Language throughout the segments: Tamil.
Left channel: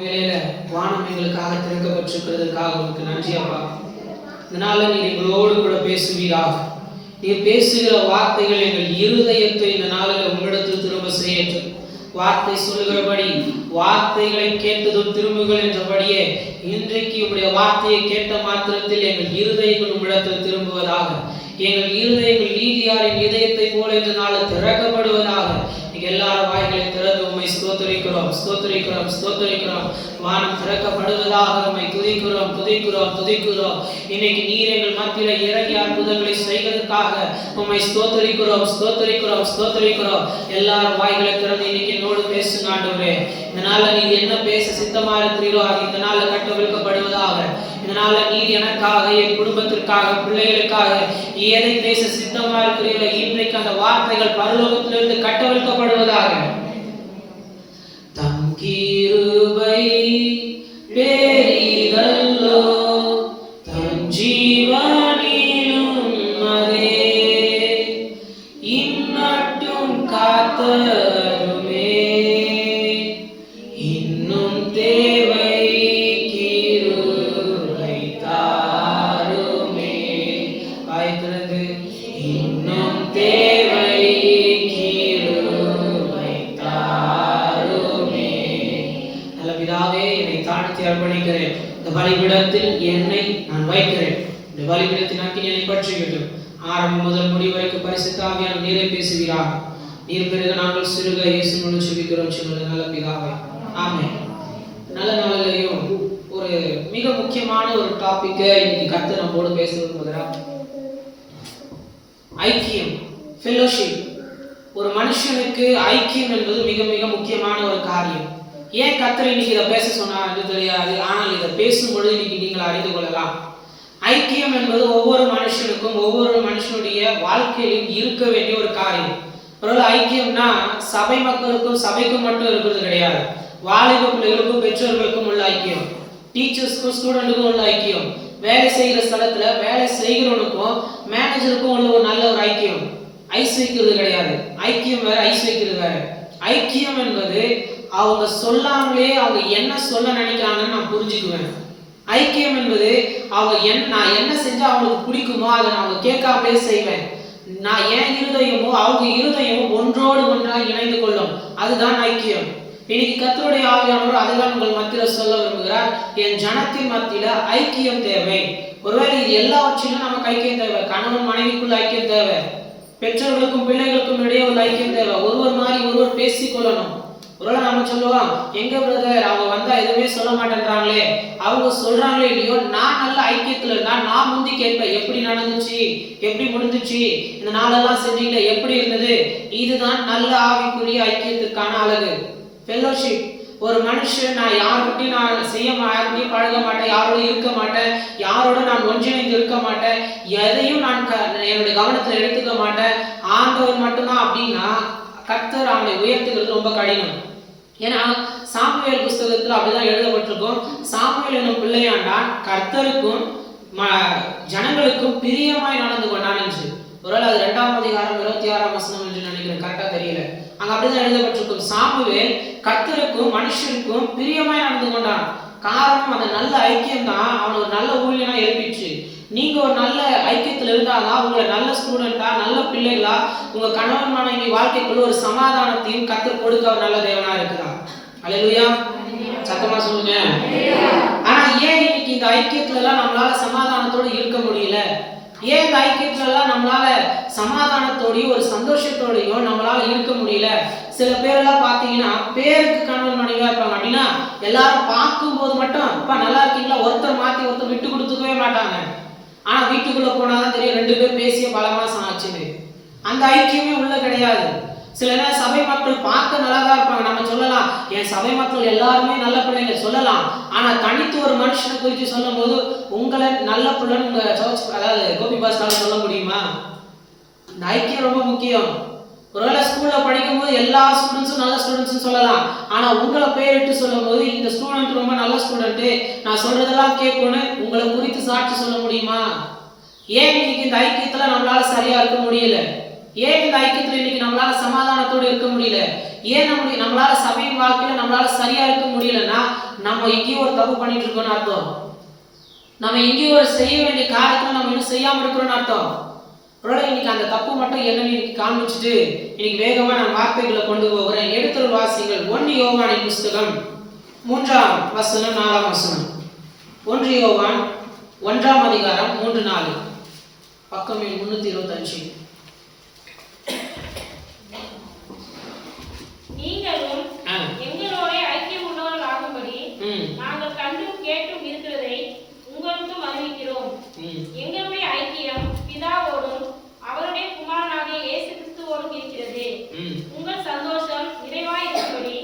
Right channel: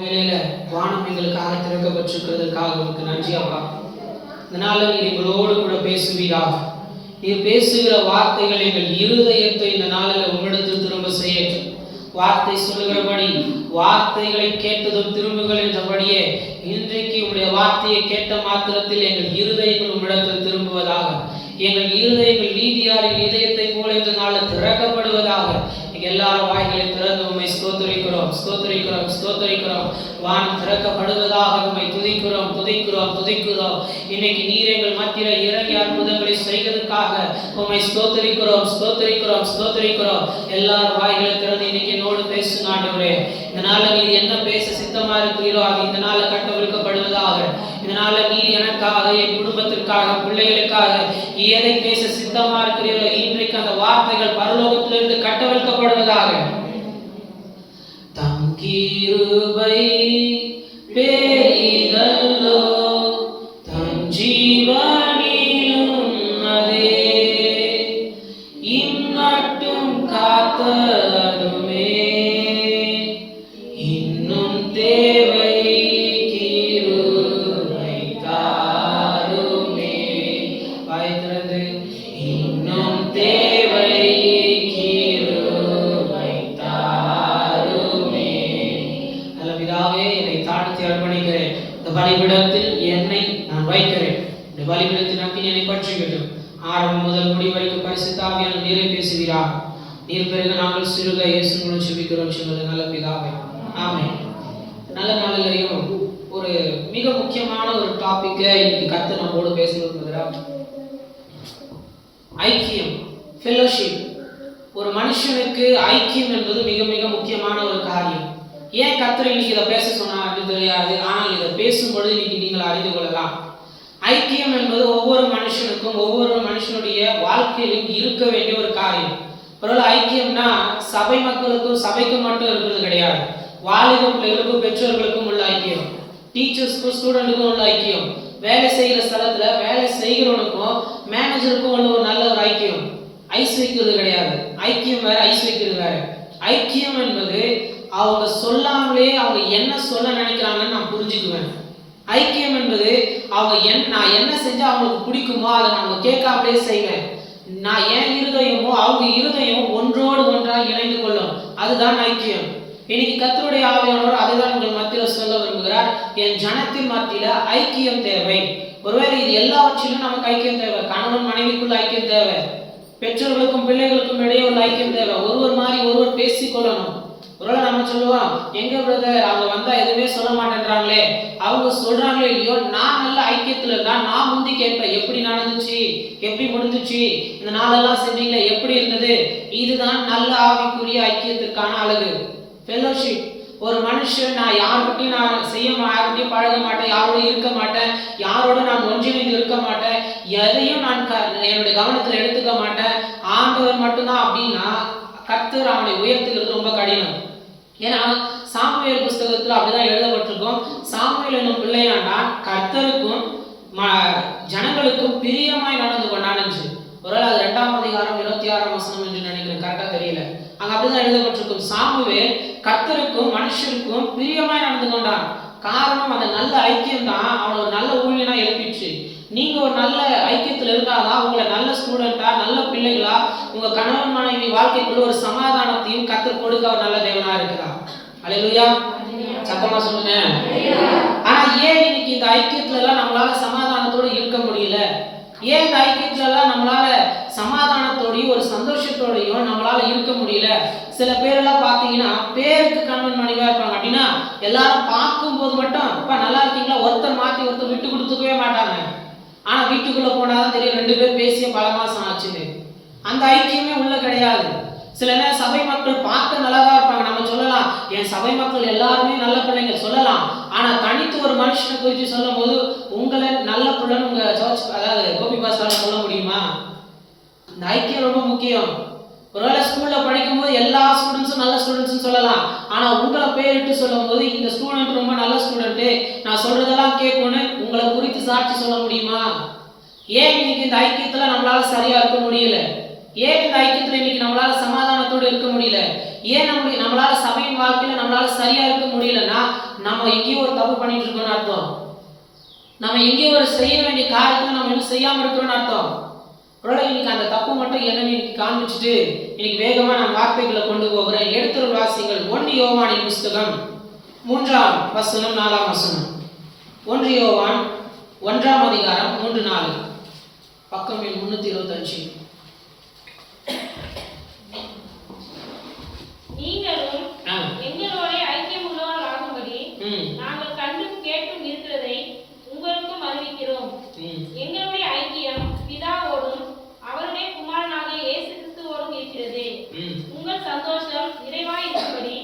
வேளையில வானம் எங்களுக்காக திறக்கப்பட்டிருக்கிறதுக்காக உங்களுக்கு நன்றி அப்பா. இதனால நீர் எங்களோடு கூட பேசுவீராக. நீர் பேசுகிற வார்த்தைகள் எங்கள் இருதயத்தை இந்த நாளில் உங்களிடத்தில் திரும்ப செய்யட்டும். வார்த்தை சொல்லுகிறபடி வார்த்தைகளை கேட்டதும் திரும்புகள் என்றபடியே இன்றைக்கு உங்களுடைய வார்த்தையை கேட்ட மாத்திரத்தில் எங்கள் இருதயங்கள் உங்களிடத்தில் திரும்புவதாக. எங்கள் இருதயங்கள் நீதியாரின் இதயத்தை போல இந்த நாளில் திறக்கப்படுவதாக. எல்லாரும் வாய்களை திறந்து உண்மை ஸ்தோத்தரிக்கிறோம் ஸ்தோத்தரிக்கிறோம் ஸ்தோத்தரிக்கிறோம். வானம் திறக்கப்படுவதாக உண்மை துதிக்கிறோம் துதிக்கிறோம் துதிக்கிறோம். இன்னைக்கு நீர் எங்கள் மத்தியில இறங்கி அற்புதங்களை செய்வதற்காக உண்மை ஸ்தோத்தரிக்கிறோம் ஸ்தோத்தரிக்கிறோம் ஸ்தோத்தரிக்கிறோம். எல்லாரும் வாய்களை திறந்து இன்னைக்கு என்னோடு பேசுங்க ஆண்டவரே. இதனால நீர் என்ன பேச சித்தமா இருக்கிறீரோ அது இந்த நாள்ல கட்டவிழ்க்கப்படுவதாக. இதனால நீர் எனக்காக என் குடும்பத்திற்காக பிள்ளைகளுக்காக எதை பேச சித்தமா இருக்கிறீரோ இன்றைக்கு அந்த வார்த்தைகள் பரலோகத்திலிருந்து கட்டவிழ்க்கப்படுவதாக. தம் கிருபை பெரிதல்லோ தம் ஜீவனிலும் அதே இந்நாட்டும் காத்ததுமே இன்னும் தேவை கிருபை தாருமே. வாய் திறந்து இன்னும் தேவை கிருபை தாருமே. நல்ல பிதாவே, என்னை தாழ்த்தி அர்ப்பணிக்கிறேன். இந்த பலிபீடத்தில் என்னை நான் வைக்கிறேன். இந்த பலிபீடத்தின் அக்கினி என்னை பற்றிவிட்டும். ஆரம்பம் முதல் முடி வரைக்கும் பரிசுத்த ஆவியானவர் நீரே பேசுகிறார். நீர் பிறகு நாங்கள் சிறுக இயேசு மூலம் ஜெபிக்கிறோம் சொன்னது நல்ல பிதாவே, ஆமென். நல்ல நாளிலையும் ஒரு மிக முக்கியமான ஒரு டாபிக்கை இன்னைக்கு கர்த்தர் நம்மோடு பேச விரும்புகிறார். ஐக்கியம், ஃபெல்லோஷிப். ஒரு மனுஷனுக்கு ஐக்கியம் என்பது மிக மிக முக்கியமான ஒரு காரியம். ஏன் கர்த்தர் இன்னைக்கு இதை பேச சொன்னார் தெரியாது, ஆனால் இதை பேசும்பொழுது இன்னைக்கு நீங்கள் அறிந்து கொள்ளலாம். ஐக்கியம் என்பது ஒவ்வொரு மனுஷனுக்கும் ஒவ்வொரு மனுஷனுடைய வாழ்க்கையிலும் இருக்க வேண்டிய ஒரு காரியம். ஒருவேளை ஐக்கியம்னா சபை மக்களுக்கும் சபைக்கும் மட்டும் இருக்கிறது கிடையாது. வாலிப பிள்ளைகளுக்கும் பெற்றோர்களுக்கும் உள்ள ஐக்கியம், டீச்சர்ஸ்க்கும் ஸ்டூடெண்ட்டுக்கும் உள்ள ஐக்கியம், வேலை செய்கிற ஸ்தலத்துல வேலை செய்கிறவனுக்கும் மேனேஜருக்கும் உள்ள ஒரு நல்ல ஒரு ஐக்கியம். ஐஸ் வைக்கிறது கிடையாது. ஐக்கியம் வேற, ஐஸ் வைக்கிறது வேற. ஐக்கியம் என்பது அவங்க சொல்லாமலே அவங்க என்ன சொல்ல நினைக்கிறாங்கன்னு நான் புரிஞ்சுக்குவேன். ஐக்கியம் என்பது அவங்க நான் என்ன செஞ்சா அவங்களுக்கு பிடிக்குமோ அதை நான் அவங்க கேட்காமலே செய்வேன். நான் என் இருதயமோ அவங்க இருதயமும் ஒன்றோடு ஒன்றாக இணைந்து கொள்ளும். அதுதான் ஐக்கியம். இன்னைக்கு கர்த்தருடைய ஆவியானவர் அதைதான் உங்கள் மத்தியில சொல்ல விரும்புகிறார். என் ஜனத்தின் மத்தியில ஐக்கியம் தேவை. ஒருவேளை இது எல்லாவற்றிலும் நமக்கு ஐக்கியம் தேவை. கணவன் மனைவிக்குள்ள ஐக்கியம் தேவை. பெற்றோர்களுக்கும் பிள்ளைகளுக்கும் இடையே உள்ள ஐக்கியம் தேவை. ஒருவர் மாதிரி ஒருவர் பேசிக்கொள்ளணும். ஒருவேளை நம்ம சொல்லுவோம், எங்க பிரதர் அவங்க வந்தா எதுவுமே சொல்ல மாட்டேன்றாங்களே, அவங்க சொல்றாங்களே இல்லையோ, நான் நல்ல ஐக்கியத்துல இருந்தா நான் முந்தி கேட்பேன், எப்படி நடந்துச்சு, எப்படி முடிஞ்சிச்சு, இந்த நாளெல்லாம் செஞ்சீங்களே எப்படி இருந்தது. இதுதான் நல்ல ஆவிக்குரிய ஐக்கியத்துக்கான அழகு, ஃபெல்லோஷிப். ஒரு மனுஷன் நான் யாருக்கிட்டையும் நான் யாருக்கிட்டையும் பழக மாட்டேன், யாரோட இருக்க மாட்டேன், யாரோட நான் ஒன்றிணைந்து இருக்க மாட்டேன், எதையும் நான் என்னுடைய கவனத்துல எடுத்துக்க மாட்டேன், ஆண்டவர் மட்டும்தான் அப்படின்னா கர்த்தர் அவனை உயர்த்துகிறது ரொம்ப கடினம். ஏன்னா சாமுவேல் புஸ்தகத்துல அப்படிதான் எழுதப்பட்டிருக்கும். சாமுவேல் என்னும் பிள்ளையாண்டான் கர்த்தருக்கும் ஜனங்களுக்கும் பிரியமாய் நடந்து கொண்டான் என்று. ஒருவேளை அது 2ஆம் அதிகாரம் 26ஆம் வசனம் என்று நினைக்கிறேன், கரெக்டா தெரியல. அங்க அப்படிதான் எழுதப்பட்டிருக்கும். சாமுவேல் கர்த்தருக்கும் மனுஷருக்கும் பிரியமாய் நடந்து கொண்டான். காரணம் அந்த நல்ல ஐக்கியம் தான் அவனை ஒரு நல்ல ஊழியனா எழுப்பிச்சு. நீங்க ஒரு நல்ல ஐக்கியத்துல இருந்தாதான் உங்களை நல்ல ஸ்டூடெண்டா நல்ல பிள்ளைகளா உங்க கணவன் மனைவி வாழ்க்கைக்குள்ள ஒரு சமாதானத்தையும் கர்த்தர் கொடுக்க ஒரு நல்ல தேவனா இருக்கிறார். அல்லேலூயா, சத்தமா சொல்லுங்க. ஆனா ஏன் இன்னைக்கு இந்த ஐக்கியத்துல எல்லாம் நம்மளால சமாதானத்தோடு இருக்க முடியல? ஏன் இந்த ஐக்கியத்துல எல்லாம் நம்மளால சமாதானத்தோடையும் ஒரு சந்தோஷத்தோடையும் நம்மளால இருக்க முடியல? சில பேரெல்லாம் பாத்தீங்கன்னா பேருக்கு கணவன் மனைவியா இருப்பாங்க. அப்படின்னா எல்லாரும் பார்க்கும் போது மட்டும் இப்ப நல்லா இருக்கீங்களா, ஒருத்தர் மாத்தி ஒருத்தர் விட்டு கொடுத்துக்கவே மாட்டாங்க. ஆனா வீட்டுக்குள்ள போனாதான் தெரியும் 2 பேர் பேசிய பல மாசம் ஆச்சுன்னு. அந்த ஐக்கியமே உள்ள கிடையாது. சில நேரம் சபை மக்கள் பார்க்க நல்லாதான் இருப்பாங்க. நம்ம சொல்லலாம், என் சபை மக்கள் எல்லாருமே நல்ல பிள்ளைங்க சொல்லலாம். ஆனா தனித்து ஒரு மனுஷனை குறித்து சொல்லும் போது உங்களை நல்ல பிள்ளைன்னு உங்க சர்ச் அதாவது கோபி பாஸ்டால சொல்ல முடியுமா? இந்த ஐக்கியம் ரொம்ப முக்கியம். ஒருவேளை ஸ்கூல்ல படிக்கும் போது எல்லா ஸ்டூடெண்ட்ஸும் நல்ல ஸ்டூடெண்ட்ஸ் சொல்லலாம். ஆனா உங்களை பேரிட்டு சொல்லும் போது இந்த ஸ்டூடெண்ட் ரொம்ப நல்ல ஸ்டூடெண்ட், நான் சொல்றதெல்லாம் கேட்கணும், உங்களை குறித்து சாட்சி சொல்ல முடியுமா? ஏன் இன்னைக்கு இந்த ஐக்கியத்துல நம்மளால சரியா இருக்க முடியல? ஏன் இந்த ஐக்கியத்துல இன்னைக்கு நம்மளால சமாதானத்தோடு இருக்க முடியல? ஏன் நம்மளால சபையின் வாழ்க்கையில நம்மளால சரியா இருக்க முடியலன்னா நம்ம எங்கேயோ ஒரு தப்பு பண்ணிட்டு இருக்கோம்னு அர்த்தம். நம்ம எங்கேயோ ஒரு செய்ய வேண்டிய காரியத்துல நம்ம இன்னும் செய்யாம இருக்கிறோம்னு அர்த்தம். ஒருவேளை இன்னைக்கு அந்த தப்பு மட்டும் என்னன்னு இன்னைக்கு காண்பிச்சுட்டு இன்னைக்கு வேகமா நான் வார்த்தைகளை கொண்டு போகிறேன். எடுத்துள்ள வாசிங்கள் 1 யோவானின் புஸ்தகம் 3ஆம் வசனம் 4ஆம் வசனம். 1 யோவான் 1ஆம் அதிகாரம் 3-4, பக்கம் 325. நீங்களும் எங்களோட ஐக்கியம் உள்ளவர்களாகும்படி நாங்கள் கண்டும் கேட்டும் இருக்கிறதை உங்களுக்கும் அறிவிக்கிறோம். எங்களுடைய ஐக்கியம் பிதாவோடும் அவருடைய குமாரனாகிய இயேசு கிறிஸ்துவோடும் இருக்கிறது. உங்கள் சந்தோஷம் நிறைவாய் இருக்கும்படி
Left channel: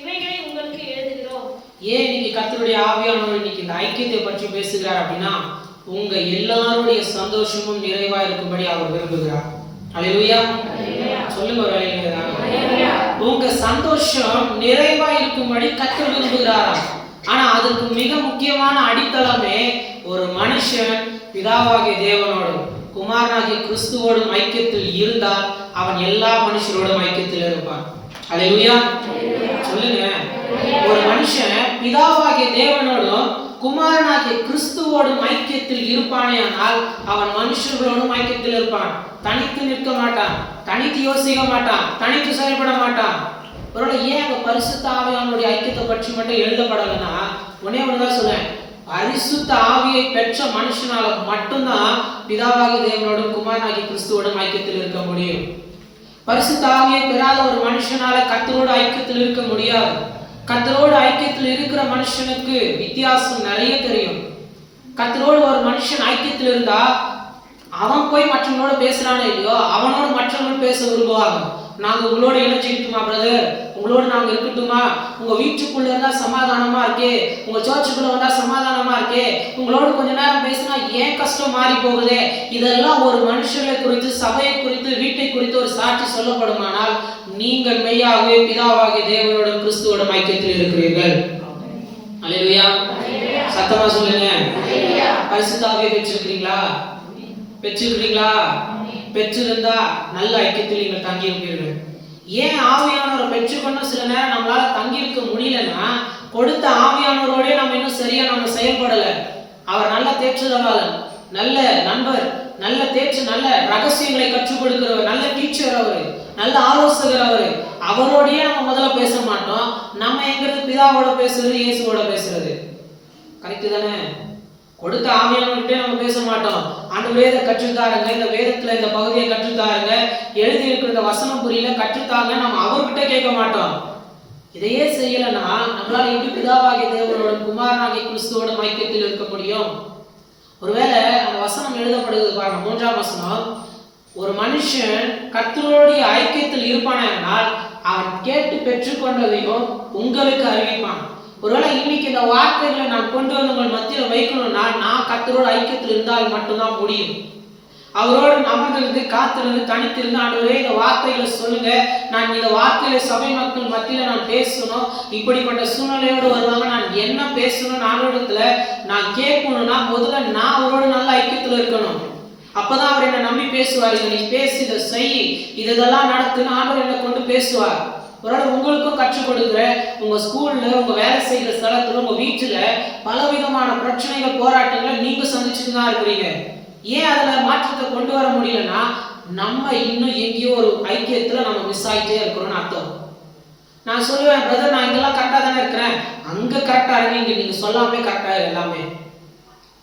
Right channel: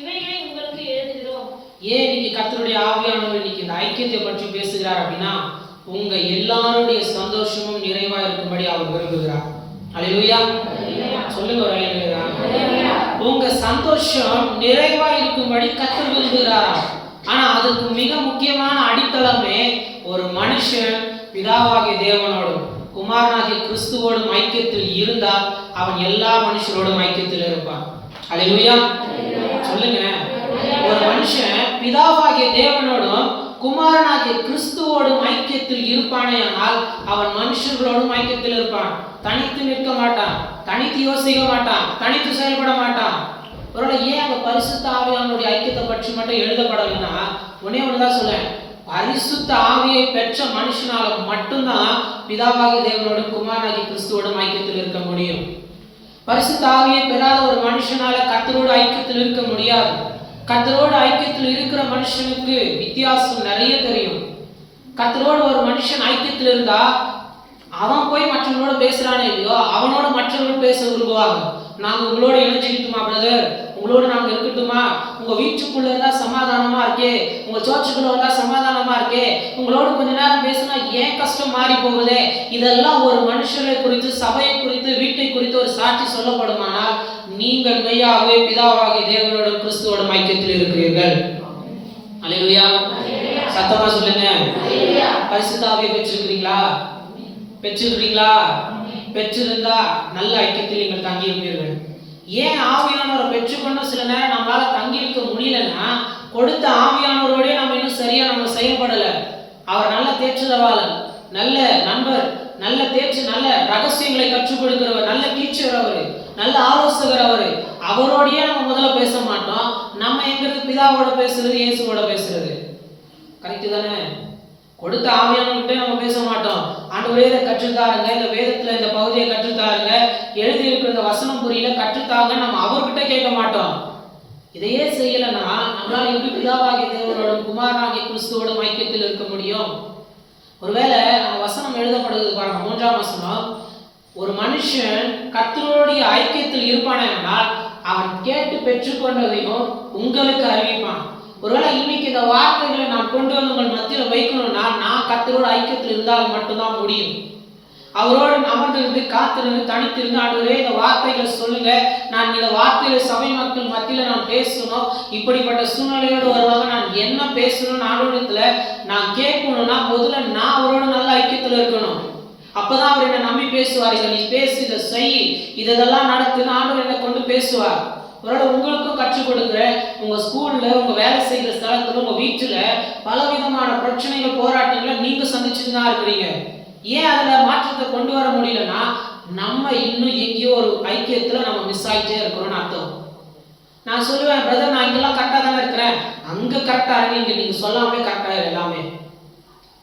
இவைகளை உங்களுக்கு எழுதுகிறோம். ஏன் இன்னைக்கு கர்த்தருடைய ஆவியானவர் இன்னைக்கு இந்த ஐக்கியத்தை பற்றி பேசுகிறார் அப்படின்னா, உங்க எல்லாருடைய சந்தோஷமும் நிறைவா இருக்கும்படி அவர் விரும்புகிறார். அல்லேலூயா, சொல்லுங்க ஒரு அல்லேலூயா. உங்க சந்தோஷம் நிறைவா இருக்கும்படி கர்த்தர் விரும்புகிறாராம். ஆனா அதுக்கு மிக முக்கியமான அடித்தளமே ஒரு மனுஷன் பிதாவாகிய தேவனோடும் குமாரனாகிய கிறிஸ்துவோடும் ஐக்கியத்தில் இருந்தால் அவன் எல்லா மனுஷரோடும் ஐக்கியத்தில் இருப்பான். அல்லேலூயா, சொல்லுங்க. ஒரு மனுஷன் பிதாவாகிய தேவனோடும் குமாரனாகிய கிறிஸ்துவோடும் ஐக்கியத்தில் இருப்பானே ஆனால் அவன் மனுஷர்களோடும் ஐக்கியத்தில் இருப்பான். தனித்து நிற்க மாட்டான், தனித்து யோசிக்க மாட்டான், தனித்து செயல்பட மாட்டான். ஒருவேளை ஏன் அங்க பரிசுத்த ஆவியானுடைய ஐக்கியத்தை பற்றி மட்டும் எழுதப்படலைன்னா ஒன்னே ஒண்ணுதான் சொல்லுவேன். பரிசுத்த ஆவியை பெற்ற மனுஷனால மட்டும்தான் பிதாவாகிய தேவனோடும் குமாரனாகிய கிறிஸ்துவோடும் ஐக்கியத்தில் இருக்க முடியும். பரிசுத்த ஆவியை பெறாத ஒரு மனுஷனால கர்த்தரோடு ஐக்கியத்தில் இருக்க முடியாது. கர்த்தரோடு ஐக்கியத்தில் இருக்கிற மனுஷனுக்கு வித்தியாசம் நிறைய தெரியும். கர்த்தரோடு ஒரு மனுஷன் ஐக்கியத்தில் இருந்தா அவன் போய் மற்றவங்களோட பேசுறானே இல்லையோ, அவனோட மற்றவர்கள் பேச விரும்புவாங்க. நாங்க உங்களோட இணைஞ்சுக்கிட்டுமா பிரதர், உங்களோட நாங்க இருக்கட்டுமா, உங்க வீட்டுக்குள்ள இருந்தா சமாதானமா இருக்கே, உங்க சர்ச்சுக்குள்ள வந்தா சமாதானமா இருக்கே, உங்களோட கொஞ்ச நேரம் பேசினா ஏன் கஷ்டம் மாறி போகுதே. இதெல்லாம் ஒரு மனுஷனை குறித்து, சபையை குறித்து, வீட்டை குறித்து ஒரு சாட்சி சொல்லப்படுமானால் நீங்கள் மெய்யாகவே பிதாவாகிய தேவனோட கிறிஸ்துவோட ஐக்கியத்தில் இருக்கிறீர்கள். அல்லேலூயா, சத்தமா சொல்லுங்க. பரிசுத்த ஆவியை பெற்றிருக்கிறீங்களா? பெற்றிருக்கிறீங்களா? பெற்றிருந்தா நல்ல ஐக்கியத்தில் நீங்கள் தங்கி இருப்பீர்கள். ஏன் ஆவியானவரை பெற்றுக்கொண்டு சில நேரம் நம்மளால தங்கி இருக்க முடியலன்னா, கொடுத்த ஆவியானவரோடய நம்ம இன்னும் சரியா நம்ம செயல்படல. அவர் நல்ல தேற்றுதவாளன், நல்ல நண்பர், நல்ல தேற்று, நல்ல ரகசியங்களை கற்றுக் கொடுக்கிறவர், நல்ல டீச்சர் அவரு, நல்ல ஆலோசகர் அவரு. அவரோடய நம்ம முதல்ல பேச மாட்டோம். நம்ம எங்கிறது பிதாவோட பேசுறது, இயேசுவோட பேசுறது. கரெக்டு தானே? கொடுத்த ஆவியானவர்கிட்ட நம்ம பேச மாட்டோம். ஆண்டவரே இதை கற்றுத்தாருங்க, இந்த வேதத்துல இந்த பகுதியை கற்றுத்தாருங்க, எழுதி இருக்கிற இந்த வசனம் புரியல கற்றுத்தாங்க, நம்ம அவர்கிட்ட கேட்க மாட்டோம். இதையே செய்யலைன்னா நம்மளால எப்படி பிதாவாகிய தேவனோடும் குமாரனாகிய கிறிஸ்துவோடும் ஐக்கியத்தில் இருக்க முடியும்? ஒருவேளை அந்த வசனம் எழுதப்படுகிறது பாருங்க, 3ஆம் வசனம். ஒரு மனுஷன் கர்த்தருடைய ஐக்கியத்தில் இருப்பானால் அவன் கேட்டு பெற்றுக்கொண்டதையும் உங்களுக்கு அறிவிப்பான். ஒருவேளை இன்னைக்கு இந்த வார்த்தைகளை நான் கொண்டு வந்து உங்கள் மத்தியில் வைக்கணும்னா நான் கர்த்தரோட ஐக்கியத்தில் இருந்தால் மட்டும்தான் முடியும். அவரோடு அமர்ந்திருந்து காத்திருந்து தனித்திருந்து ஆண்டவரே இந்த வார்த்தைகளை சொல்லுங்க, நான் இந்த வார்த்தைகளை சபை மக்கள் மத்தியில நான் பேசணும், இப்படிப்பட்ட சூழ்நிலையோடு வருவாங்க, நான் என்ன பேசணும் ஆண்டவரிடத்துல நான் கேட்கணும்னா முதல்ல நான் அவரோட நல்ல ஐக்கியத்தில் இருக்கணும். அப்பதான் அவர் என்னை நம்பி பேசுவார். இதை நீ பேசி, இதை செய், இதெல்லாம் நடத்துன்னு ஆண்டவர் என்னை கொண்டு பேசுவார். ஒருவேளை உங்களுக்கும் கற்றுக் கொடுக்குற உங்க ஸ்கூல்ல, உங்க வேலை செய்கிற ஸ்தலத்துல, உங்க வீட்டுல பலவிதமான பிரச்சனைகள், போராட்டங்களை நீங்க சந்திச்சுட்டு தான் இருக்கிறீங்க. ஏன் அதுல மாற்றத்தை கொண்டு வர முடியலன்னா நம்ம இன்னும் எங்கேயோ ஒரு ஐக்கியத்துல நம்ம மிஸ் ஆகிட்டே இருக்கிறோம்னு அர்த்தம். நான் சொல்லுவேன், பிரதர் நான் இங்கெல்லாம் கரெக்டா தானே இருக்கிறேன், அங்க கரெக்டா இருங்க, இங்க நீங்க சொல்லாமே கரெக்டா எல்லாமே.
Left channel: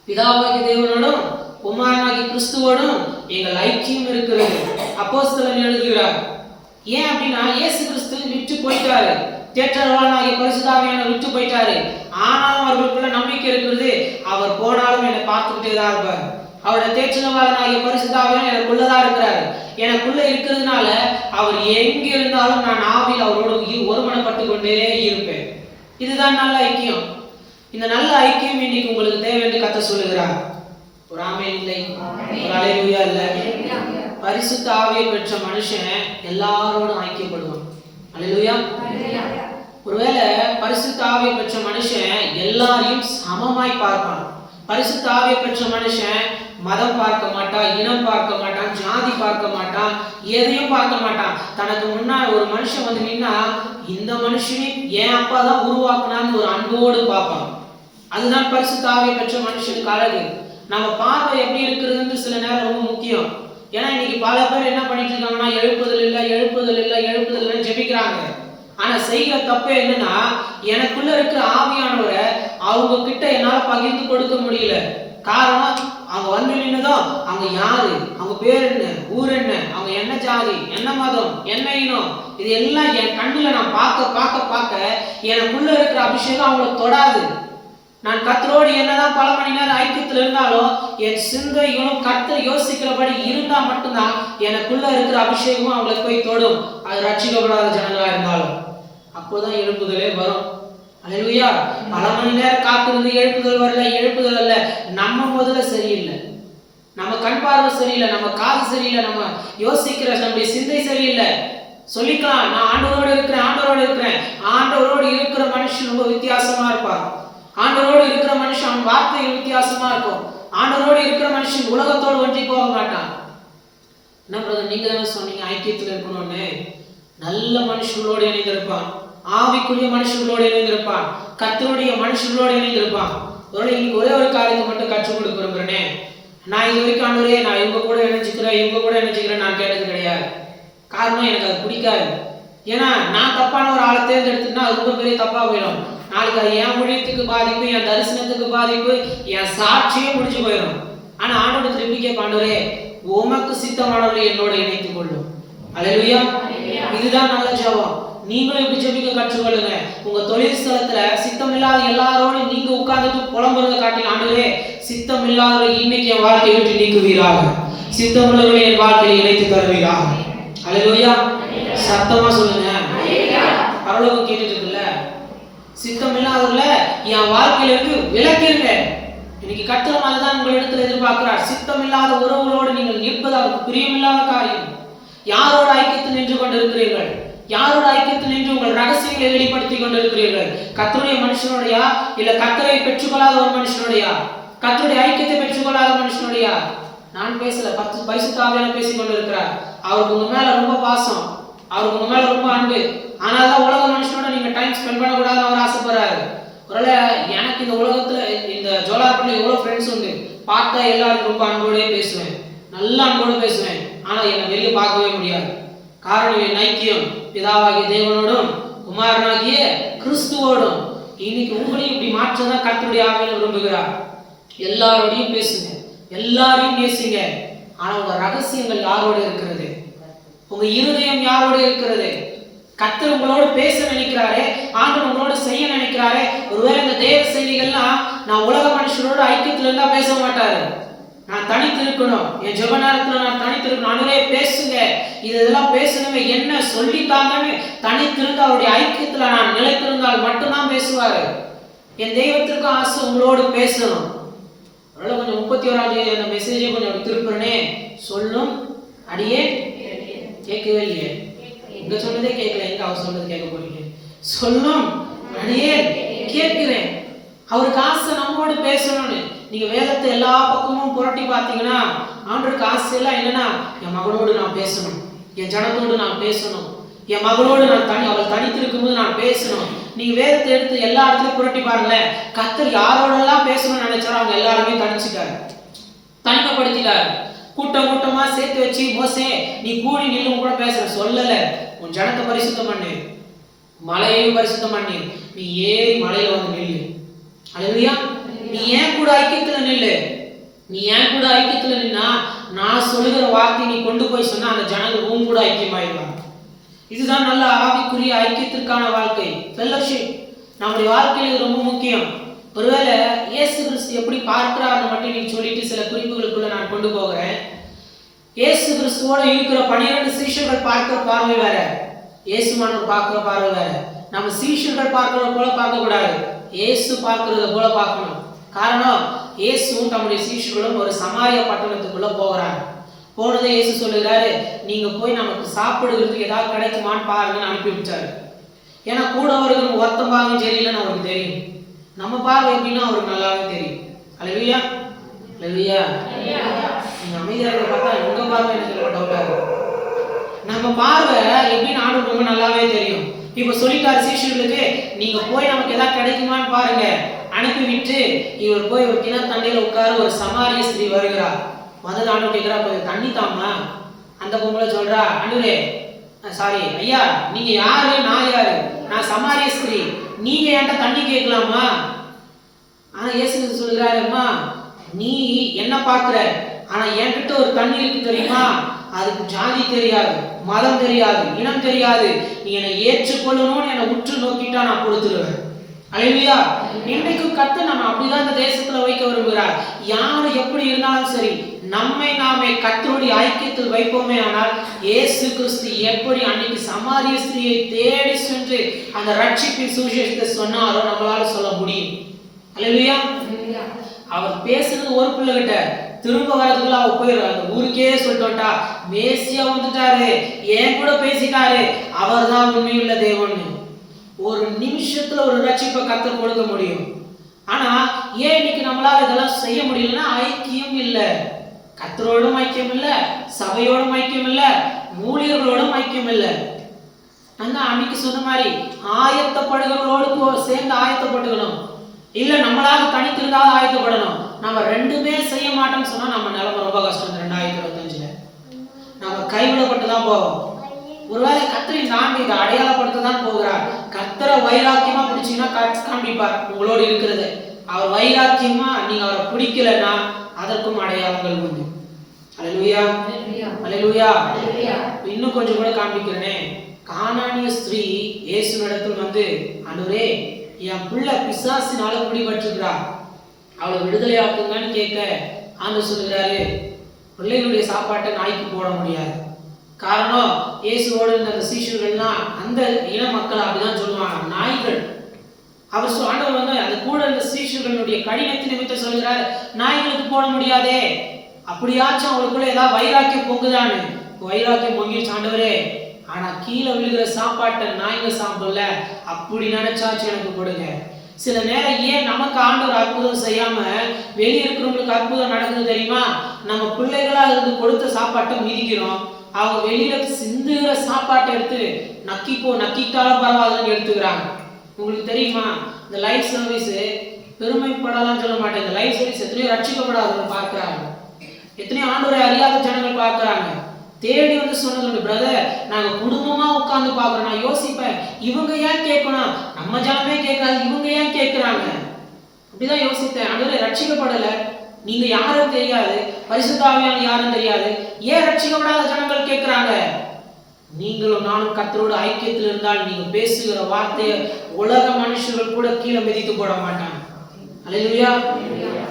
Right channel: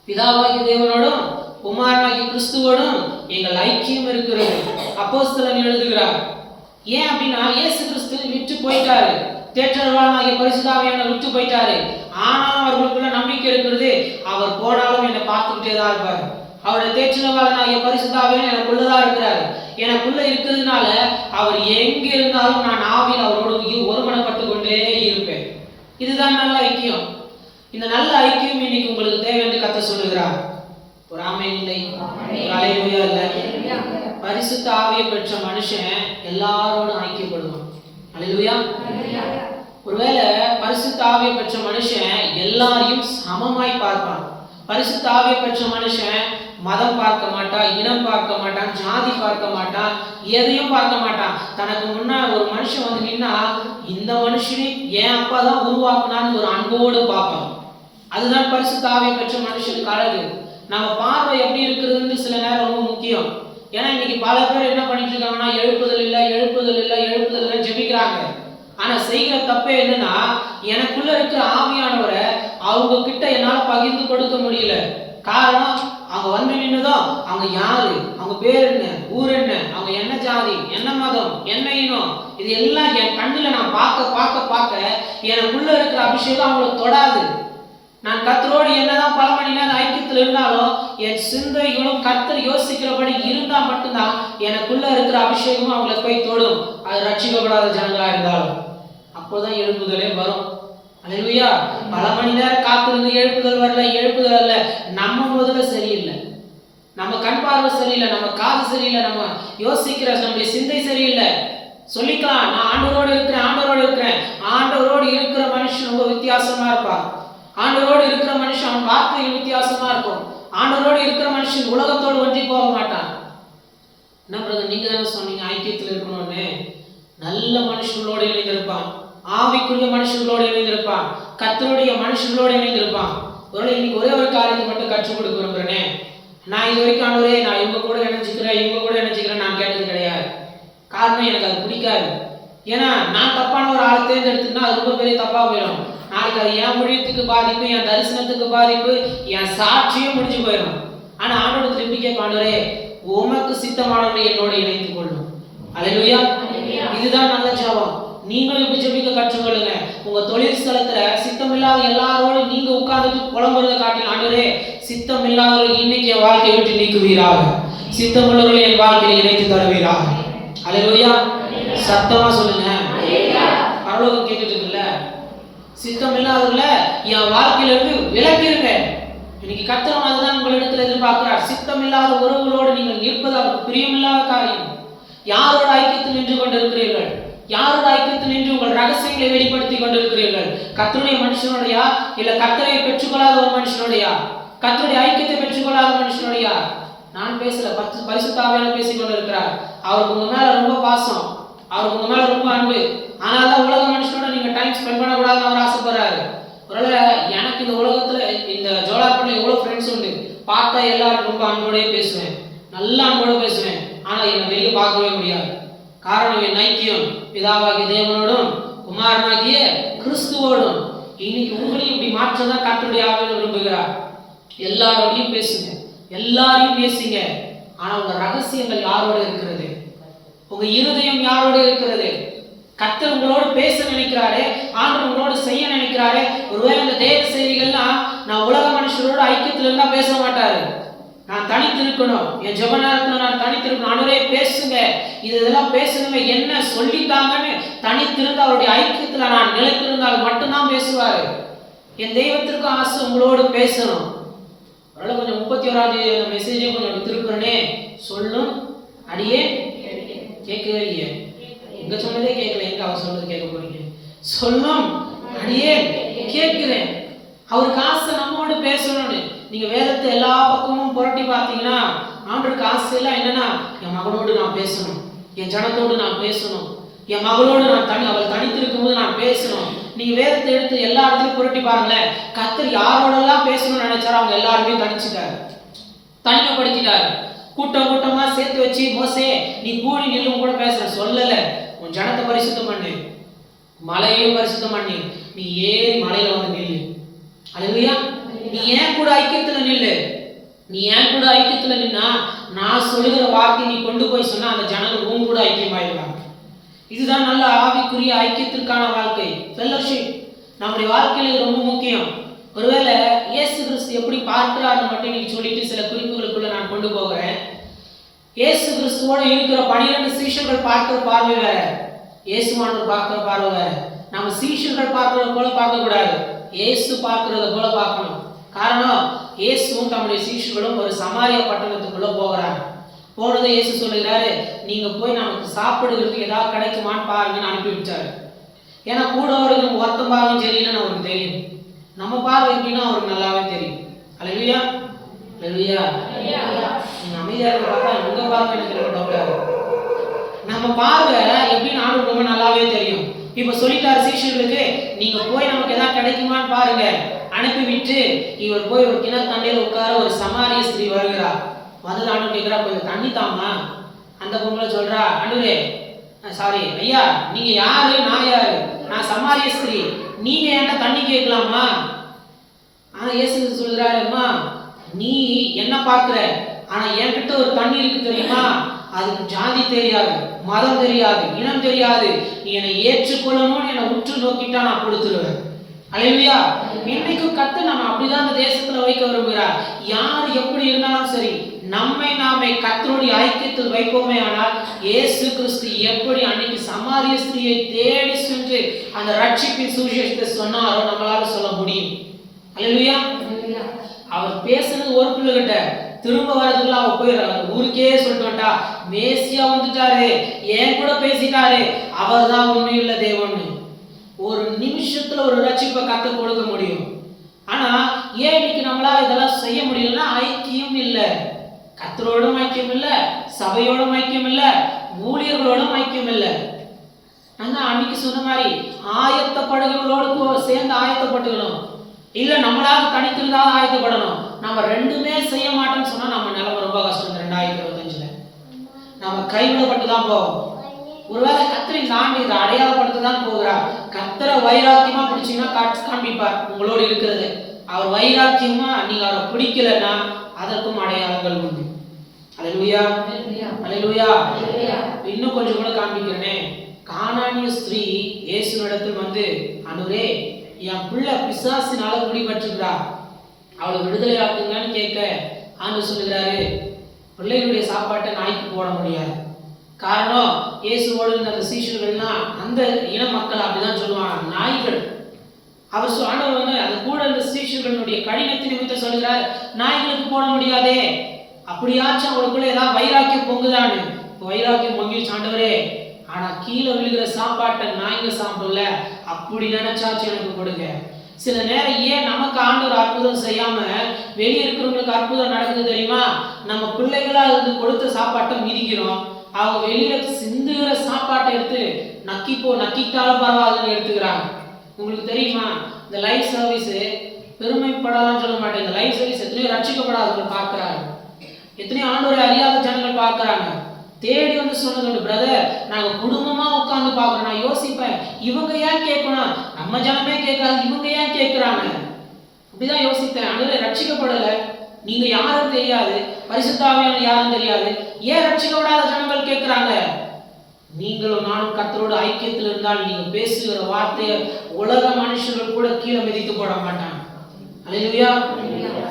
பிதாவாகிய தேவனோடும் குமாரனாகிய கிறிஸ்துவோடும் எங்கள் ஐக்கியம் இருக்கிறது அப்போஸ்தலன் எழுதுகிறார். ஏன் அப்படின்னா இயேசு கிறிஸ்து விட்டு போயிட்டாரு, தேற்றரவாளனாகிய பரிசுத்த ஆவியானவர் விட்டு போயிட்டாரு. ஆனாலும் அவர்களுக்குள்ள நம்பிக்கை இருக்கிறது, அவர் போனாலும் என்னை பார்த்துக்கிட்டே தான் இருப்பார். அவருடைய தேற்றரவாளனாகிய பரிசுத்த ஆவியானவர் எனக்குள்ளதான் இருக்கிறாரு. எனக்குள்ள இருக்கிறதுனால அவர் எங்க இருந்தாலும் நான் ஆவியில் அவரோடு ஒருமனப்பட்டு கொண்டே இருப்பேன். இதுதான் நல்ல ஐக்கியம். இந்த நல்ல ஐக்கியம் இன்னைக்கு உங்களுக்கு தேவை என்று கர்த்தர் சொல்லுகிறார். ஒரு ஆமென் இல்லை, ஒரு அல்லேலூயா இல்லை. பரிசுத்த ஆவியை பெற்ற மனுஷன் எல்லாரோடும் ஐக்கியப்படுவான். அல்லேலூயா. ஒருவேளை பரிசுத்த ஆவியை பெற்ற மனுஷன் எல்லாரையும் சமமாய் பார்ப்பான். பரிசுத்த ஆவியை பெற்ற மனுஷன் மதம் பார்க்க மாட்டான், இனம் பார்க்க மாட்டான், ஜாதி பார்க்க மாட்டான், எதையும் பார்க்க மாட்டான். தனக்கு முன்னாடி ஒரு மனுஷன் வந்து நின்னா இந்த மனுஷனே என் அப்பா தான் உருவாக்குனான்னு ஒரு அன்போடு பார்ப்பான். அதுதான் பரிசுத்த ஆவியை பெற்ற மனுஷனுக்கு அழகு. நம்ம பார்வை எப்படி இருக்கிறதுன்னு சில நேரம் ரொம்ப முக்கியம். ஏன்னா இன்னைக்கு பல பேர் என்ன பண்ணிட்டு இருக்காங்கன்னா எழுப்புதல் இல்லை ஜெபிக்கிறாங்க. ஆனா செய்கிற தப்பே என்னன்னா, எனக்குள்ள இருக்கிற ஆவியானவரை அவங்க கிட்ட என்னால பகிர்ந்து கொடுக்க முடியல. காரணம், அவங்க வந்து நின்னதும் அவங்க யாரு, அவங்க பேர் என்ன, ஊர் என்ன, அவங்க என்ன ஜாதி, என்ன மதம், என்ன இனம், இது எல்லாம் என் கண்ணுல நான் பார்க்க எனக்குள்ள இருக்கிற அபிஷேகம் அவங்களை தொடாது. நான் கர்த்தரோடு என்னதான் பல மணி நேரம் ஐக்கியத்தில் இருந்தாலும் என் சிந்தைகளும் கர்த்தர் யோசிக்கிறபடி இருந்தா மட்டும்தான் எனக்குள்ள இருக்கிற அபிஷேகமும் அவங்களுக்கு போய் தொடும். அது ரட்சிக்கப்படாத ஜனங்களா இருந்தாலும் அப்போதான் எழுப்புதலே வரும். அல்லேலூயா. பல மணி நேரம் காத்திருந்து எழுப்புதல் வரல, எழுப்புதல் அல்ல, நம்ம முதல்ல சரியில்லை, நம்ம கண் பார்வை சரியில்லை, நம்ம காது சரியில்லை, நம்ம யோசிக்கிற நம்முடைய சிந்தை சரியில்லை. சொல்லிக்கலாம், நான் ஆண்டவரோடு இருக்கிறேன். ஆண்டவரோடு இருக்கிற மனுஷன் ரொம்ப வித்தியாசமா இருப்பார். ஆண்டவரோடு இருக்கிற மனுஷன் அவன் வார்த்தைகள் வித்தியாசமா இருக்கும். ஆண்டவரோடு இருக்கிற மனுஷன் உலகத்தோடு ஒன்றி போக மாட்டான். என்ன பிரதர், நீங்க தானே சொன்னீங்க ஐக்கியத்தில் இருக்கணும்னு? நல்ல மனுஷங்களோடு இணைந்திருப்பான், ஆவிக்குரிய மனுஷங்களோடு இணைந்திருப்பான், கர்த்தருடைய மனுஷங்களோடு இணைந்திருப்பான். இன்னைக்கு ஒரே ஒரு காரியத்தை மட்டும் கற்றுக் கொடுக்க விரும்புறேனே. நான் இது வரைக்கும் ஆண்டவரே நான் இவங்க கூட இணைஞ்சிக்கிறேன் நான் கேட்டது கிடையாது. காரணம், எனக்கு அது பிடிக்காது. ஏன்னா நான் தப்பான ஒரு ஆளை தேர்ந்தெடுத்துன்னா அது ரொம்ப பெரிய தப்பா போயிடும். நாளைக்கு அது என் ஊழியத்துக்கு பாதிப்பு, என் தரிசனத்துக்கு பாதிப்பு, என் சாட்சியே முடிஞ்சு போயிடும். ஆனா ஆண்டோட திருப்பி கேட்ப, ஆண்டவரே உமக்கு சித்தமானவரை என்னோட இணைத்துக் கொள்ளும். அல்லேலூயா. இதுதான் நல்ல ஜெபம். நீங்களும் இப்படி ஜெபிக்க கற்றுக்கொள்ளுங்க. உங்க தொழில் ஸ்தலத்துல சித்தம் இல்லாத எல்லாரோடும் நீங்க உட்கார்ந்துட்டு புலம்புறதை காட்டி, ஆண்டவரே சித்தம் இல்லாதவர்கள் இன்னைக்கு என் வாழ்க்கையை விட்டு நீக்குவீராக, சித்தம் உள்ளவர்களை என் வாழ்க்கையை இணைத்து தருவீராக. அல்லேலூயா. சத்தமா சொல்லுங்க. பரலோகம் கேட்டுட்டு இருக்குல்ல, சித்தம் இல்லாதவர்கள என் வாழ்க்கையில இருந்து விலக்கிருங்க. இன்னைக்கு கர்த்தர் அதுதான் உங்களிடத்தில் எதிர்பார்க்கிறார். சித்தம் இல்லாத உறவுகளோடு நீங்கள் நிற்பது அவருக்கு பிரியமில்லாத காரியம். யாரோட ஐக்கியத்தில் நின்று கொண்டிருக்கிறீர்கள்? யாரோட ஐக்கியத்தில் நின்று உங்கள் ரகசியங்களை வெளிப்படுத்தி கொண்டிருக்கிறீர்கள்? கர்த்தருடைய மனுஷனுடையா, இல்ல கர்த்தரை பெற்றுக்கொள்ளாத ஒரு மனுஷனுடையா, கர்த்தருடைய ஐக்கியத்தை பெற்றுக்கொள்ளாத மனுஷனுடையா? நான் பேசல, பரிசுத்த ஆவியானவர் பேசிக் கொண்டிருக்கிறார். அவருக்கு உங்க மேல ரொம்ப பாசம், அவருக்கு உங்க மேல ரொம்ப அன்பு. ஆனால்தான் உலக மனுஷனோட நீங்க டைம் ஸ்பெண்ட் பண்ணக்கூடாதுன்னு அவர் ஆசைப்படுறாரு. ஒருவேளை எனக்கு இந்த உலகத்துல இந்த ஜோலார்பட்டில் எவ்வளவு ஃப்ரெண்ட்ஸ் உண்டு, பார்த்தா எல்லாரும் ரொம்ப அன்போடே பேசுவேன், நல்ல அன்போடு பேசுவேன். ஆனா என்னை வெளியே பார்க்கவே முடியாது. காரணம், என் ஐக்கியம் பிதாவாகிய தேவனோடும் குமாரனாகிய கிறிஸ்துவோடும். இன்னைக்கு உங்களையும் இப்படி மாற்றதான் கர்த்தருடைய ஆவியானவர் விரும்புகிறார். எல்லாரோடையும் பேசுங்க, எல்லாரையும் பேசுங்க. ஆனா உங்க ரகசியங்கள் யாரோட இருக்கிறது? உங்க இருதயம் யாரோட இருக்கிறது? கர்த்தர் உங்களோடு பேச நினைக்கிறாரே, ஆண்டவர் உங்களோடு செய்ய நினைக்கிறாரே. ஒருவேளை இந்த தேவ செய்திகள்லாம் நான் உலக மனுஷரோட ஐக்கியத்துல இருந்தா பேச மாட்டாரு. நான் தனித்து இருக்கணும், என் ஜெப நேரத்துல நான் தனித்து இருக்கணும். ஆண்டவரே பேசுங்க, இதெல்லாம் பேசணுமே, என்ன சொல்லித்தாங்கன்னு தனித்திருந்து அவருடைய ஐக்கியத்துல நான் நிலைத்திருந்தால் மட்டும்தான் பேசுவாரு. என் தெய்வத்திற்கு ஆசை உங்களோடு பேசணும். அதனால கொஞ்சம் 31ஆம் தேதி அந்த மெசேஜை கொஞ்சம் திருப்புறனே. சொல்லும் அடியே கேட்கவே இல்லையே, இங்க சொன்னதே கேட்கல, எங்க அவர் சொன்னது கேட்க போறீங்க? சொல்லும் அடியே கேட்கிறேன். அவருக்கு ஆசை நம்மோடு பேசணும்னு. நீங்க வேதத்தை எல்லா பக்கமும் புரட்டி பார்த்தீங்கன்னா ஆண்டவருக்கு ஆசை எல்லாம் என்னன்னா, என் மகளோடு நான் பேசணும், என் ஜனத்தோடு நான் பேசணும், என் மகளோடு நான் அவள் தனித்திருக்கும் போது நான் பேசணும். நீங்க வேதத்தை எடுத்து எல்லா இடத்துலயும் புரட்டி பாருங்களேன். கர்த்தர் யாரோடெல்லாம் பேசணும்னு நினைச்சாரோ அவங்க எல்லாருமே தனிச்சுட்டாரு, தனிமைப்படுத்திட்டாரு. கூட்டமா சேர்த்து வச்சு, மோசே நீ கூடி நில்லும் கூட பேசுற சொல்லல. உன் ஜனத்தை பரிசுத்தம் பண்ணு, மலையையும் பரிசுத்தம் பண்ணி நீ ஏறி மலையில வந்து நில்லு. அல்லேலூயா. நீ ஏன் கூட ஐக்கியத்துல நில்லு. நீ ஏன் கூட ஐக்கியத்துல நின்னா நான் சொல்லுகிற வார்த்தை நீ கொண்டு போய் சொன்னா அந்த ஜனங்கள் உன் கூட ஐக்கியமாயிடுவாங்க. இதுதான் நல்ல ஆவிக்குரிய ஐக்கியத்திற்கான வாழ்க்கை, ஃபெல்லோஷிப். நம்முடைய வாழ்க்கையில் இது ரொம்ப முக்கியம். ஒருவேளை இயேசு கிறிஸ்து எப்படி பார்க்கிறார்னு மட்டும் நீ சொல்லிட்டு சில குறிப்புகளுக்குள்ள நான் கொண்டு போகிறேன். இயேசு கிறிஸ்துவோட இருக்கிற 12 சீஷர்கள் பார்க்கிற பார்வை வேற, இயேசுவானவர் பார்க்கிற பார்வை வேற. நம்ம சீஷர்கள் பார்க்கிறத போல பார்க்க கூடாது, இயேசு பார்க்கிறத போல பார்க்கணும். காரணம், இயேசுவும் தம்முடைய சீஷர்களும் ஒரு சமாரிய பட்டணத்துக்குள்ள போகிறாங்க. போனதை இயேசு சொல்லுகிறாரு, நீங்க போய் நமக்கு சாப்பிடுறதுக்கு ஏதாவது கிடைக்குமான்னு பாருங்கன்னு அனுப்பி விட்டாரு. ஏன்னா கூட அவருக்கு ஒருத்தம் பாருங்க சரியில்லைன்னு அவருக்கு தெரியும். நம்ம பார்வை எப்படின்னா அவருக்கு நல்லாவே தெரியும். அல்லேலூயா. இல்லையா? நீங்க அமைதியா இருக்க பார்த்தா உங்க பார்வை எனக்கு ரொம்ப டவுட்டா இருக்கு. நம்ம பார்வை எப்படின்னு ஆண்டவருக்கு ரொம்ப நல்லாவே தெரியும். இப்ப சொல்லிட்டாரு சீஷர்களுக்கு, நீங்க போய் நமக்கு ஏதாவது கிடைக்குமான்னு பாருங்க. அனுப்பிவிட்டு இவர் போய் ஒரு கிணறு தண்ணியில உட்கார, ஒரு சமாரிய ஸ்திரீ வருகிறா. வந்து ஆண்டவர் கேட்கிறா, கொஞ்சம் தண்ணி தாமா. அந்த பொம்பளை சொல்றா, ஆண்டவரே சாரி ஐயா, நீங்க யாரு, நான் யாரு? நான் சமாரிய ஸ்திரீ, நீங்க என்கிட்ட தண்ணி கேட்கலாமா? ஆனா இயேசு சொல்கிறாரு, அம்மா நீ என்ன பார்க்கிற, ஆனா என்கிட்ட ஒரு தண்ணி இருக்கு தெரியுமா? அதுக்கு ஜாதி தெரியாது, மதம் தெரியாது, இனம் தெரியாது. நீ என்னை ஏற்றுக்கொள்ளணும்னு என்னை உற்று நோக்கிட்டா நான் கொடுத்துருவேன். அல்லேலூயா. இன்றைக்கும் கர்த்தர் நம்ம அப்படிதான் இந்த தேசத்துல வைக்க விரும்புகிறார். யார் எப்படி இருந்தாலும் சரி, நம்மை நாமே கர்த்தருடைய ஐக்கியத்தில் வைப்போமே ஆனால், இயேசு கிறிஸ்து எப்படி அன்னைக்கு சமாரிய ஸ்திரீயை தேடி சென்று அந்த ரட்சிப்பின் சுவிசேஷத்தை சொன்னாரோ நம்மளால சொல்ல முடியும். அல்லேலூயா. அவர் பேசுனது ஒரு பிள்ளைகிட்ட, திரும்ப வரதுக்குள்ள அவ போயிடுறா. அந்த ஊருக்கே சொல்லிட்டு வந்தா, மேசியா வந்துட்டாரு, ஏன் கூட பேசிட்டாரு, அவர் தான் உண்மையுள்ள தேவன். ஒரு நிமிஷத்துல ஒரு ரட்சிப்பை கர்த்தர் கொடுக்க முடியும். ஆனா ஏன் இன்னைக்கு நம்மளால இதெல்லாம் செய்ய முடியலன்னா, ஐக்கியம் இல்லை. கர்த்தரோடும் ஐக்கியம் இல்லை, சபையோடும் ஐக்கியம் இல்லை, ஊழியர்களோடும் ஐக்கியம் இல்லை. நான் அன்னைக்கு சொன்ன மாதிரி ஆயத்தப்படுகிறவர்களோடு சேர்ந்து ஆயத்தப்பட்டுக்கணும். இல்ல நம்மளாக தனித்திருந்தாவது ஆயத்தப்படணும். நம்ம ரெண்டுமே செய்ய மாட்டோம்னு சொன்னா நம்ம நிலைமை ரொம்ப கஷ்டம். 2025ல நம்ம கைவிடப்பட்டு தான் போவோம். ஒருவேளை கர்த்தரை தாண்டி இதை அடையாளப்படுத்த தான் போகிறார். கர்த்தரை வைராக்கியமா பிடிச்சீங்கன்னா காண்பிப்பார் உங்களோடு இருக்கிறது. அவர் வைராக்கியமா நீங்க அவரை பிடிக்கலன்னா அதற்கும் அடையாளங்கள் உண்டு. அல்லேலூயா, அல்லேலூயா. இன்னும் கொஞ்சம் கூட காண்பிக்கிறேனே. கானானிய ஸ்திரீ இயேசுவினிடத்தில் வந்து, ஆண்டவரே என் பிள்ளை பிசாசினால பிடிபட்டிருக்கிறா, அவளை விடுதலை ஆக்குங்கன்னு கேட்க ஆண்டவர் சொல்லுகிறாரு, பிள்ளைகளுடைய சாப்பாட்டை நாய்க்கு போட முடியாது. காரணம், இயேசுவோடு இருந்த அந்த சீஷர்கள்லாம் அந்த இன மக்கள் அப்படிதான் சொல்லுவாங்க, நாய்கள். அவர் ஆண்டவர் வந்து அந்த கூட இருந்த சீஷர்களுடைய கடினத்தின் நிமித்தம் சொல்கிறார், நாய்களுக்கு போட முடியாதே. அப்படியாச்சும் அவளுக்குள்ள ஏதாவது வைராக்கியம் பொங்குதான்னு. வைராக்கியம் பொங்கிடுச்சு ஆண்டவரே, ஆனா கீழே விழுகிற சாப்பாட்டை நாய்ங்க சாப்பிடல, அப்படி நினைச்சாச்சும் எனக்கு கொடுங்க. சில நேரம் ஏன் நமக்கு ஆண்டவர் அற்புதம் செய்யாம வெளியே இருக்கிறவங்களுக்கு அற்புதம் நடக்குது தெரியுமா? நம்ம பிள்ளைகளா இருந்து கொடுத்த சாப்பாட்டை மிதிக்கிறோம். அவங்க வெளியில சிந்துகிற சாப்பாட்டை எடுத்து நக்கிட்டாலும் பரவாயில்லன்னு எடுத்துக்கிறாங்க. உங்களுக்கு தெரியுமா, இந்த லைஃப் சர்வீஸ் பெருமைப்படலாம் சொல்ல மாட்டேன். இந்த லைஃப் சர்வீஸ் எத்தனையோ ரட்சிக்கப்படாதவங்க பார்க்குறாங்க, எத்தனையோ ஆண்டவரை அறியாத ஜனங்கள் பார்க்குறாங்க. தேடி வந்து சொன்னது, பிரதர் நாங்கள் குடும்பமாக உட்காந்து பார்க்குறோம். நான் யோசிப்பேன், இவங்க ஏன் கேட்கணும், நம்ம ஜனமே கேட்காது, இவங்க ஏன் கேட்குறாங்க? அப்படிதான் யோசித்தேன். ஆண்டவரே ரட்சிக்கப்படலை, நீங்க யாரும் தெரியாது, பரிசுத்த ஆவியானவர் யாரும் தெரியாது, ஏன் ரட்சிக்கப்படாத ஜனங்கள் கேட்குறாங்க? நீங்களும் நானும் கர்த்தரோட ஐக்கியத்தில் இருந்தால் நீங்க பேசுகிற வார்த்தையை உலக மனுஷர்கள் கூட கீழே மிதித்து போட மாட்டாங்க. அல்லேலூயா.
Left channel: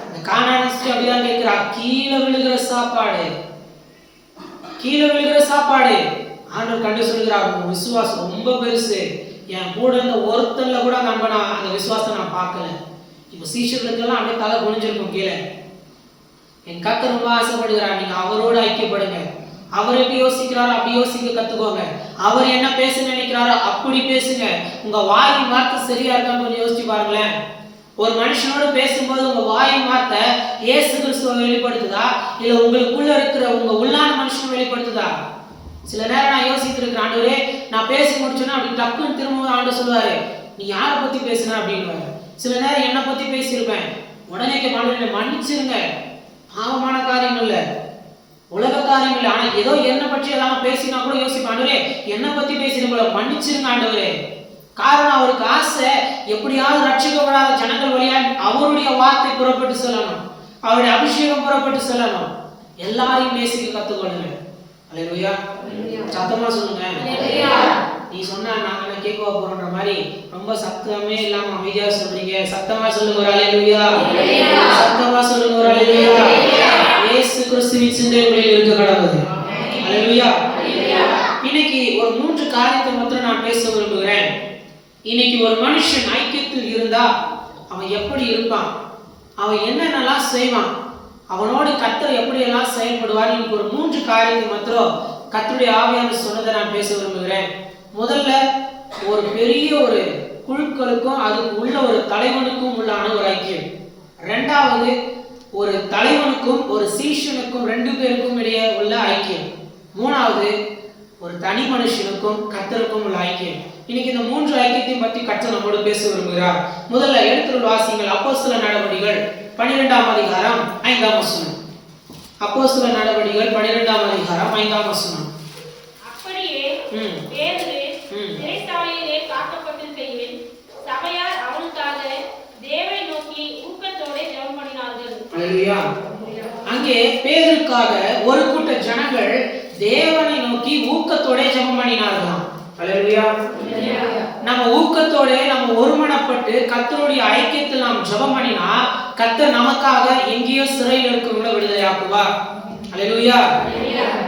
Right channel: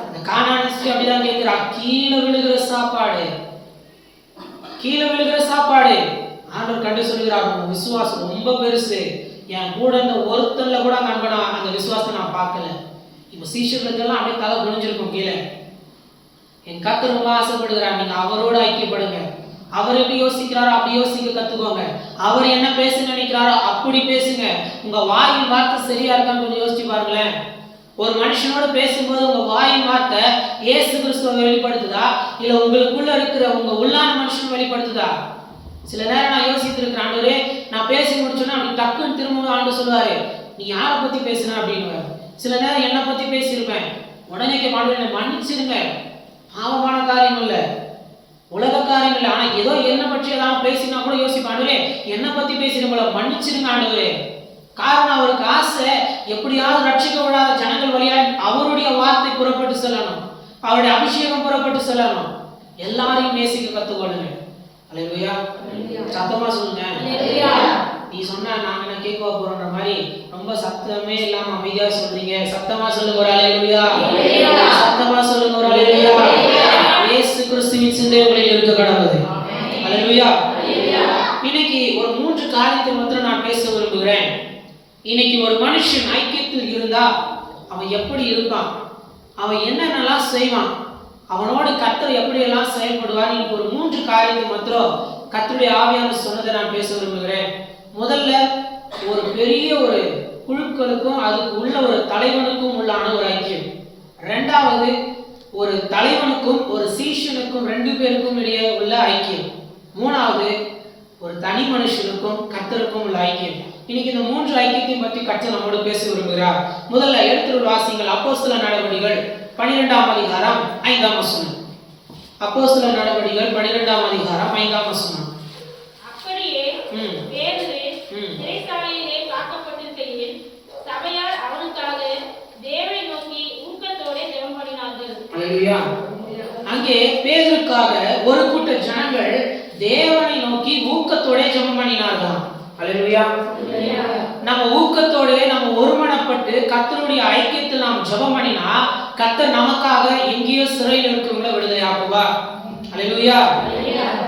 இந்த கானானிஸ்ட் அப்படிதான் கேட்கிறா, கீழே விழுகிற சாப்பாடு, கீழே விழுகிற சாப்பாடு. ஆண்டவர் கண்டு சொல்கிறார், உங்க விசுவாசம் ரொம்ப பெருசு, என் கூட இருந்த ஒருத்தன்ல கூட அந்த விசுவாசத்தை நான் பார்க்கல. இப்ப சீஷர்களுக்கெல்லாம் அப்படியே தலை குனிஞ்சிருக்கும் கீழே. என் கர்த்தர் ரொம்ப ஆசைப்படுகிறார், நீங்க அவரோடு ஐக்கியப்படுங்க. அவர் எப்படி யோசிக்கிறாரோ அப்படி யோசிக்க கத்துக்கோங்க. அவர் என்ன பேச நினைக்கிறாரோ அப்படி பேசுங்க. உங்க வாயின் வார்த்தை சரியா இருக்கான்னு கொஞ்சம் யோசிச்சு பாருங்களேன். ஒரு மனுஷனோடு பேசும்போது உங்க வாயின் வார்த்தை இயேசு கிறிஸ்துவை வெளிப்படுத்துதா, இல்ல உங்களுக்குள்ள இருக்கிற உங்க உள்ளான மனுஷனை வெளிப்படுத்துதா? சில நேரம் நான் யோசித்து இருக்கிறேன், ஆண்டவரே நான் பேசி முடிச்சோன்னா அப்படி டக்குன்னு திரும்ப ஆண்டு சொல்லுவாரு, நீ யாரை பத்தி பேசுன அப்படின்னு. சில நேரம் என்னை பத்தி பேசியிருப்பேன், உடனே ஆண்டவரே மன்னிச்சிருங்க, பாவமான காரியம் இல்லை, உலக காரியம் இல்லை, ஆனா ஏதோ என்ன பற்றி ஏதாவது பேசினா கூட யோசிப்பேன், ஆண்டவரே என்னை பத்தி பேசின போல மன்னிச்சிருங்க ஆண்டவரே. காரணம், அவருக்கு ஆசை எப்படியாவது ரட்சிக்கப்படாத ஜனங்கள் வழியா அவருடைய வார்த்தை புறப்பட்டு செல்லணும், அவருடைய அபிஷேகம் புறப்பட்டு செல்லணும். எல்லாரையும் நேசிக்க கத்துக்கொள்ளுங்க. அல்லேலூயா. சத்தமா சொல்லுங்க. நீ சொன்னா நாங்க என்ன கேட்க போறோன்ற மாதிரி ரொம்ப சத்தமே இல்லாம அமைதியா சொல்றீங்க. சத்தமா சொல்லுங்க ஒரு அல்லேலூயா. சத்தமா சொல்லுங்க ஒரு அல்லேலூயா. இயேசு கிறிஸ்துவின் சிந்தை உங்களில் இருக்க கடவுது. அல்லேலூயா. இன்னைக்கு ஒரு 3 காரியத்தை மட்டும் நான் பேச விரும்புகிறேன். இன்னைக்கு ஒரு மனுஷன் ஐக்கியத்தில் இருந்தா அவன் எப்படி இருப்பான், அவன் என்னென்னலாம் செய்வான், அவனோடு கர்த்தர் எப்படியெல்லாம் செயல்படுவார். இன்னைக்கு ஒரு 3 காரியத்தை மட்டும் கர்த்தருடைய ஆவியானவர் சொன்னதை நான் பேச விரும்புகிறேன். முதல்ல, ஒரு பெரிய ஒரு குழுக்களுக்கும் அதுக்கு உள்ள ஒரு தலைவனுக்கும் உள்ளான ஒரு ஐக்கியம். 2வது, ஒரு தலைவனுக்கும் ஒரு சீஷனுக்கும் 2 பேருக்கும் இடையே உள்ள ஐக்கியம். 3வது ஒரு தனி மனுஷனுக்கும் கர்த்தருக்கும் உள்ள ஐக்கியம். இன்னைக்கு இந்த 3 ஐக்கியத்தையும் பற்றி கர்த்தர் நம்மோடு பேச விரும்புகிறார். முதல்ல எடுத்துள்ள வாசிங்கள் அப்போஸ்தலர் நடவடிக்கைகள் 12ஆம் அதிகாரம் 5ஆம் வசனம். அப்போஸ்தலர் நடவடிக்கைகள் 12ஆம் அதிகாரம் 5ஆம் வசனம். அப்படியே பேதுரு சிறைச்சாலையிலே காக்கப்பட்டிருக்கையில் சபையார் அவனுக்காக தேவனை நோக்கி ஊக்கத்தோட ஜெபம் பண்ணினார்கள். அல்லேலூயா. அங்கே பேதுருக்காக ஒரு கூட்ட ஜனங்கள் தேவனை நோக்கி ஊக்கத்தோட ஜெபம் பண்ணினார்களாம். அல்லேலூயா. நம்ம ஊக்கத்தோட நம்ம ஒருமனப்பட்டு கர்த்தருடைய ஐக்கியத்தில் நாம் ஜெபம் பண்ணினா கர்த்தர் நமக்காக எங்கேயோ சிறையில் இருக்கிறவங்கள விடுதலையாக்குவார். அல்லேலூயா.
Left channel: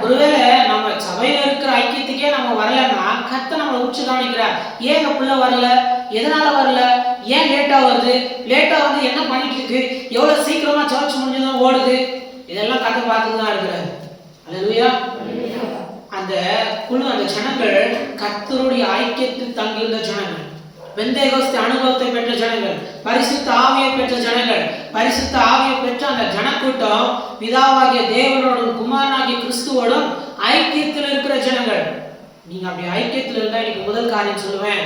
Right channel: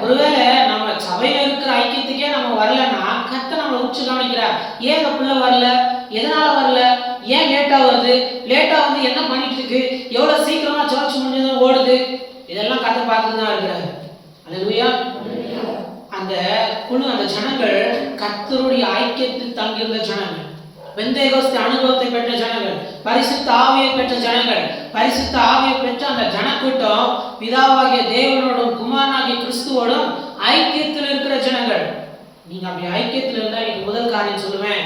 ஒருவேளை நம்ம சபையில இருக்கிற ஐக்கியத்துக்கே நம்ம வரலன்னா கர்த்தர் நம்மளை உச்சு கவனிக்கிறார். ஏன் இந்த பிள்ளை வரல, எதனால வரல, ஏன் லேட்டா வருது, லேட்டா வந்து என்ன பண்ணிட்டு இருக்கு, எவ்வளவு சீக்கிரமா சர்ச் முடிஞ்சதும் ஓடுது, இதெல்லாம் கர்த்தர் பார்த்துட்டு தான் இருக்கிறார். அல்லேலூயா. அந்த குழு, அந்த ஜனங்கள் கர்த்தருடைய ஐக்கியத்தில் தங்கியிருந்த ஜனங்கள், பெந்தேகோஸ்தே அனுபவத்தை பெற்ற ஜனங்கள், பரிசுத்த ஆவியை பெற்ற ஜனங்கள். பரிசுத்த ஆவியை பெற்ற அந்த ஜனக்கூட்டம் பிதாவாகிய தேவனோடும் குமாரனாகிய கிறிஸ்துவோடும் ஐக்கியத்தில் இருக்கிற ஜனங்கள். நீங்க அப்படி ஐக்கியத்தில் இருந்தா இன்னைக்கு முதல் காரியம் சொல்லுவேன்,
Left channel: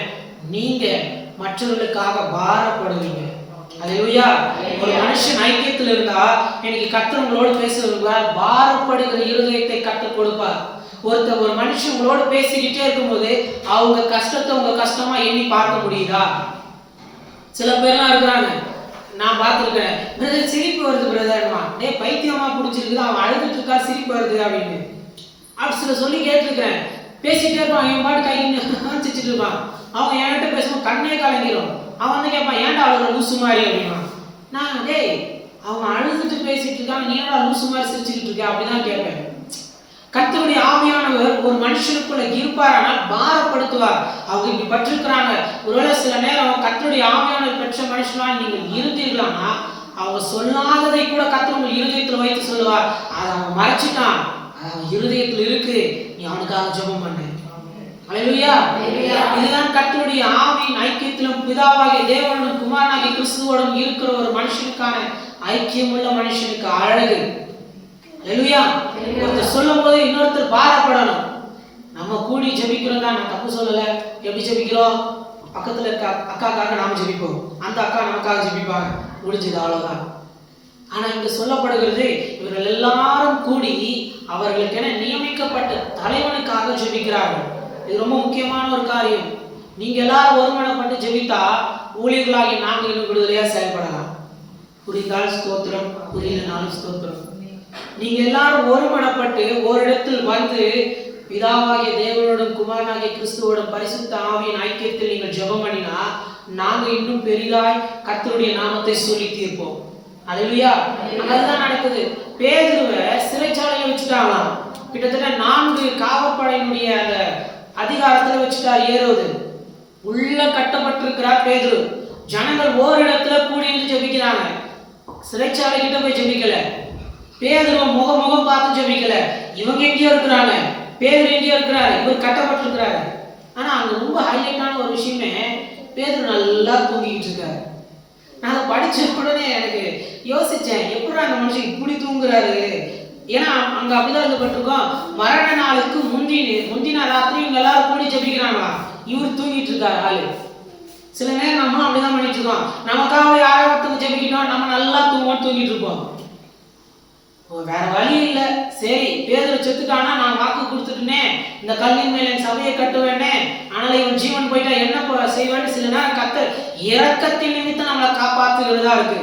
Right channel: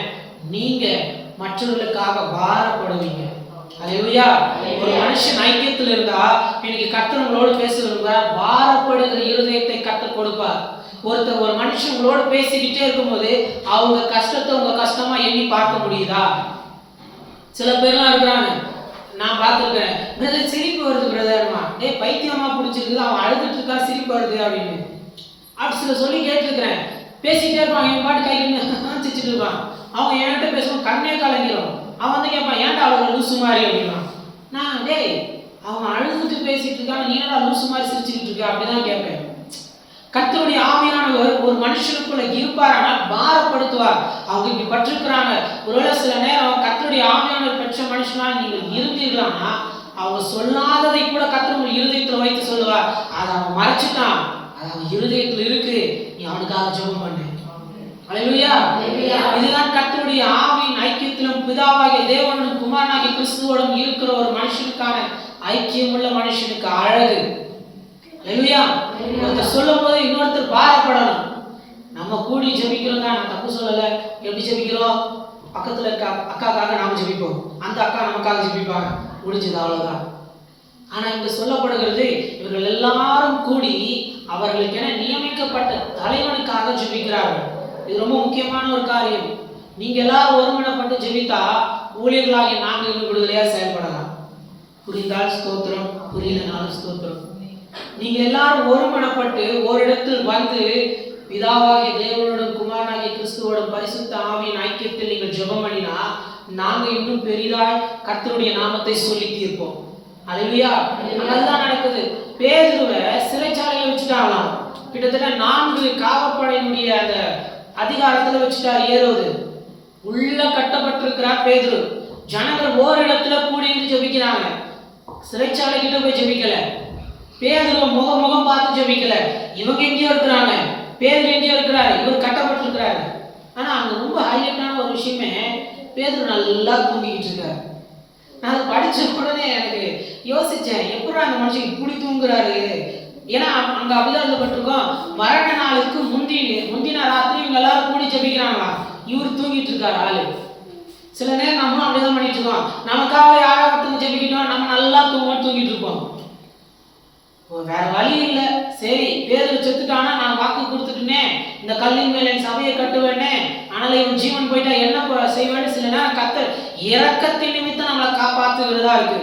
நீங்க மற்றவர்களுக்காக பாரப்படுவீங்க. அல்லேலூயா. ஒரு மனுஷன் ஐக்கியத்தில் இருந்தா இன்னைக்கு கர்த்தர் உங்களோடு பேசுவார். பாரப்படுகிற இருதயத்தை கர்த்தர் கொடுப்பார். ஒரு மனுஷன் உங்களோட பேசிக்கிட்டே இருக்கும்போது அவங்க கஷ்டத்தை உங்க கஷ்டமா எண்ணி பார்க்க முடியுதா? சில பேர்லாம் இருக்கிறாங்க, நான் பார்த்துருக்கேன், பிரதர் சிரிப்பு வருது பிரதர்மா, பைத்தியமா பிடிச்சிருக்குது, அவன் அழுதுட்டு இருக்கா சிரிப்பு வருது அப்படின்னு அப்படி சில சொல்லி கேட்டிருக்கிறேன். பேசிக்கிட்டே இருப்பான், என் பாட்டு கை சிரிச்சுட்டு இருப்பான். அவங்க என்கிட்ட பேசுவோம் கண்ணே கலங்கிடும். அவன் வந்து கேட்பான், ஏன்டா அவ்வளோ லூசு மாதிரி அப்படின்னா, நான் அவன் அழுதுட்டு பேசிட்டு இருக்கான், நீ ஏன்டா லூசு மாதிரி சிரிச்சுக்கிட்டு இருக்க அப்படிதான் கேட்பேன். கர்த்தருடைய ஆவியானவர் ஒரு மனுஷனுக்குள்ள இருப்பாரானால் பாரப்படுத்துவார். அவங்க இப்படி பற்றிருக்கிறாங்க. ஒருவேளை சில நேரம் கர்த்தருடைய ஆவியானவர் பெற்ற மனுஷனா நீங்கள் இருந்தீர்களானா அவங்க சொல்லாததை கூட கர்த்தர் உங்கள் இருதயத்தில் வைத்து சொல்லுவார். அதை அவன் மறைச்சிட்டான், அது அவன் இருதயத்தில் இருக்கு, நீ அவனுக்காக ஜெபம் பண்ணு. அல்லேலூயா. இதுதான் கர்த்தருடைய ஆவியின் ஐக்கியத்திலும் பிதாவாகிய தேவனும் குமாரனாகிய கிறிஸ்துவோடும் இருக்கிற ஒரு மனுஷனுக்கான ஐக்கியம் உள்ள மனுஷனுக்கு அழகு. அல்லேலூயா. ஒருத்தர் சொல்லும் போது இன்னொருத்தர் பாரப்படணும். நம்ம கூடி ஜெபிக்கிறோம் தான், நான் தப்பு சொல்லல. எப்படி ஜெபிக்கிறோம்? பக்கத்துல இருக்க அக்காக்காக நாம ஜெபிப்போம், அந்த அக்கா நமக்காக ஜெபிப்பாங்க, முடிஞ்சது அவ்வளவுதான். ஆனா இங்க சொல்லப்படுகிறது, இவர்கள் எல்லாரும் கூடி அவர்களுக்கென நியமிக்கப்பட்ட தலைவனுக்காக ஜெபிக்கிறார்கள். இது ரொம்ப முக்கியமான ஒரு காரியம். நீங்க எல்லாரும் ஒருமனப்பட்டு ஜெபித்தா ஊழியர்களாகிய நாங்கள் இன்னும் விடுதலையா செயல்படலாம். புரிந்தால் ஸ்தோத்திரம், புரியலனாலும் ஸ்தோத்திரம். நீங்க எல்லாரும் ஒருமனப்பட்டு ஓரிடத்தில் வந்து பிதாவாகிய தேவனோடும் குமாரனாகிய கிறிஸ்துவோடும் பரிசுத்த ஆவியின் ஐக்கியத்தில் நீங்கள் ஜெபம் பண்ணினா நாங்க இன்னும் பெரிதாய் கர்த்தருடைய நாமத்தை சொல்லி தீர்ப்போம். அல்லேலூயா. அதுதான் நடக்குது. பேதுருவை சிறைச்சாலையில வச்சுட்டாங்களாம். கிட்டத்தட்ட 4 காவற்படையினுடைய அந்த அதிகாரத்துல வச்சுட்டார் ஏரோது. உள்ள கட்டப்பட்டிருக்கிறார் பேதுரு. ஜனங்கள் ஓரிடத்துல கூடி இருந்து ஜெபிக்கிறாங்க. சிறைச்சாலை கிட்ட போய் ஜெபிக்கல. பேதுருவை முகம் பார்த்து ஜெபிக்கல. இவங்க எங்கேயோ இருக்கிறாங்க, பேதுரு எங்கேயோ இருக்கிறாரு, இவர் கட்டப்பட்டிருக்கிறாரு. ஆனா அங்க ரொம்ப ஹைலைட்டான ஒரு விஷயமே, பேதுரு நல்லா தூங்கிக்கிட்டு இருக்காரு. நான் அதை படிச்ச உடனே எனக்கு யோசிச்சேன், எப்படி அந்த மனுஷன் இப்படி தூங்குறாரு? ஏன்னா அங்க அப்படிதான் எழுதப்பட்டிருக்கோம், மரண நாளுக்கு முந்தின ராத்திரி இவங்க எல்லாரும் கூடி ஜெபிக்கிறாங்களா, இவர் தூங்கிட்டு இருக்காரு ஆளு. சில நேரம் நம்மளும் அப்படிதான் பண்ணிட்டு இருக்கோம். நமக்காக யாரோ ஒருத்தவங்க ஜெபிக்கிட்டோம், நம்ம நல்லா தூங்கிட்டு இருப்போம். வேற வழி இல்லை. சரி, பேதுரு செத்துட்டானா, நான் வாக்கு கொடுத்துட்டேனே, இந்த கல்லின் மேல என் சபையை கட்டுவேனே, ஆனால் இவன் ஜீவன் போயிட்டா என்ன செய்வேன்னு சில நேரம் கர்த்தர் இரக்கத்தின் நிமித்தம் நம்மளை காப்பாத்துகிறதா இருக்கு.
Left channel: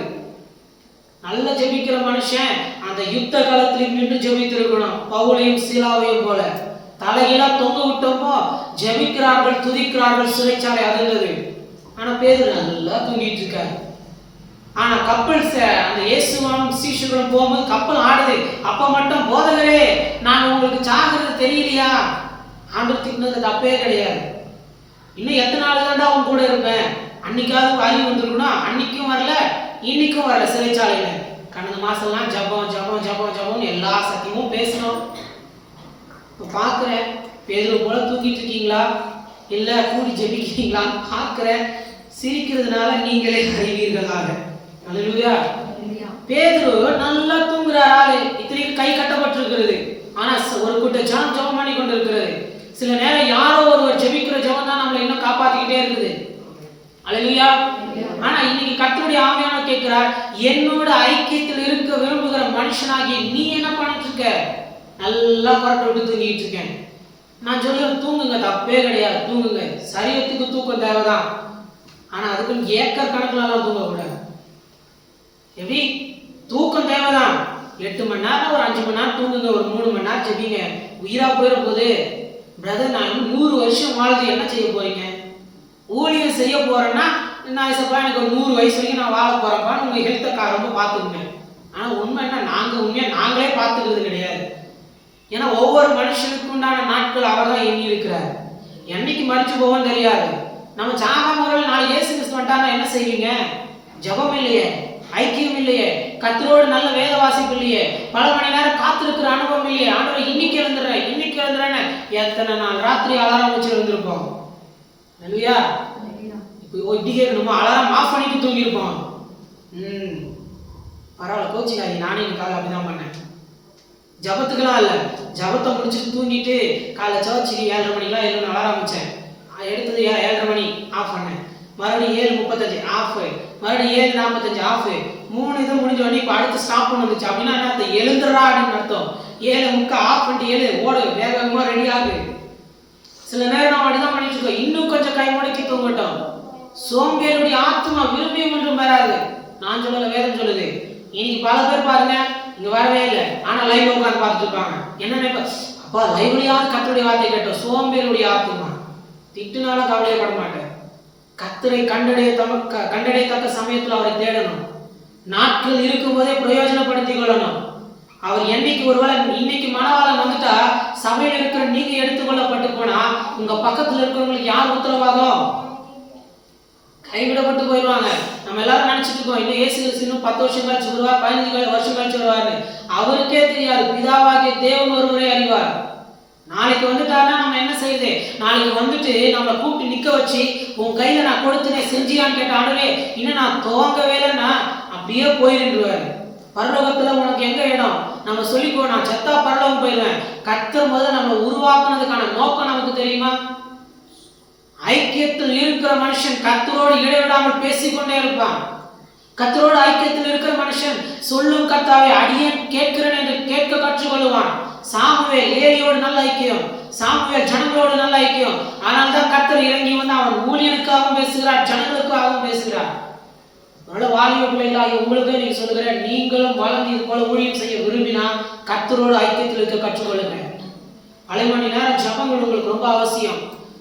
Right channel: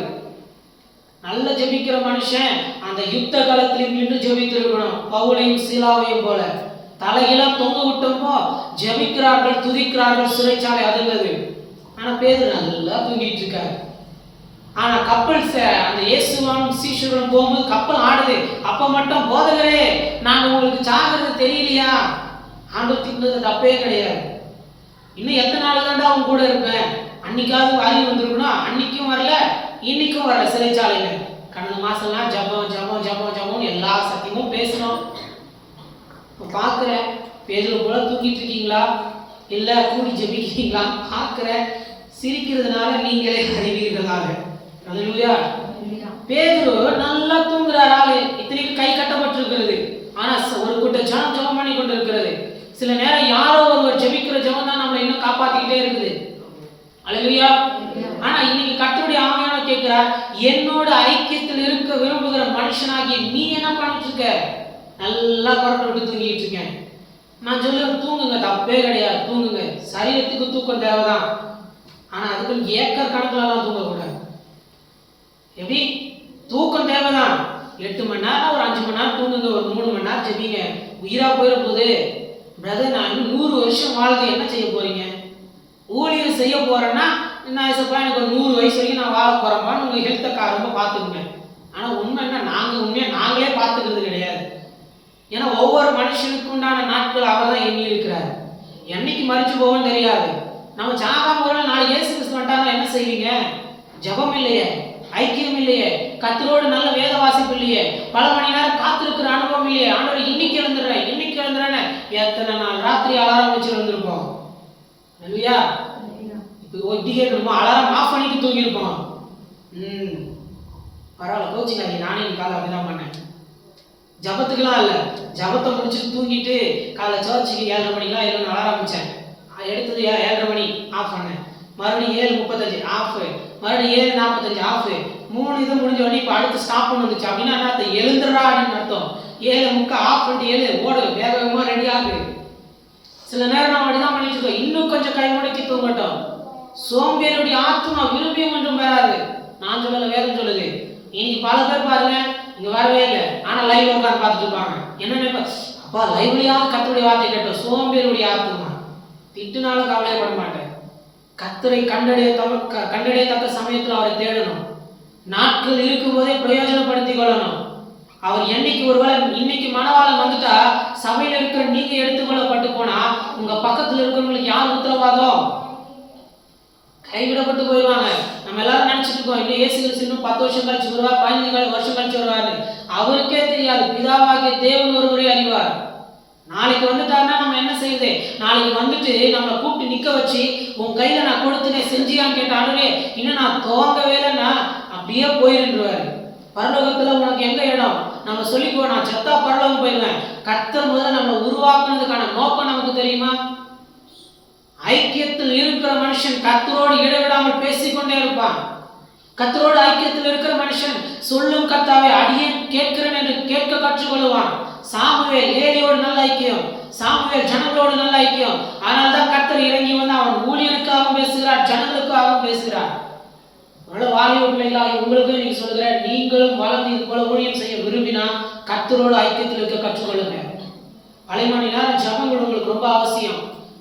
நல்ல ஜெபிக்கிற மனுஷன் அந்த யுத்த காலத்திலும் மீண்டும் ஜெபித்திருக்கணும். பவுலையும் சீலாவையும் போல தலையில தொங்க விட்டப்போ ஜெபிக்கிறார்கள், துதிக்கிறார்கள், சிறைச்சாலை அதிர்ந்தது. ஆனா பேதுரு நல்லா தூங்கிட்டு இருக்காரு. ஆனா கப்பல் அந்த இயேசுவும் சீஷர்களும் போகும்போது கப்பல் ஆடுது. அப்ப மட்டும், போதகரே நாங்க உங்களுக்கு சாகிறது தெரியலையா? ஆண்டவர் திட்டினது தப்பே கிடையாது. இன்னும் எத்தனை நாள் தாண்டா அவங்க கூட இருப்பேன்? அன்னைக்காவது அறிவு வந்திருக்கணும். அன்னைக்கும் வரல, இன்னைக்கும் வரல. சிறைச்சாலையில கடந்த மாசம்லாம் ஜபம் ஜபம் ஜபம் ஜபம் எல்லா சத்தியமும் பேசணும். பாக்குறேன், பேதுரு போல தூங்கிட்டு இருக்கீங்களா, இல்ல கூடி ஜெபிக்கிறீங்களா பாக்குறேன். சிரிக்கிறதுனால நீங்களே அறிவீர்களாக. அல்லேலூயா. பேதுரு நல்லா தூங்குறார் ஆளு, இத்தனைக்கு கை கட்டப்பட்டிருக்கிறது. ஆனா ஒரு கூட்ட ஜனம் ஜெபம் பண்ணி கொண்டு இருக்கிறது. சில நேரம் யாரோ ஒருவர் ஜெபிக்கிற ஜெபம் தான் நம்மளை இன்னும் காப்பாத்திக்கிட்டே இருக்குது. அல்லேலூயா. ஆனா இன்னைக்கு கர்த்தருடைய ஆவியானவர் கேட்கிறார், என்னோட ஐக்கியத்தில் இருக்க விரும்புகிற மனுஷனாகி நீ என்ன பண்ணிட்டு இருக்க? நல்லா கொரட்டை விட்டு தூங்கிட்டு இருக்கேன். நான் சொல்லுவேன், தூங்குங்க, தப்பே கிடையாது, தூங்குங்க. சரீரத்துக்கு தூக்கம் தேவைதான். ஆனா அதுக்கு ஏக்கர் கணக்குலாம் தூங்கக்கூடாது. எப்படி? தூக்கம் தேவைதான். 8 மணி நேரம், ஒரு 5 மணி நேரம் தூங்குங்க, ஒரு 3 மணி நேரம் ஜெபிங்க. உயிரா போயிட போகுது பிரதர். நான் 100 வருஷம் வாழ்ந்து என்ன செய்ய போறீங்க? ஊழியம் செய்ய போறேன்னா நான் எனக்கு ஒரு 100 வயசு வரைக்கும் நான் வாழ போறேன்ப்பான்னு உங்க ஹெல்த்தை ரொம்ப பார்த்துக்குங்க. ஆனா உண்மை என்ன, நாங்களே பார்த்துக்கிறது கிடையாது. ஏன்னா ஒவ்வொரு மனுஷனுக்கு உண்டான நாட்கள் அவர் தான் எண்ணி இருக்கிறார். என்னைக்கு மறிச்சு போவோம்னு தெரியாது. நம்ம சாகாம ஒரு நாளைக்கு இயேசு கிறிஸ்து வந்துட்டாங்கன்னா என்ன செய்வீங்க? ஜெபம் இல்லையே, ஐக்கியம் இல்லையே, கர்த்தரோடு நல்ல வேத வாசிப்பு இல்லையே, பல மணி நேரம் காத்திருக்கிற அனுபவம் இல்லையே. ஆண்டவர் இன்னைக்கு எழுந்துறேன்னு எத்தனை நாள் ராத்திரி அலாரம் வச்சு எழுந்திருப்போம். இல்லையா? இப்போ இப்படி கேட்கணுமோ, அலாரம் ஆஃப் பண்ணிட்டு தூங்கியிருப்போம். பரவாயில்ல, கோச்சிக்காதீங்க, நானே என் காலை அப்படிதான் பண்ணேன். ஜபத்துக்கெல்லாம் இல்லை, ஜபத்தை முடிச்சுட்டு தூங்கிட்டு காலைல சர்ச்சுக்கு 7:30 மணிக்கெல்லாம் எழுந்து அலாரம் வச்சேன். எடுத்தது 7:30 மணி ஆஃப் பண்ணேன். மறுபடியும் 7:35 ஆஃப், மறுபடியும் 7:45 ஆஃப். 3 இது முடிஞ்ச உடனே இப்போ அடுத்து ஸ்டாப் பண்ண வந்துச்சு. அப்படின்னா என்ன அர்த்தம்? எழுந்துடுறா அப்படின்னு அர்த்தம். 7:30 ஆஃப் பண்ணிட்டு ஓடு, வேக வேகமாக ரெடி ஆகு. சில நேரம் நம்ம அப்படிதான் பண்ணிட்டு இருக்கோம். இன்னும் கொஞ்சம் கை முடக்கி தூங்கட்டும். சோம்பேறியுடைய ஆத்மா விரும்பியும் ஒன்றும் வராது. நான் சொல்லல, வேதம் சொல்லுது. இன்னைக்கு பல பேர் பாருங்க, இங்க வரவே இல்லை, ஆனா லைவ்ல உட்காந்து பார்த்துட்டு இருப்பாங்க. என்ன நினைப்பா, அப்பா லைவ்லயாவது கர்த்தருடைய வார்த்தை கேட்டோம். சோம்பேறியுடைய ஆத்மா. திட்டுனாலும் கவலைப்பட மாட்டேன். கர்த்தரை கண்டடையத்தக்க சமயத்தில் அவரை தேடணும். நாட்கள் இருக்கும் போதே பிரயோஜனப்படுத்திக் கொள்ளணும். அவர் என்னைக்கு ஒருவேளை இன்னைக்கு மனவாளம் வந்துட்டா சபையில் இருக்கிற நீங்க எடுத்துக்கொள்ளப்பட்டு போனா உங்க பக்கத்துல இருக்கிறவங்களுக்கு யார் உத்தரவாதம்? கைவிடப்பட்டு போயிடுவாங்க. நம்ம எல்லாரும் நினைச்சிட்டு இருக்கோம், இல்லை இயேசு கிறிஸ்து இன்னும் 10 வருஷம் கழிச்சு வருவார், 15 வருஷம் கழிச்சு வருவாரு. அவருக்கே தெரியாது. பிதாவாகிய தேவன் ஒருவரை அறிவார். நாளைக்கு வந்துட்டாருன்னா நம்ம என்ன செய்யுது? நாளைக்கு வந்துட்டு நம்மளை கூப்பிட்டு நிக்க வச்சு உன் கையில நான் கொடுத்துனேன் செஞ்சியான்னு கேட்டாலே இன்னும் நான் துவங்கவே இல்லைன்னா அப்படியே போயிருந்துருவாரு. பரலோகத்துல உனக்கு எங்க இடம்? நம்ம சொல்லிக்கோ, நான் செத்தா பரலோகம் போயிடுவேன். கர்த்தர் முதல்ல நம்மளை உருவாக்குனதுக்கான நோக்கம் நமக்கு தெரியுமா? ஐக்கியத்தில் இருக்கிற மனுஷன் கர்த்தரோடு இடைவிடாமல் பேசிக்கொண்டே இருப்பான். கர்த்தரோடு ஐக்கியத்தில் இருக்கிற மனுஷன் சொல்லும் கர்த்தாவை அடியேன் கேட்கிறேன் என்று கேட்க கற்றுக்கொள்வான். சாமுவேல் ஏலியோடு நல்ல ஐக்கியம், சாமுவேல் ஜனங்களோடு நல்ல ஐக்கியம். ஆனால் தான் கர்த்தர் இறங்கி வந்து அவன் ஊழியனுக்காகவும் பேசுகிறார், ஜனங்களுக்காகவும் பேசுகிறார். வாலிப பிள்ளைகளாகி உங்களுக்கு நீங்க சொல்லுகிறேன், நீங்களும் வளர்ந்து இது போல ஊழியம் செய்ய விரும்பினா கர்த்தரோடு ஐக்கியத்தில் இருக்க கற்றுக்கொள்ளுங்க. 1/2 மணி நேரம் ஜபங்கள் உங்களுக்கு ரொம்ப அவசியம்.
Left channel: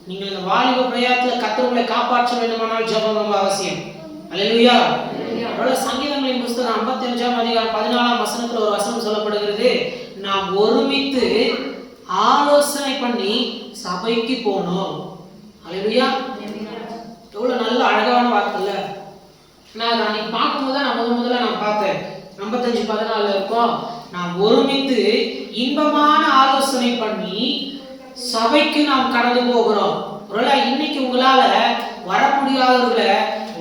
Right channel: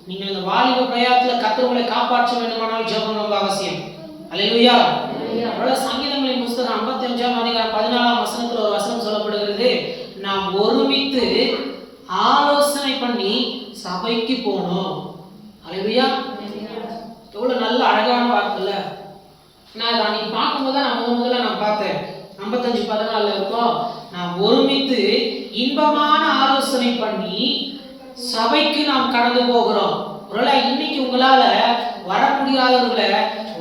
நீங்கள் இந்த வாலிப பிரயாணத்துல கர்த்தர் உங்களை காப்பாற்ற வேண்டுமானால் ஜபம் ரொம்ப அவசியம். அல்லேலூயா. சங்கீதங்களின் புஸ்தகம் 55ஆம் அதிகாரம் 14ஆம் வசனத்துல ஒரு வசனம் சொல்லப்படுகிறது, நாம் ஒருமித்து ஆலோசனை பண்ணி சபைக்கு போனோம். அல்லேலூயா. எவ்வளவு நல்ல அழகான வார்த்தை இல்ல? நான் அன்னைக்கு பார்க்கும்போது தான் முதல்ல நான் பார்த்தேன். 55:14 இருக்கும், நாம் ஒருமித்து இன்பமான ஆலோசனை பண்ணி சபைக்கு நாம் கடந்து போகிறோம். ஒருவேளை இன்னைக்கு உங்களால வர முடியாதவர்களை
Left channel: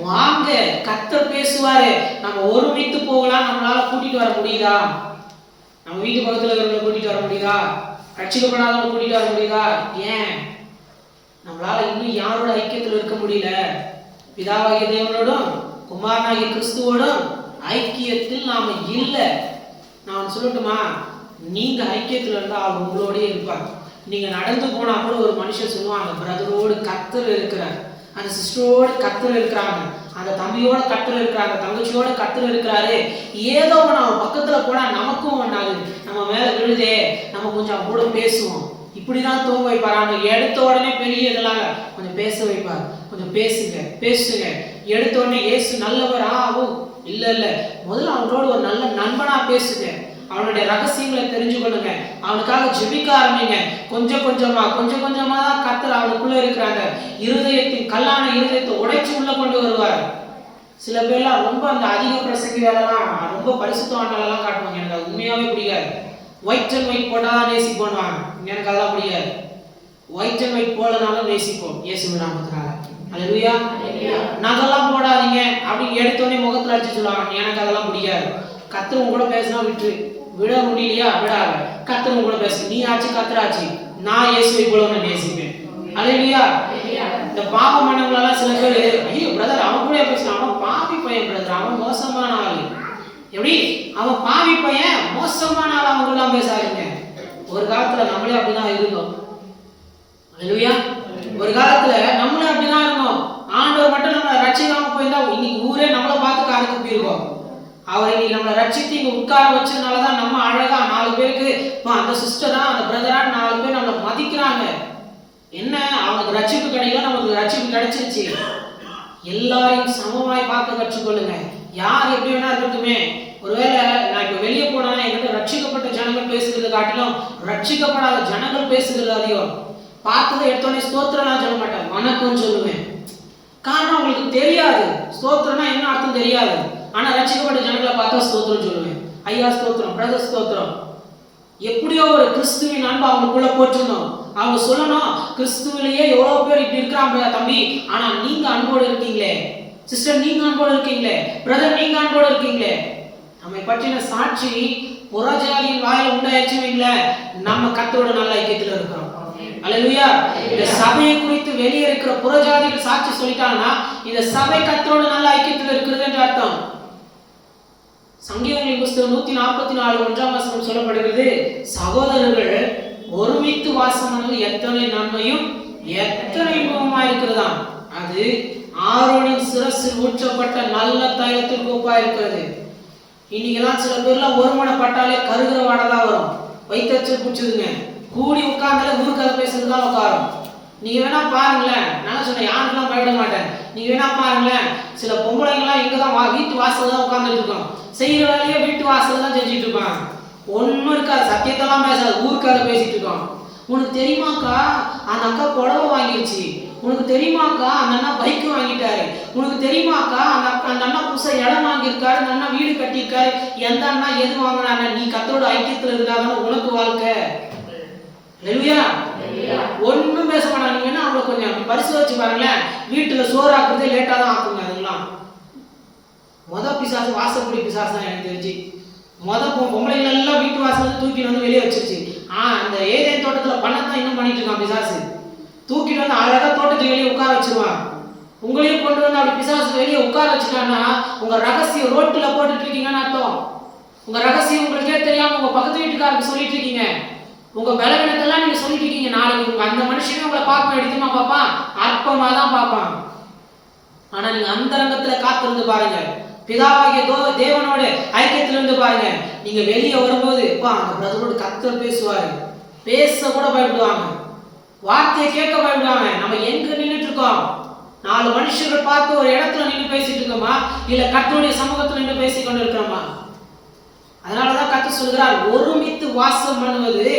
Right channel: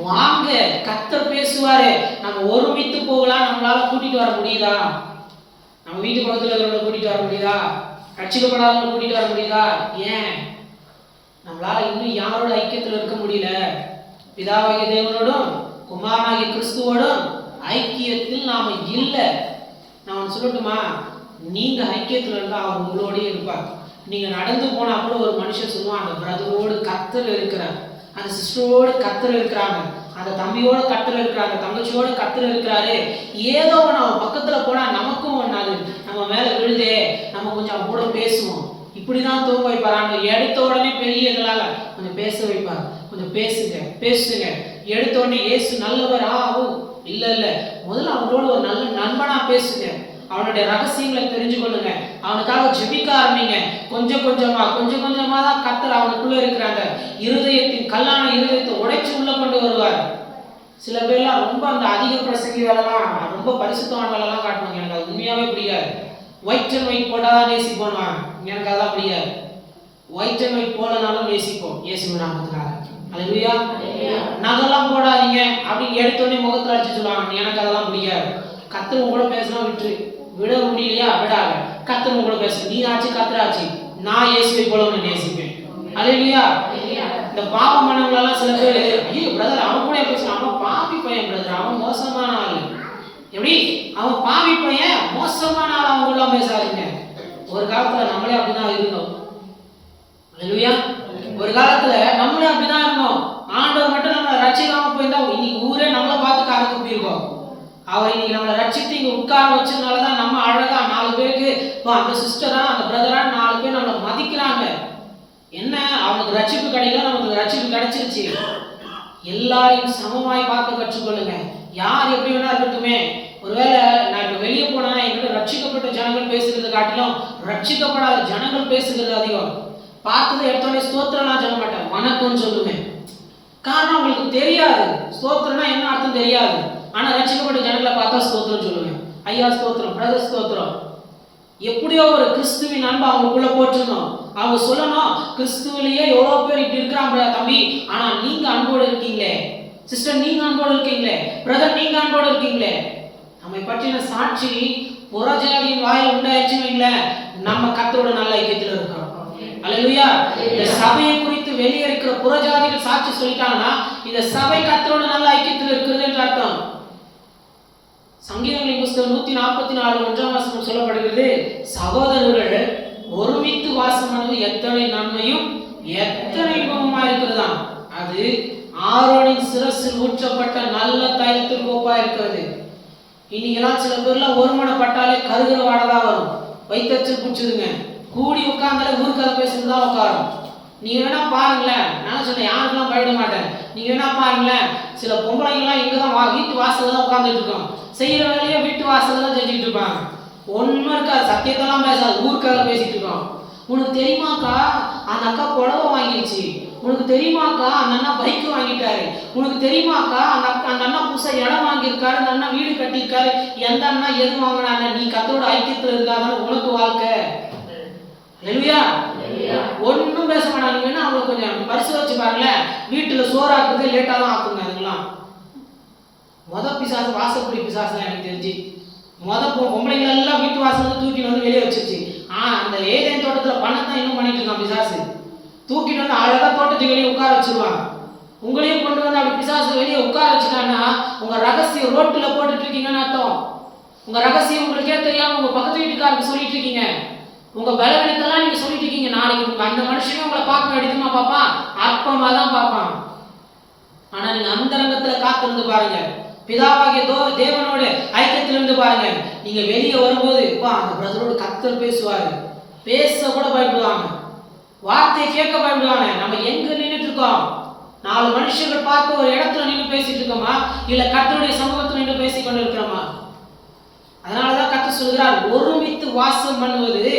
வாங்க, கர்த்தர் பேசுவாரு, நம்ம ஒருமித்து போகலாம். நம்மளால கூட்டிட்டு வர முடியுதா? நம்ம வீட்டு பக்கத்துல இருக்கிறவங்களை கூட்டிட்டு வர முடியுதா? ரட்சிக்கப்படாதவங்களை கூட்டிட்டு வர முடியுதா? ஏன் நம்மளால இன்னும் யாரோட ஐக்கியத்தில் இருக்க முடியல? பிதாவாகிய தேவனோடும் குமாரனாகிய கிறிஸ்துவோடும் ஐக்கியத்தில் நாம இல்லை. நான் சொல்லட்டுமா, நீங்க ஐக்கியத்தில் இருந்தா அவர் உங்களோடய இருப்பார். நீங்க நடந்து போனா கூட ஒரு மனுஷன் சொல்லுவாங்க, பிரதரோடு கர்த்தர் இருக்கிறார், அந்த சிஸ்டரோடு கர்த்தர் இருக்கிறாங்க, அந்த தம்பியோட கர்த்தர் இருக்கிறாங்க, தங்கச்சியோட கர்த்தர் இருக்கிறாரு. ஏதோ ஒன்று அவன் பக்கத்துல போனா நமக்கும் ஒன்னாது, நம்ம மேல விழுதே, நம்ம கொஞ்சம் கூட பேசுவோம். இப்படிதான் தூங்க வைப்பார். அவங்க எடுத்த உடனே பெரிய இதனால கொஞ்சம் பேச வைப்பார். கொஞ்சம் பேசுங்க. எடுத்த உடனே இயேசு நல்லவர் இல்ல முதல்ல அவங்களோட ஒரு நல்ல நண்பனா பேசுங்க. அவனுடைய ரகசியங்களை தெரிஞ்சு கொள்ளுங்க. அவனுக்காக ஜெபிக்க ஆரம்பிங்க. கொஞ்சம் கொஞ்சமா தான் கர்த்தர் அவனுக்குள்ள இருக்கிற அந்த இருதயத்தின் கல்லான இருதயத்தை உடைச்சு உள்ள கொண்டு வருவார். சில பேர்லாம் ரொம்ப அந்த அதிக பிரசங்கி வேலைலாம், ரொம்ப பரிசுத்தமான வேலைலாம் காட்டுவாங்க. எனக்கு அது உண்மையாவே பிடிக்காது. ஒயிட் அண்ட் ஒயிட் போட்டாதான் நேசி பண்ணுவாங்க. எனக்கு அதெல்லாம் பிடிக்காது. ஒயிட் அண்ட் ஒயிட் போலனாலும் நேசிப்போம் இயேசு நாமத்துக்காக. அல்லேலூயா. நகெல்லாம் போடாதீங்க அப்படின்னு எடுத்தோடனே முகத்துல அடிச்சு சொல்லுவாங்க. எனக்கு அதெல்லாம் பிடிக்காது. கர்த்தர் உங்க கூட பேசினா விட்டுரு, விட முடியலையா விடாத. கர்த்தர் உங்க கூட பேசு, நீ ஆச்சு கர்த்தராச்சு, நான் இயேசுவை போல உன்னை நேசிப்பேன். அல்லேலூயா. இந்த பாவம் பண்ணவங்களெல்லாம் சில பேர், ஐயோ பிரதர் அவன் கூட பேசுறான், அவன் பாவி பையன் பிரதர், அவன் மோசமான ஆள். எப்படி அவன் பாவி பையன் மோசமான ஆள், அவங்க எல்லாம் பேசாதீங்க. ஒரு காலத்துல நம்மளே அப்படிதான் இருந்தோம். அல்லேலூயா. ஒரு காலத்துல நம்மளே அப்படிதான் இருந்தோம். ஆண்டவர் மட்டும் நம்மளை ரட்சிக்காம போயிருந்தா இன்னைக்கு ஊரே நம்மளை பார்த்து காது குப்பிருக்கோம். அவர் இன்னைக்கு நம்மளை ரட்சித்து இங்க உட்கார வச்சதுனாலதான் நம்ம அழகா 4 பேருக்கு அந்த சிஸ்டரா அந்த பிரதரா 4 பேர் நம்மளை மதிக்கிறாங்க. என்ன, அவனுக்கு ரட்சிப்பு கிடைக்கல, நமக்கு ரட்சிப்பு கிடைச்சிருச்சு. எல்லாரையும் சமமாய் பார்க்க கற்றுக்கொள்ளுங்க. யார் எப்படி வேணா இருக்கட்டுமே. ஒருவேளை நான் இப்ப வெளியே போனா என்கிட்ட ரட்சிக்கப்பட்ட ஜனங்கள் பேசுகிறது காட்டிலும் ரட்சிக்கப்படாத ஜனங்கள் பேசுகிறது அதிகம். பார்த்ததை எடுத்தோடனே ஸ்தோத்திரம் நான் சொல்ல மாட்டேன், வணக்கம் சொல்லுவேன். காரணம் அவங்களுக்கு தெரியாது ஸ்தோத்திரம்னா என்ன அர்த்தம் தெரியாது. ஆனா ரட்சிக்கப்பட்ட ஜனங்களை பார்த்தா ஸ்தோத்திரம் சொல்லுவேன். ஐயா ஸ்தோத்திரம், பிரதர் ஸ்தோத்திரம். எப்படியோ ஒரு கிறிஸ்துவின் அன்பு அவங்களுக்குள்ள போற்றணும். அவங்க சொல்லணும், கிறிஸ்துவிலேயே எவ்வளவு பேர் இப்படி இருக்கிறாங்க தம்பி, ஆனா நீங்க அன்போடு இருக்கீங்களே, சிஸ்டர் நீங்க அன்போடு இருக்கீங்களே, பிரதர் நீங்க அன்போடு இருக்கீங்களே. நம்மை பற்றின சாட்சி புறஜாதியின் வாயில உண்டாயிடுச்சுன்னு வைங்களேன், நம்ம கர்த்தரோட நல்ல ஐக்கியத்துல இருக்கிறோம். அல்லேலூயா. இந்த சபையை குறித்து வெளியே இருக்கிற புறஜாதிகள் சாட்சி சொல்லிட்டாங்கன்னா இந்த சபை கர்த்தரோட நல்ல ஐக்கியத்துல இருக்கிறது என்று அர்த்தம். சங்கீதங்களின் புஸ்தகம் 144 1ஆம் வசனம் சொல்லப்படுகிறது, சகோதரர்கள் ஒருமித்து வாசம் பண்ணுவது எத்தனை நன்மையும் எத்தனை இன்பமுமா இருக்கிறதாம். அது ஆரோனின் சிரசில் ஊற்றப்பட்ட நல்ல தைலத்திற்கு ஒப்பா இருக்கிறது. இன்னைக்கெல்லாம் சில பேர்லாம் ஒருமனப்பட்டாலே கருகிற வாடதான் வரும், வைத்தச்சல் பிடிச்சதுங்க. கூடி உட்கார்ந்தாலே ஊருக்கதை பேசுறதுதான் உட்காரும். நீங்க வேணா பாருங்களேன், நான் சொன்னேன் யாருக்கெல்லாம் பயப்பட மாட்டேன். நீங்க வேணா பாருங்களேன், சில பொம்பளைங்கெல்லாம் இங்கதான் வீட்டு வாசல்ல தான் உட்கார்ந்துட்டு இருக்கோம், செய்யற வேலையை வீட்டு வாசல்ல தான் செஞ்சுட்டு இருப்பாங்க. ஒன்னும் இருக்காது, சத்தியத்தெல்லாம் பேசாது, ஊருக்காக பேசிட்டு இருக்கோம். உனக்கு தெரியுமாக்கா அந்த அக்கா புடவை வாங்கிடுச்சு, உனக்கு தெரியுமாக்கா அந்த அண்ணா பைக் வாங்கிட்டாரு, உனக்கு தெரியுமாக்கா அந்த அண்ணா புதுசா இடம் வாங்கியிருக்காரு, அந்த அண்ணா வீடு கட்டியிருக்காரு, எந்த அண்ணா எது வாங்கினாங்க. நீ கத்தோட ஐக்கியத்துல இருந்தாதான் உனக்கு வாழ்க்கை. அல்லேலூயா. ஒன்னும் பேச மாட்டாங்க. நீங்க வேணா அவங்களை கொஞ்சம் பரிசோதிச்சு பாருங்களேன், வீட்டுல சோறு ஆக்குறதே லேட்டா தான் ஆக்குங்க. அதெல்லாம் பிசாசு வாசப்படி பிசாசு தான் எனக்கு தெரிஞ்சு. பொம்பளைங்க எல்லாம் வீட்டு வாசல் தூக்கிட்டு வந்து வெளியே வச்சிருச்சு. அந்த ஏதேன் தோட்டத்துல பண்ணதான் இன்னும் பண்ணிட்டு இருக்கான் பிசாசு. தூக்கிட்டு வந்து அழகா தோட்டத்துக்கு வெளியே உட்கார வச்சிருவான். உங்களையும் கொண்டு வந்து அப்படி பிசாசு வெளியே உட்கார வச்சுட்டான்னா உங்க ரகசியம் ரோட்டுல போட்டுட்டு இருக்கீங்கன்னு அர்த்தம். உங்க ரகசியம் உங்களுக்கே தெரியாம உங்க பக்கத்து வீட்டுக்காரருக்கு சொல்லிட்டு இருக்கீங்க. உங்க பலவீனத்தெல்லாம் நீங்க சொல்லிட்டு இருக்கீங்க. நாளைக்கு உங்க அந்த மனுஷனே உங்களை பார்க்க எடுத்துமா பார்ப்பான், அற்பமா தான் பார்ப்பான். ஆனா நீங்க அந்த ரங்கத்துல காத்திருந்து பாருங்க, பிதாவாகிய தேவனோட ஐக்கியத்துல இருந்து பாருங்க. நீங்க வெளியே வரும்போது அந்த பிரதரோட கர்த்தர் பேசுவாரு, பேச கூட பயப்படுவாங்க, வார்த்தையை கேட்க பயப்படுவாங்க. நம்ம எங்க நின்றுட்டு இருக்கோம்? 4 மனுஷர்கள் பார்த்து ஒரு இடத்துல நின்று பேசிட்டு இருக்கோமா, இல்ல கர்த்தருடைய சமூகத்துல நின்று பேசி கொண்டு இருக்கிறோமா? அதனாலதான் கர்த்தர் சொல்கிறார், ஒருமித்து வாசம் பண்ணுவது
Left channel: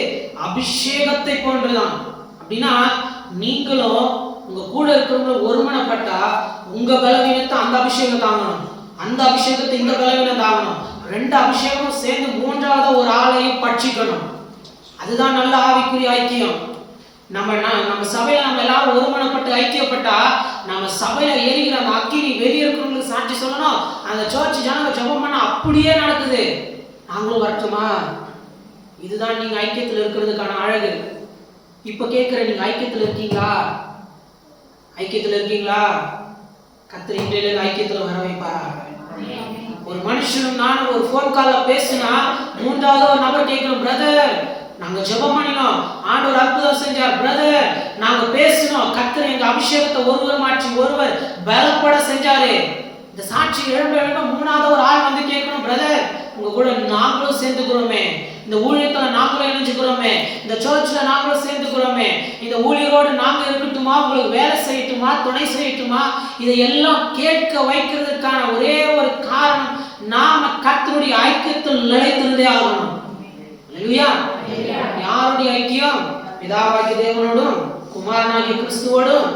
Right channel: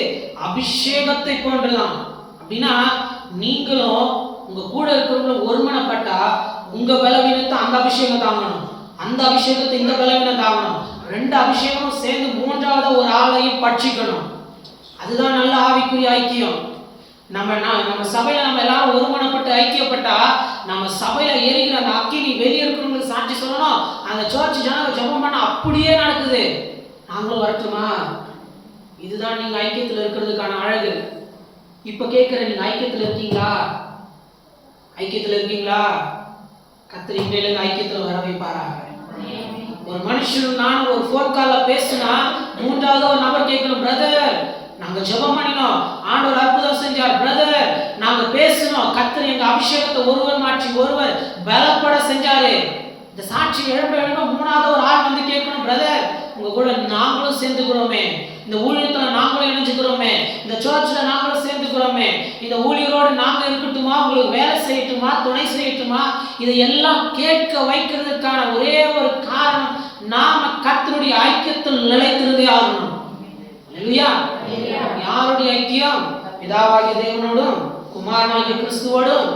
அபிஷேகத்தை போன்றுதான். அப்படின்னா நீங்களும் உங்க கூட இருக்கிறவங்க ஒருமனப்பட்டா உங்க பலவீனத்தை அந்த அபிஷேகம் தாங்கணும், அந்த அபிஷேகத்தை இந்த பலவீனம் தாங்கணும். 2 அபிஷேகமும் சேர்ந்து 3ஆவது ஒரு ஆளையும் பட்சிக்கணும். அதுதான் நல்ல ஆவிக்குரிய ஐக்கியம். நம்ம சபையில நம்ம எல்லாரும் ஒருமனப்பட்டு ஐக்கியப்பட்டா நம்ம சபையில எரிகிற அந்த அக்கினி வெளியே இருக்கிறவங்களுக்கு சாட்சி சொல்லணும். அந்த சர்ச் ஜனங்க ஜெபம் பண்ண அப்படியே நடக்குது. நாங்களும் வரட்டுமா? இதுதான் நீங்க ஐக்கியத்துல இருக்கிறதுக்கான அழகு. இப்ப கேட்கிற, நீங்க ஐக்கியத்துல இருக்கீங்களா? ஐக்கியத்துல இருக்கீங்களா? கர்த்தர் இன்றையில ஐக்கியத்துல வர வைப்பாராக. ஒரு மனுஷனும் நானும் ஒரு போன் கால்ல பேசினா 3ஆவது ஒரு நபர் கேட்கணும், பிரதர் நாங்க ஜெபம் பண்ணினோம், ஆண்டவர் அற்புதம் செஞ்சார், பிரதர் நாங்க பேசணும், கர்த்தர் எங்க அபிஷேகத்தை ஒருவர் மாற்றி ஒருவர் பலப்பட செஞ்சாரு. இந்த சாட்சி எழும்ப 3ஆவது ஒரு ஆள் வந்து கேட்கணும், பிரதர் உங்க கூட நாங்களும் சேர்ந்துக்கிறோமே, இந்த ஊழியத்துல நாங்களும் இணைஞ்சுக்கிறோமே, இந்த சர்ச்ல நாங்களும் சேர்ந்துக்கிறோமே, இந்த ஊழியரோடு நாங்க இருக்கட்டுமா, உங்களுக்கு வேலை செய்யட்டுமா, துணை செய்யட்டுமா? இதையெல்லாம் கேட்க வைக்கிறதுக்கான ஒரே ஒரு காரணம், நாம கர்த்தருடைய ஐக்கியத்தில் நிலைத்திருந்தே ஆகணும். அல்லேலூயா. யாருடைய ஐக்கியம்? பிதாவாகிய தேவனோடும் குமாரனாகிய கிறிஸ்துவோடும்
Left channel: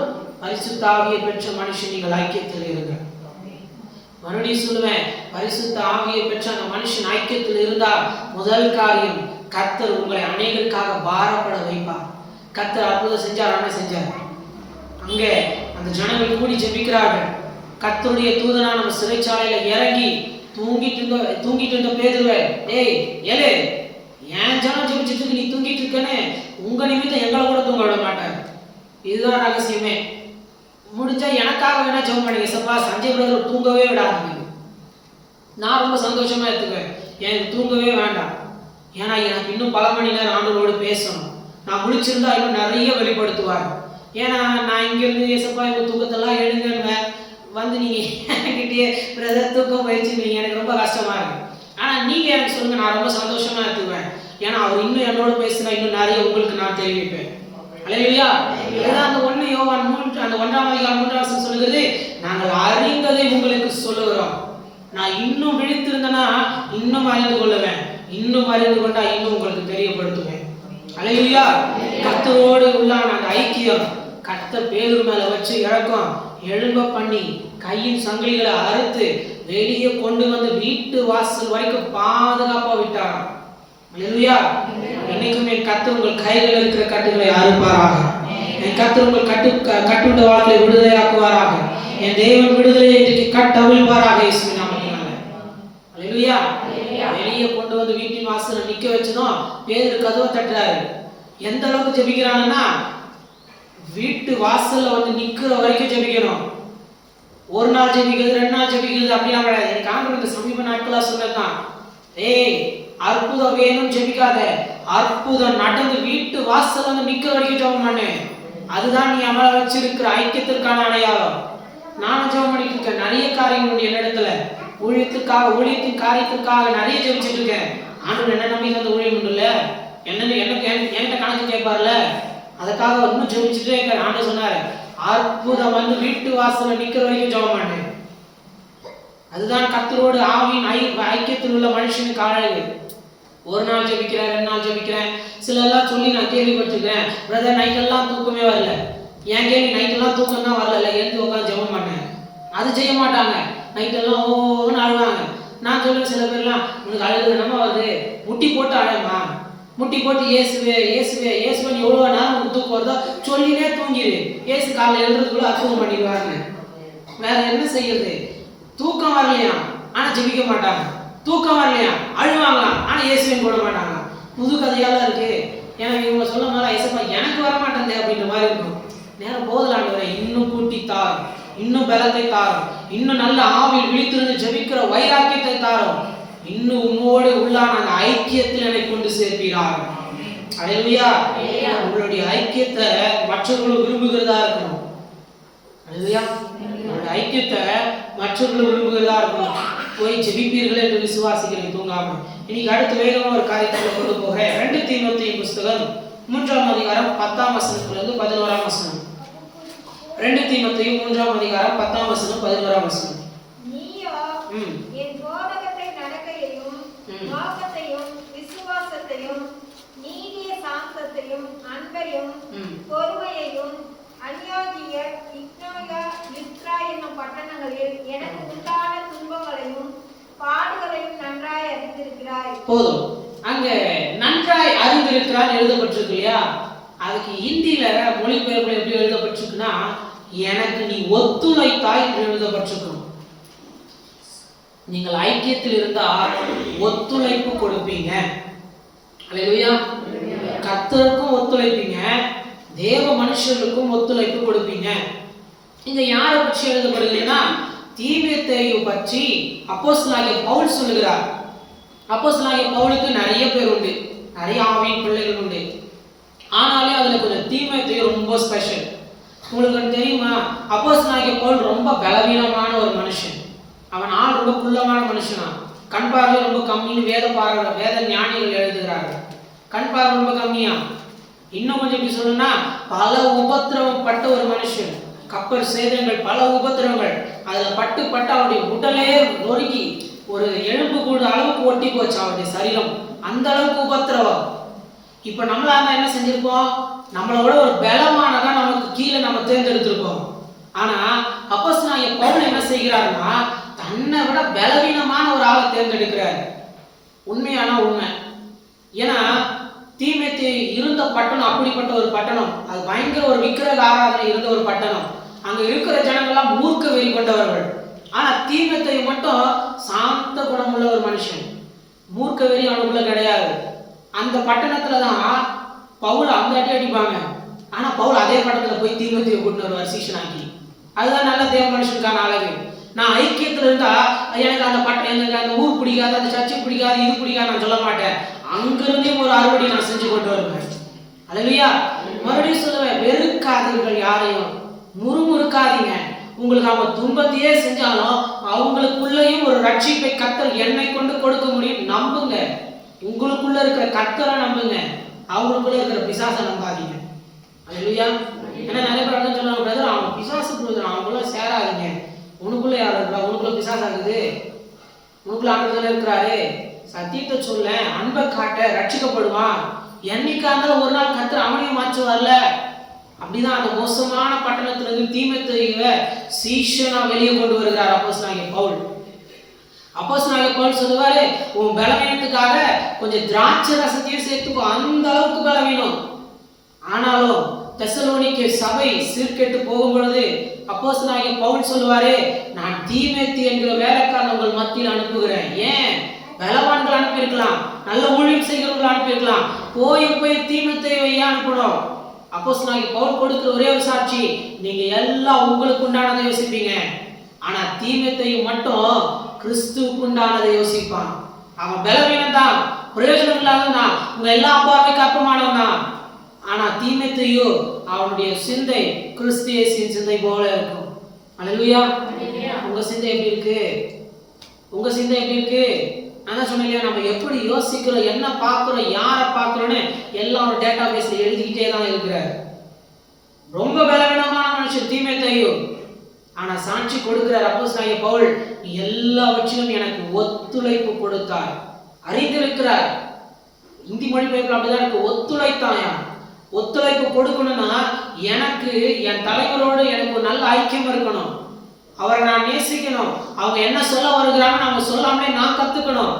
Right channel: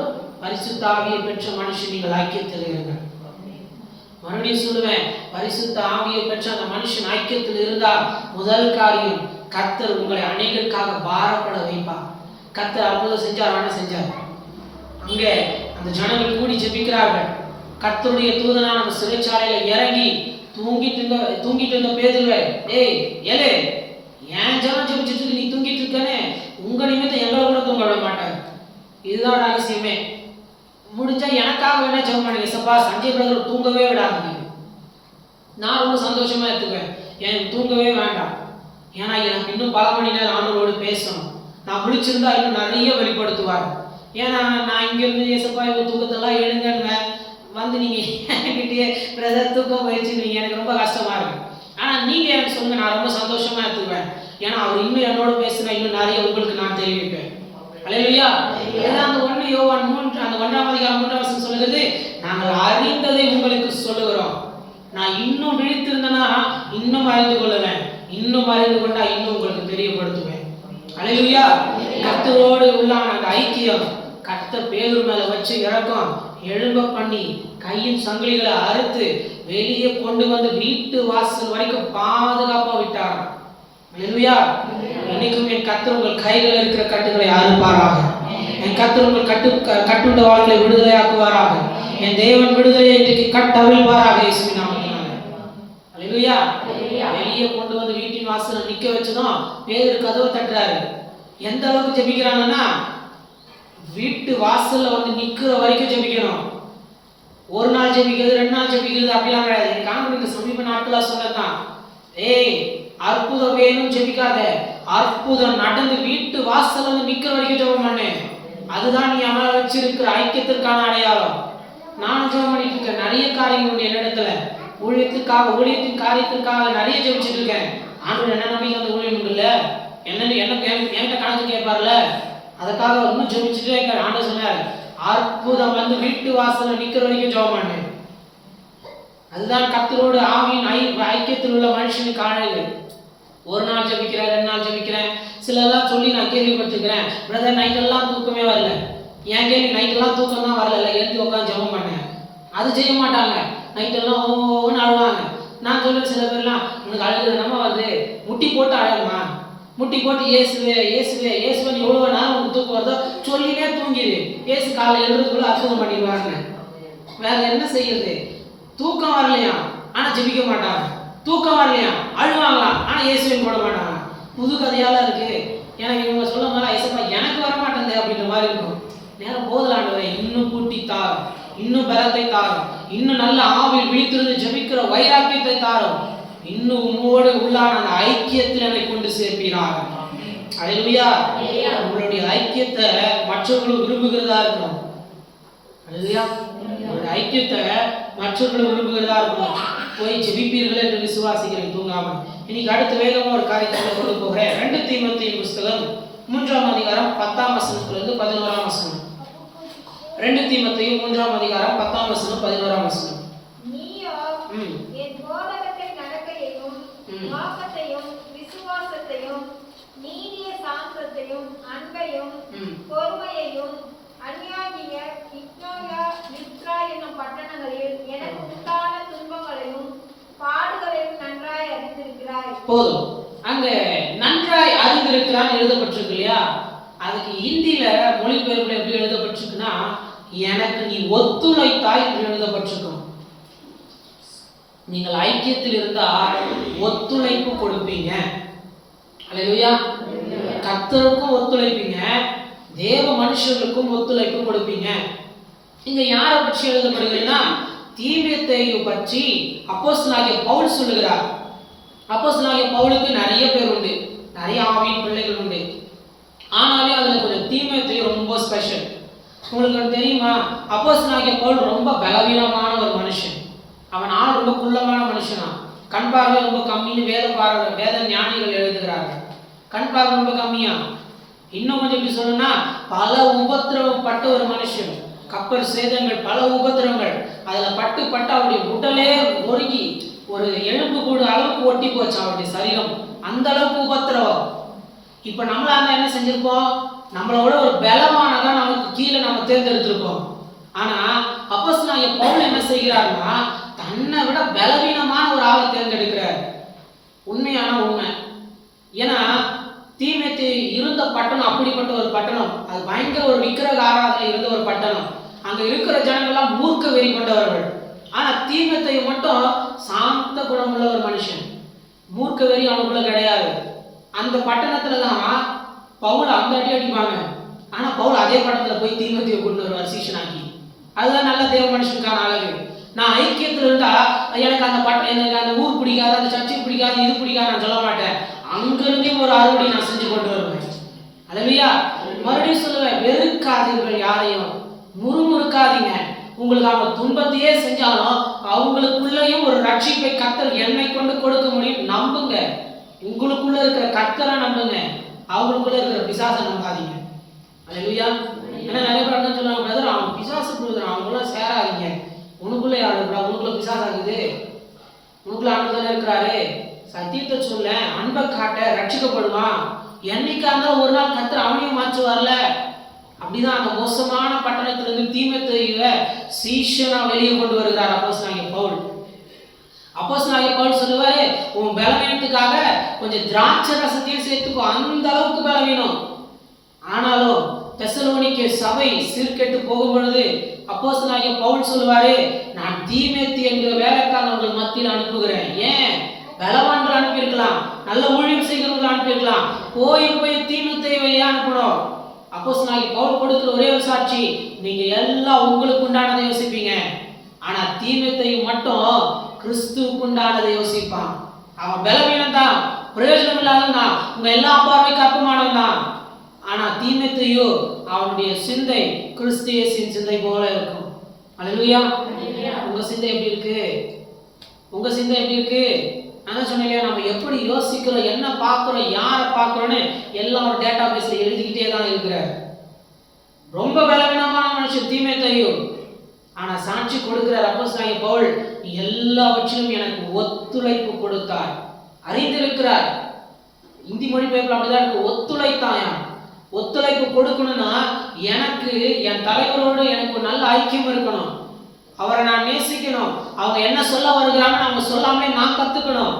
பரிசுத்த ஆவியை பெற்ற மனுஷன் நீங்கள் ஐக்கியத்தில் இருங்கள். மறுபடியும் சொல்லுவேன், பரிசுத்த ஆவியை பெற்ற அந்த மனுஷன் ஐக்கியத்தில் இருந்தா முதல் காரியம், கர்த்தர் உங்களை அநேகருக்காக பாரப்பட வைப்பார். கர்த்தர் அற்புதம் செஞ்சார். ஆனா செஞ்சார். அங்கே அந்த ஜனங்கள் கூடி ஜெபிக்கிறார்கள். கர்த்தருடைய தூதனா நம்ம சிறைச்சாலையில இறங்கி தூங்கிட்டு இருந்த பேதுருவே, ஏய் ஏலே, ஏன் ஜனம் ஜெபிச்சுட்டு இருக்கு, நீ தூங்கிட்டு இருக்கனே, உங்க நிமித்தம் எங்களை கூட தூங்க விட மாட்டாரு. இதுதான் ரகசியமே. முடிஞ்சா எனக்காக வேணா ஜெபம் பண்ணுங்க ஏசப்பா, சஞ்சய் பிரதர் தூங்கவே விடாதீங்க. நான் ரொம்ப சந்தோஷமா எடுத்துக்குவேன். எனக்கு தூங்கவே வேண்டாம். ஏன்னா எனக்கு இன்னும் பல மணி நேரம் ஆண்டவரோடு பேசணும். நான் முழிச்சிருந்தா இன்னும் நிறைய வெளிப்படுத்துவார். ஏன்னா நான் இங்கேருந்து ஏசப்பா எங்கள் தூக்கத்தெல்லாம் எழுங்கன்னு வந்து நீங்கள் என்கிட்டயே பிரதர் தூக்கம் போயிடுச்சுன்னு எனக்கு ரொம்ப கஷ்டமாக இருக்கு. ஆனால் நீங்கள் எனக்கு சொல்லுங்கள், நான் ரொம்ப சந்தோஷமாக எடுத்துக்குவேன். ஏன்னா அவர் இன்னும் என்னோட பேசுனா இன்னும் நிறைய உங்களுக்கு நான் தெரிவிப்பேன். அல்லேலூயா. அதுதான் அந்த 1 யோவான் 3 அந்த 1ஆம் அதிகாரம் 3ஆம் வசனம் சொல்லுகிறது, நாங்கள் அறிந்ததை உங்களுக்கு சொல்லுகிறோம். நான் இன்னும் விழித்திருந்தேன்னா இன்னும் அறிந்து கொள்ளுவேன், இன்னும் அறிந்து கொண்டா இன்னும் உங்களுக்கு தெரியப்படுத்துவேன். அல்லேலூயா. கர்த்தரோடு உள்ளான அந்த ஐக்கியம், கர்த்தர் பேதுரு மேல வச்சு இறக்கம் எழும்ப பண்ணி கையின் சங்கிலிகளை அறுத்து வெளியே கொண்டு வந்து வீட்டு வாசல் வரைக்கும் பாதுகாப்பா விட்டார். அல்லேலூயா. இன்னைக்கும் என் கர்த்தர் உங்கள் கைகளில் இருக்கிற கட்டுகளை அறுப்பாராக. என் கர்த்தர் உங்கள் கட்டுண்ட வாழ்க்கையை விடுதலையாக்குவாராக. என் தேவன் விடுதலையை இன்றைக்கு கட்டவிழ்வாராக இயேசுவின் நாமத்தினால. அல்லேலூயா. வெளியே கொண்டு வந்து வீட்டின் வாசலை நிக்க வச்சதும் பேதுரு கதவை தட்டுறாரு. எந்த அளவுக்கு ஜெபிக்கிறாங்கன்னா, வீட்டு வாசல்ல வந்து நிக்கிற வரைக்கும் ஜெபிக்கணும். ஒரு நாள் ஜெபிக்கிறது, 2 நாள் ஜெபிக்கிறது அப்படிலாம் கிடையாது. என் காண்பருக்கு சமீப நாட்களா சொன்னதுதான், ஏய் அற்புதம் வேணும் ஜெபிக்காத, அற்புதம் நடந்து வீட்டு வாசல்ல வந்து நிக்கிற வரைக்கும் ஜெபம் பண்ணு. அதுதான் நீ அமல வச்சிருக்கிற ஐக்கியத்திற்கான அடையாளம். நானும் ஜெபம் பண்ணிட்டு இருக்கேன். நிறைய காரியங்களுடைய இடத்துல ஊழியத்தின் காரியத்திற்காக நிறைய ஜெபிச்சுட்டு இருக்கேன். ஆண்டவர் என்ன நம்பி அந்த ஊழியம் உண்டு இல்ல, என்கிட்ட கணக்கு கேட்பார்ல, அதுக்காக இன்னும் ஜெபிச்சுட்டே இருக்க. ஆண்டவர் சொன்னார், அற்புதம் வந்து வீட்டு வாசல்ல நிக்கிற வரைக்கும் ஜெபம் பண்ணு. அதுதான் கர்த்தரோடு ஆவியின் ஐக்கியத்தில் உள்ள மனுஷனுக்கு அழகு. ஒரு நாள் ஜெபிக்கிறேன், 2 நாள் ஜெபிக்கிறேன். சிலெல்லாம் சொல்லி நான் கேள்விப்பட்டிருக்கிறேன், பிரதர் நைட்டெல்லாம் தூக்கமே வரல. ஏன் கேள்வி, நைட்டெல்லாம் தூக்கம் தான் வரல, எழுந்து உட்காந்து ஜெபம் பண்ணேன். அது செய்ய மாட்டாங்க. நைட்டெல்லாம் ஓன்னு அழுவாங்க. நான் சொல்லுவேன், சில பேர்லாம் உனக்கு அழுகுது நம்ம வருது, முட்டி போட்டு அழகுமா, முட்டி போட்டு இயேசுவே இயேசுவே இயேசுவன் எவ்வளோ நேரம் உனக்கு தூக்கம் வருதோ சொல்லினே தூங்கிடு. இயேசு காலையில் எழுதுறதுக்குள்ள அற்புதம் பண்ணிடுவாங்க. வேற என்ன செய்யுது? தூக்கம் வரலையா ஆனா ஜெபிக்க மாட்டாங்க, தூக்கம் வரலையா அழுவாங்களாம் ஆனா இயேசுவின் போட மாட்டாங்க. புது கதையால இருக்கு. எனக்கு இவங்க சொல்ல மாதிரி ஐசப்பா எனக்கு வர மாட்டேன் அப்படின்ற மாதிரி இருக்கும். நேரம் போதலாண்டவரை இன்னும் கூட்டி தாரும், இன்னும் பலத்தை தாரும், இன்னும் நல்ல ஆவில் விழித்திருந்து ஜெபிக்கிற வைராக்கியத்தை தாரும், இன்னும் உம்மோடு உள்ளான அந்த ஐக்கியத்தில் என்னை கொண்டு சேர்ப்பீரார். அல்லேலூயா. உங்களுடைய ஐக்கியத்தை மற்றவர்களும் விரும்புகிறதா இருக்கணும். அல்லேலூயா. உங்களுடைய ஐக்கியத்தை மற்றவர்களும் விரும்புகிறதா இருக்கணும். போய் ஜெபிப்பீர்கள் என்று விசுவாசிக்கிறேன் தூங்காம. இன்னைக்கு அடுத்த வேகமா ஒரு காரியத்தை கொண்டு போகிறேன். 2 தீமோத்தேயு புஸ்தகம் 3ஆம் அதிகாரம் 10ஆம் வசனத்திலிருந்து 11ஆம் வசனம். 2 தீமோத்தேயு 3ஆம் அதிகாரம் 10ஆம் வசனம் 11ஆம் வசனம். நீயோ என் போதகத்தை நடக்கையையும் நோக்கத்தையும் விசுவாசத்தையும் நீதிய சாந்தத்தையும் அன்பையும் பொறுமையையும் அநியாகிய இக்னோயா லிஸ்த்ரா என்னும் பட்டணங்களில் எனக்கு உண்டான துன்பங்களையும் பாடுகளையும் நன்றாய் அறிந்திருக்கிறாய். போதும். அங்க நன்றாய் அறிந்திருக்கிறான் எழுதப்பட்டிருக்கு இல்லையா? அதுக்கு இந்தியில மொழிபெயர்ப்புல எப்படி எழுதப்பட்டிருக்குன்னா, எனக்கு நீ ஒத்துழைத்தாய் என்று எழுதப்பட்டிருக்கும். நீங்கள் ஐக்கியத்தில் இருந்தால் ஒத்துழைப்பு கொடுப்பீங்க. அல்லேலூயா. கர்த்தருக்கும் ஒத்துழைப்பீங்க, தேவ மனுஷர்களுக்கும் ஒத்துழைப்பு கொடுப்பீங்க. இங்க யாரை பற்றி எழுதப்படுகிறதுன்னா, தீமோத்தேயு பற்றி அப்போஸ்தலனாகிய பவுல் சொல்லுகிறார். அப்போஸ்தலனாகிய பவுலுக்கு நிறைய பேர் உண்டு, நிறைய ஆவியின் பிள்ளைகள் உண்டு. ஆனாலே அதுல கொஞ்சம் தீமோத்தேயு ரொம்ப ஸ்பெஷல். உங்களுக்கு தெரியுமா, அப்போஸ்தலனாகிய பவுல் ரொம்ப பலவீனமான ஒரு மனுஷன். அவன் ஆள் ரொம்ப குள்ளமான மனுஷனா, கண் பார்வை ரொம்ப கம்மின்னு வேத ஞானிகள் எழுதுகிறார்கள். கண் பார்வை ரொம்ப கம்மியா. இன்னும் கொஞ்சம் எப்படி சொல்லணும்னா, பல உபத்திரவம் பட்ட ஒரு மனுஷன். கப்பல் சேதங்கள், பல உபத்திரவங்கள், அதுல பட்டு அவருடைய உடலே நொறுங்கி ஒரு எலும்பு கூட அளவுக்கு ஒட்டி போச்சு அவருடைய சரீரம். அந்த அளவுக்கு உபத்திரவம். இப்ப நம்மளா இருந்தா என்ன செஞ்சிருப்போம்? நம்மளோட ஒரு பலமானதான் நமக்கு கீழே நம்ம தேர்ந்தெடுத்திருப்போம். ஆனா அப்போஸ்தலனாகிய பவுல் என்ன செய்கிறாருன்னா, தன்னை விட பலவீனமான ஒரு ஆளை தேர்ந்தெடுக்கிறார். உண்மையான உண்மை. ஏன்னா தீமோத்தேயு இருந்த பட்டணம் அப்படிப்பட்ட ஒரு பட்டணம். அது பயங்கர ஒரு விக்கிரக ஆராதனை இருந்த ஒரு பட்டணம். அங்க இருக்கிற ஜனங்கள்லாம் மூர்க்க வெறி கொண்டவர்கள். ஆனா தீமேத்தேயு மட்டும் சாந்த குணமுள்ள ஒரு மனுஷன், மூர்க்க வெறி அவனுக்குள்ள கிடையாது. அந்த பட்டணத்துல தான் பவுல் அந்த அடி அடிப்பாங்க. ஆனா பவுல் அதே பட்டணத்துல போய் தீமேத்தேயு கொண்டு வருவார் சீஷனாக்கி. அதுதான் நல்ல தேவ மனுஷனுக்கான அழகு. நான் ஐக்கியத்துல இருந்தா எனக்கு எனக்கு அந்த ஊர் பிடிக்காது, அந்த சர்ச்சை பிடிக்காது, இது பிடிக்காது நான் சொல்ல மாட்டேன். அங்கிருந்தே ஒரு அறுவடை நான் செஞ்சு கொண்டு வருவேன். அல்லேலூயா. மறுபடியும் சொல்லுவேன், வெறுக்காதீர்கள், யாரையும் முறுமுறுக்காதீங்க. உங்களுக்கு அவங்க துன்பத்தையே செஞ்சாலும் அவங்களுக்குள்ளேயும் ஒரு ரட்சிப்பை கர்த்தர் என்னை கொண்டு கொடுக்க முடியும். நம்புங்க, உங்களுக்குள்ள இருக்கிற கர்த்தரை நம்புங்க, அவங்களுக்குள்ள இருக்கிற பிசாசை நம்பாதீங்க. அல்லேலூயா. ஏன்னா நிறைய பேர் என்ன சொல்லுவாங்க, பிரதர் அவன் பிசாசு கொடுக்குறான், அவங்களுக்குள்ள சேராதீங்க. உனக்குள்ள யார் இருக்கிறா? உனக்குள்ள பிசாசா இருக்குது? உனக்குள்ள ஆண்டுதானே இருக்கிறாரு. சத்தியத்தை சொல்ல, அன்பை காட்ட, ரட்சிக்கப்படுவான். என்னைக்கா இருந்தாலும் ஒரு நாள் கர்த்தர் அவனையும் மாற்றுவார்ல. அப்படிதான் அந்த மோசமான பட்டணத்திலிருந்து தீமேத்தேயுவை சீஷனா வெளியே கொண்டு வருகிறார் அப்போஸ்தலனாகிய பவுல். அப்போஸ்தலனாகிய பவுல் சொல்லுவாரு, உன் பலவீனத்துக்காக கொஞ்சம் திராட்சை ரசத்தையும் சேர்த்துக்கோ, அந்த அளவுக்கு பலவீனம். ஆனாலும் தெசலோனிக்கே சபை சீர்கெட்டு போகும் பொழுது அப்போஸ்தலனாகிய பவுல் சொல்லுவாரு, நான் தீமேத்தி என்கிற வேலைக்காரன் உங்கள் மத்தியில் அனுப்புகிறேன். ஏன்? பலவான்கள் அனுப்பியிருக்கலாம், நல்ல ஊழியம் செய்கிறவர்கள் அனுப்பியிருக்கலாம், போய் தீமேத்தியை அனுப்பணும். அப்போஸ்தலனாகிய பவுல் கொடுக்கிற ஒரே ஒரு சாட்சி, நீங்க எல்லாம் உங்களுக்கு உண்டானதை யோசிப்பீங்க, ஆனா தீமேத்தியை மட்டும் கிறிஸ்துவுக்கு உண்டானதை யோசிப்பான். அவன் பலவீனம் தான், பிரயோஜனம் இல்லாதவன் தான், உங்க எல்லா பார்வைக்கு அற்பமானவன் தான். ஆனா தீமேத்தேயு அவனுடைய சிந்தை கிறிஸ்து இயேசுவின் சிந்தை போல இருக்கும். அல்லேலூயா. உங்க சிந்தை எப்படி இருக்கு? உங்க சிந்தை எப்படி இருக்கு? நான் சொன்னேன், நம்ம எப்படி யோசிக்கிறோம், என்ன பார்க்கிறோம், யாரை பார்க்கிறோன்னு எல்லாம் ஒரு டேட்டா பேஸ்ல எழுதிக்கிட்டே தான் இருக்கிறார். ரொம்ப பலவீனமான மனுஷன் தீமேத்தேயு, ஆனா சாட்சி கொடுக்கிறார் அப்போஸ்தலனாகிய பவுல், நீ எல்லாவற்றிலும் எனக்கு ஒத்துழைப்பு கொடுத்தாய். அறிந்திருக்கிறார். இந்தி மொழிபெயர்ப்புல அப்படிதான் இருக்கு, ஒத்துழைத்தாயா. ஒத்துழைப்பு கொடுக்கணும்னா எனக்கு என் தலைவரோடு எனக்கு ஒரு நல்ல ஐக்கியம் இருக்கணும், அவரை நான் நேசிக்கணும், அவங்க என்ன சொல்ல வருகிறாங்கன்னு அவங்க சொல்லாமலே நான் கத்துக்கணும்.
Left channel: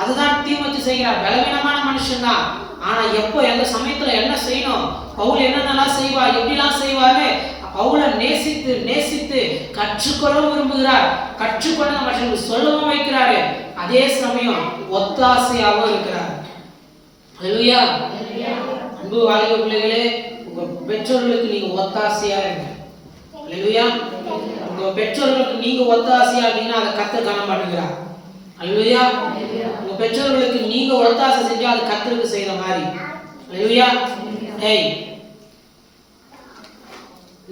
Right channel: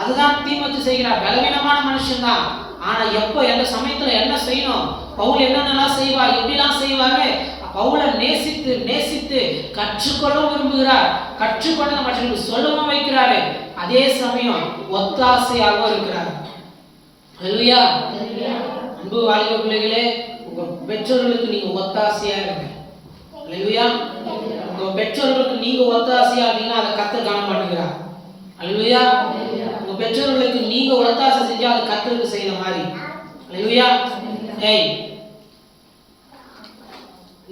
அதுதான் தீமேத்தி செய்கிறார். பலவீனமான மனுஷன் தான், ஆனா எப்போ எந்த சமயத்துல என்ன செய்யணும், பவுல் என்னென்னலாம் செய்வார், எப்படிலாம் செய்வாரு, பவுலை நேசித்து நேசித்து கற்றுக்கொள்ள விரும்புகிறார். கற்றுக்கொண்ட மற்றவர்களுக்கு சொல்லவும் வைக்கிறாரு. அதே சமயம் ஒத்தாசையாகவும் இருக்கிறார். அல்லேலூயா. அன்பு வாலிப பிள்ளைகளே, உங்க பெற்றோர்களுக்கு நீங்க ஒத்தாசையா இருங்க. அல்லேலூயா. உங்க பெற்றோர்களுக்கு நீங்க ஒத்தாசையா இருந்தீங்கன்னா அதை கர்த்தர் காண மாட்டேங்கிறார். அல்லேலூயா. உங்க பெற்றோர்களுக்கு நீங்க ஒத்தாசை செஞ்சா அது கர்த்தருக்கு செய்யற மாதிரி. அல்லேலூயா.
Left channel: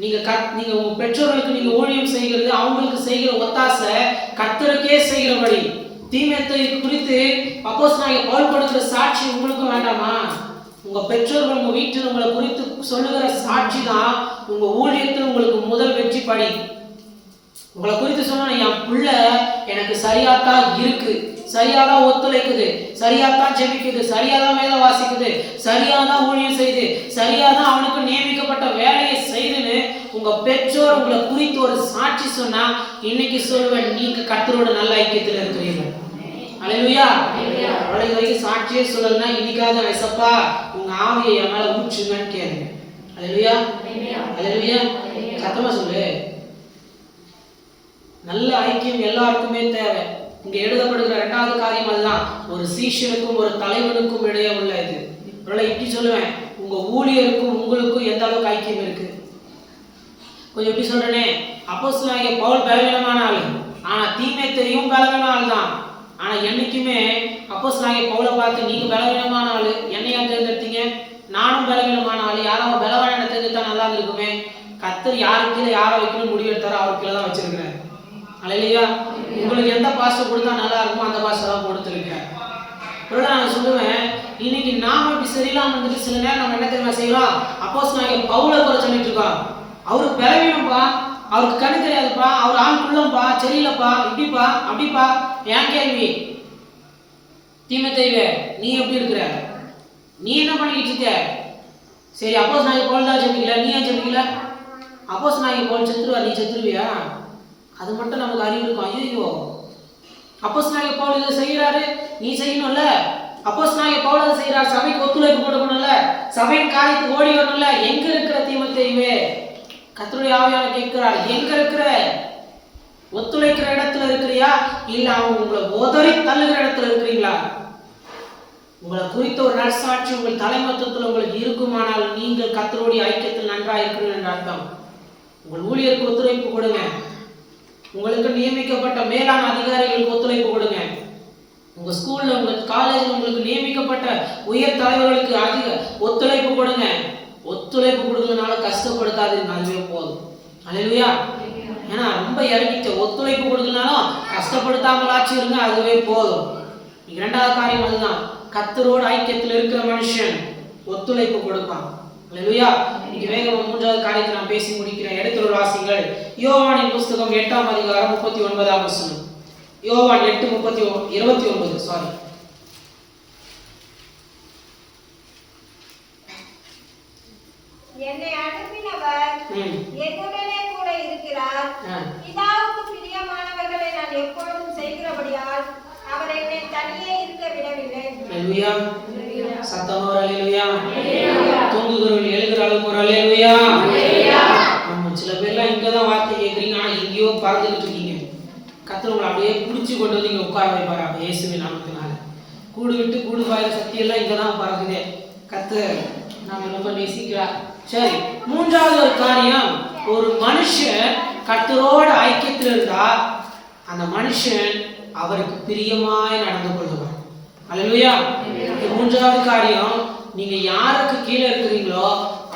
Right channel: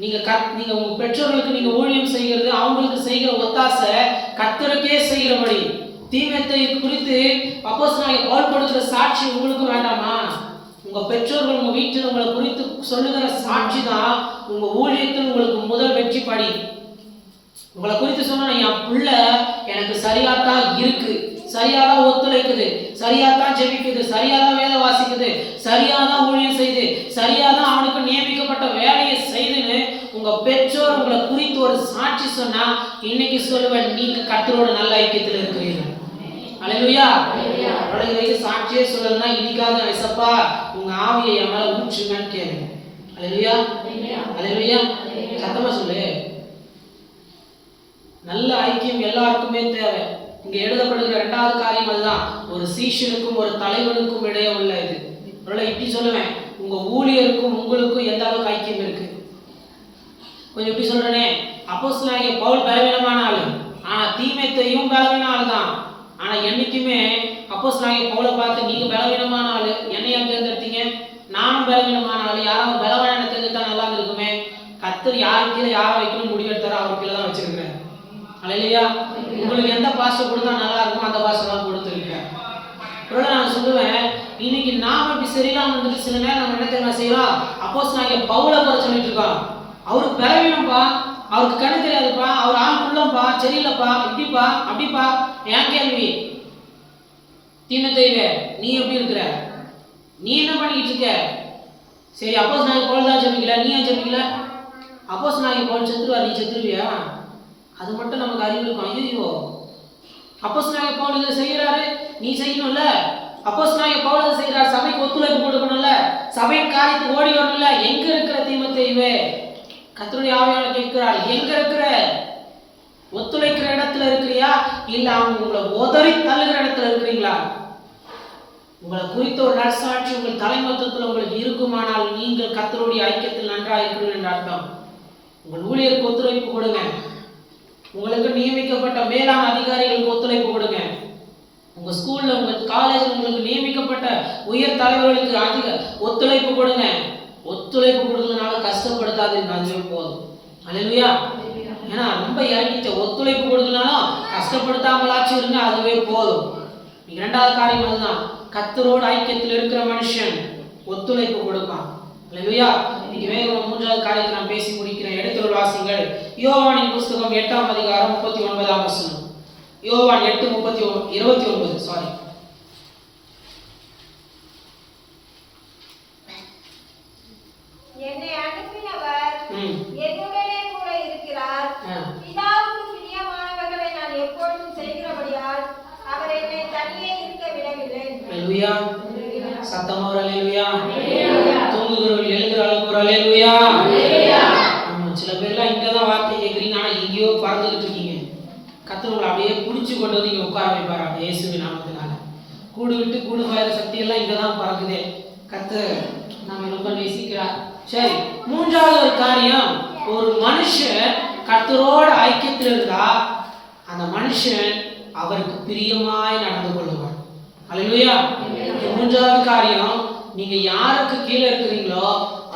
நீங்க உங்க பெற்றோர்களுக்கு நீங்க ஊழியம் செய்கிறது, அவங்களுக்கு செய்கிற ஒத்தாசை கர்த்தருக்கே செய்கிறபடி. தீமேத்தேயு குறித்து அப்போஸ்தலனாகிய பவுல் கொடுக்கிற சாட்சி உங்களுக்கு வேண்டாமா? உங்க பெற்றோர்கள் உங்க வீட்டில் உங்களை குறித்து சொல்லுகிற சாட்சி தான் உங்க ஊழியத்தில் உங்களுக்கு முதல் வெற்றி படி. உங்களை குறித்து சொன்னா, என் பிள்ளை எனக்கு சரியாத்தான் இருக்கு, சரியாதான் ஒத்துழைக்குது, சரியாத்தான் ஜெபிக்குது, சரியாதான் வேத வாசிக்குது, சரியாதான் ஊழியம் செய்து, சரியாதான் அவனுக்கு நியமிக்கப்பட்ட வேலையை செய்துன்னு உங்க பெற்றோர் உங்களை குறித்து ஒரு சாட்சி சொன்னா, இன்னைக்கு சொல்லுவேன், நீங்க கர்த்தரோட நல்ல ஐக்கியத்தில் இருக்கிறீர்கள். அல்லேலூயா. இது வரைக்கும் சாட்சியே சொல்லலன்னா இன்னைக்காவது ஏசப்பா உங்க ஆவியை என் மேல ஊற்றுங்கன்னு கேளுங்க. அல்லேலூயா. அல்லேலூயா. சத்தமா சொல்லு. நல்ல ஐக்கியம் எல்லாருக்குமே தேவை. இங்க எழுதப்படுகிற இரண்டாவது காரியம் அதுதான், ஒரு சீஷனுக்கும் ஒரு தலைவனுக்கும் இடையே உள்ள இது. இப்படி சொல்லுவேன், உங்க ஊழியருக்கும் உங்களுக்கும் எந்த அளவுக்கு ஐக்கியம் இருக்கு. கொஞ்சம் எப்படி சொல்றேனே, அப்போஸ்தலனாகிய பவுல் பலவீனமான ஆளு, ஆனா தீமேத்தேயும் பலவீன ஆள் தான். ஆனா என்னைக்குமே அப்போஸ்தலனாகிய பவுலை பார்த்து, நீங்க பலவீனமான ஆளு, என்னையா தேர்ந்தெடுத்தீங்க, நானும் பலவீனமான ஆளு, யாரும் பலவான தேர்ந்தெடுத்தா நல்லா இருந்திருக்குமே. கர்த்தர் யாருக்கு கீழே யாரை வைக்கணும் முடிவு எடுத்தாரோ அவர் கீழே தான் வச்சிருக்கிறேன். அல்லேலூயா. உங்களுக்கு எந்த பாஸ்டர் கொடுத்தா நல்லா இருக்குமோ அந்த பாஸ்டர் தான் கொடுத்துருக்கேன். நான் சொல்லுவேன், இன்னைக்கு நாம இப்படி சரியில்லாம இருந்துட்டு சில நேரம் நம்ம என்ன தெரியுமா செய்யறோம், அப்போஸ்தலனாகிய பவுலை குறை சொல்லிட்டு இருக்கோம். அவருக்கு பலவீனம்ப்பா, அவருக்கு கண்ணு தெரியாதுப்பா, அவர் ஆளுக்குள்ளப்பா, சரியில்லைப்பா, இப்படிப்பா அப்படிப்பா. ஏன் கேள்வி? தீமேத்தேயுவே, நீ எப்படி இருக்கிற, நீ என்ன பண்ணிக்கிட்டு இருக்க? சரி, அப்போஸ்தலனாகிய பவுல் தான் ஜெபிக்கல, நீ ஏன் ஜெபிக்கல? அப்போஸ்தலனாகிய பவுல் செத்துருவா, நீ செத்துருவியா? அது மட்டும் நமக்கு அறிவு இருக்கும். ஐயோ, அப்போஸ்தலனாகிய பவுல் இதை செய்யறாரு, நீ செய்யணும்ல. அப்போஸ்தலனாகிய பவுல் அதை செய்யறாரு, சபைக்கு ஒத்துழைப்பு கொடுக்கணும்ல, சபையின் காரியத்துக்கு ஓடி வரணும்ல. எங்க இருக்கிற தீமேத்தேயுவே? கர்த்தருடைய ஆவியானவர் கேட்கிறார், எங்க இருக்கிற? ஒத்துழைக்கிற இடத்துல இருக்கிறியா, இல்ல அவங்க உங்களை உதறி தள்ளுகிற இடத்துல இருக்கிறீங்களா? உங்களை குறித்த ஒரு நற்சாட்சி உங்கள் தலைமத்துவத்தில் உங்களுக்கு இருக்குமானால் நீங்கள் கர்த்தருடைய ஐக்கியத்தில் நன்றாக இருக்கிறீர்கள் என்ற அர்த்தம். உங்கள் ஊழியருக்கு ஒத்துழைப்பு கொடுங்க. உங்களுக்கு நியமிக்கப்பட்ட மேலான அதிகாரிகளுக்கு ஒத்துழைப்பு கொடுங்க. உங்க ஸ்கூல்ல, உங்க காலேஜில் உங்களுக்கு நியமிக்கப்பட்ட உயர் தலைவர்களுக்கு அதிக ஒத்துழைப்பு கொடுங்க. ஒத்துழைப்பு கொடுக்கலனால கஷ்டப்படுத்தாதீங்க, அதுவே போதும். அல்லேலூயா. ஏன்னா ரொம்ப இறங்கிட்ட ஒத்துழைப்பு கொடுக்கலனாலும் கஷ்டப்படுத்தாமலாச்சும் இருங்க, அதுவே போதும். இரண்டாவது காரியம் அதுதான். கர்த்தரோடு ஐக்கியத்தில் இருக்கிற மனுஷன் ஒத்துழைப்பு கொடுப்பான். அல்லேலூயா. இன்னைக்கு வேகம் மூன்றாவது காரியத்தை நான் பேசி முடிக்கிறேன். எடுத்துள்ள வாசிங்கள் யோவானின் புஸ்தகம் 8ஆம் அதிகாரம் 39ஆம் வசனம். யோவான் 8:29 சாரி. என்னை அனுப்பினவர் என்னுடனே கூட இருக்கிறார். பிதாவுக்கு பிரியமானவர்களை நான் எப்பொழுதும் செய்கிறபடியால் அவர் என்னை தனியே இருக்க விடவில்லை. அல்லேலூயா. சத்தமா ஒரு அல்லேலூயா. தூங்குகிறவர்கள் எழுகிற அளவுக்கு ஒரு அல்லேலூயா. சில பேர்லாம் இங்கதான் வார்த்தை கேட்குறீங்க, ஆனா எங்கேயோ பறந்துகிட்டு இருக்கீங்க. கர்த்தர் உங்களை அப்படியே பிடிச்சி கொண்டு வந்து இங்க உட்கார வைப்பாரா இயேசுவின் நாமத்தினால. கூடு விட்டு கூடு பாயிற சக்தி எல்லாம் இங்கதான் பறக்குதே. கர்த்தர் நாம ரொம்ப நேசிக்கிறார். சரி, மூன்றாவது ஒரு காரியம், ஒரு மனுஷன் கர்த்தரோட ஐக்கியத்தில் இருந்தா அந்த மனுஷன் அவருக்கு பிரியமாய் நடந்து கொள்வார். அல்லேலூயா. மூன்றாவது காரியம், நீங்க யாருக்கு கீழே இருக்கிறீங்களோ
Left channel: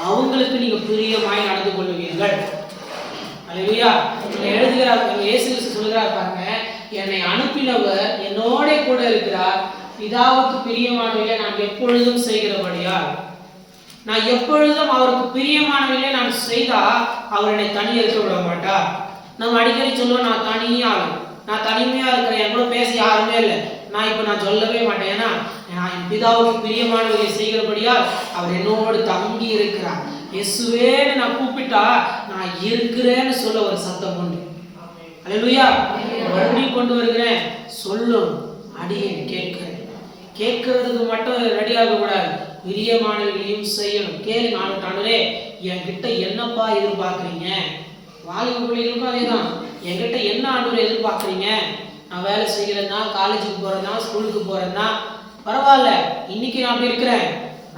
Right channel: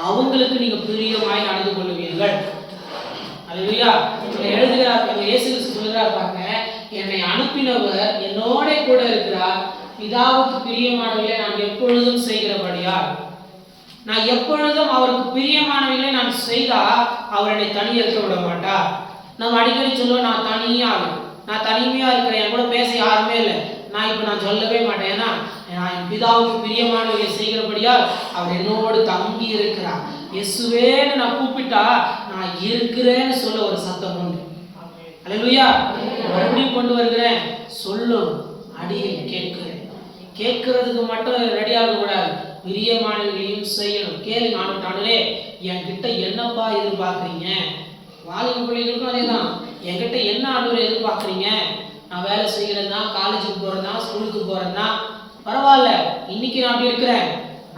அவங்களுக்கு நீங்க பிரியமாய் நடந்து கொள்ளுவீர்கள். அல்லேலூயா. எழுதுகிறார், இயேசு கிறிஸ்து சொல்லுகிறார் பாருங்க, என்னை அனுப்பினவர் என்னோட கூட இருக்கிறார். பிதாவுக்கு பிரியமானவர்களை நான் எப்பொழுதும் செய்கிறபடியால், நான் எப்பொழுதும் அவருக்கு பிரியமானவர்களை நான் செய்தா அவர் என்னை தனியாக இருக்க விட மாட்டார். நம்ம அடிக்கடி சொல்லுவோம், நான் தனிமையா இருக்கிறேன், என் கூட பேச யாருமே இல்லை. நான் சொல்லவே மாட்டேன். ஏன்னா நான் என் பிதாவுக்கு பிரியமானவர்களை செய்கிறபடியால் அவர் என்னோடு தங்கி இருக்கிறார். இயேசுவேன்னு நான் கூப்பிட்டா நான் இருக்கிறேன்னு சொல்ல ஒரு சத்தம் உண்டு. அல்லேலூயா. மறுபடியும் கொண்டு வருகிறேன், சொல்லும் அடியே கேட்கிறேன். கேட்கறதுக்கு மட்டும் ரெடியாக கூடாது, பிரியமானவர்களையும் செய்யணும். கேளுங்க, ஆண்டவரே என்கிட்ட என்னப்பா எதிர்பார்க்குறீங்க? வாலிப பிள்ளைகளுக்கும் அதே தான். என்கிட்ட என்ன ஆண்டவரை எதிர்பார்க்குறீங்க? நான் வேலை செய்கிறேன்னா, காலேஜுக்கு போகிறேன்னா, ஸ்கூலுக்கு போகிறேன்னா பரவாயில்ல, இன்னைக்கு நான் அப்படி இருக்கிறேன்,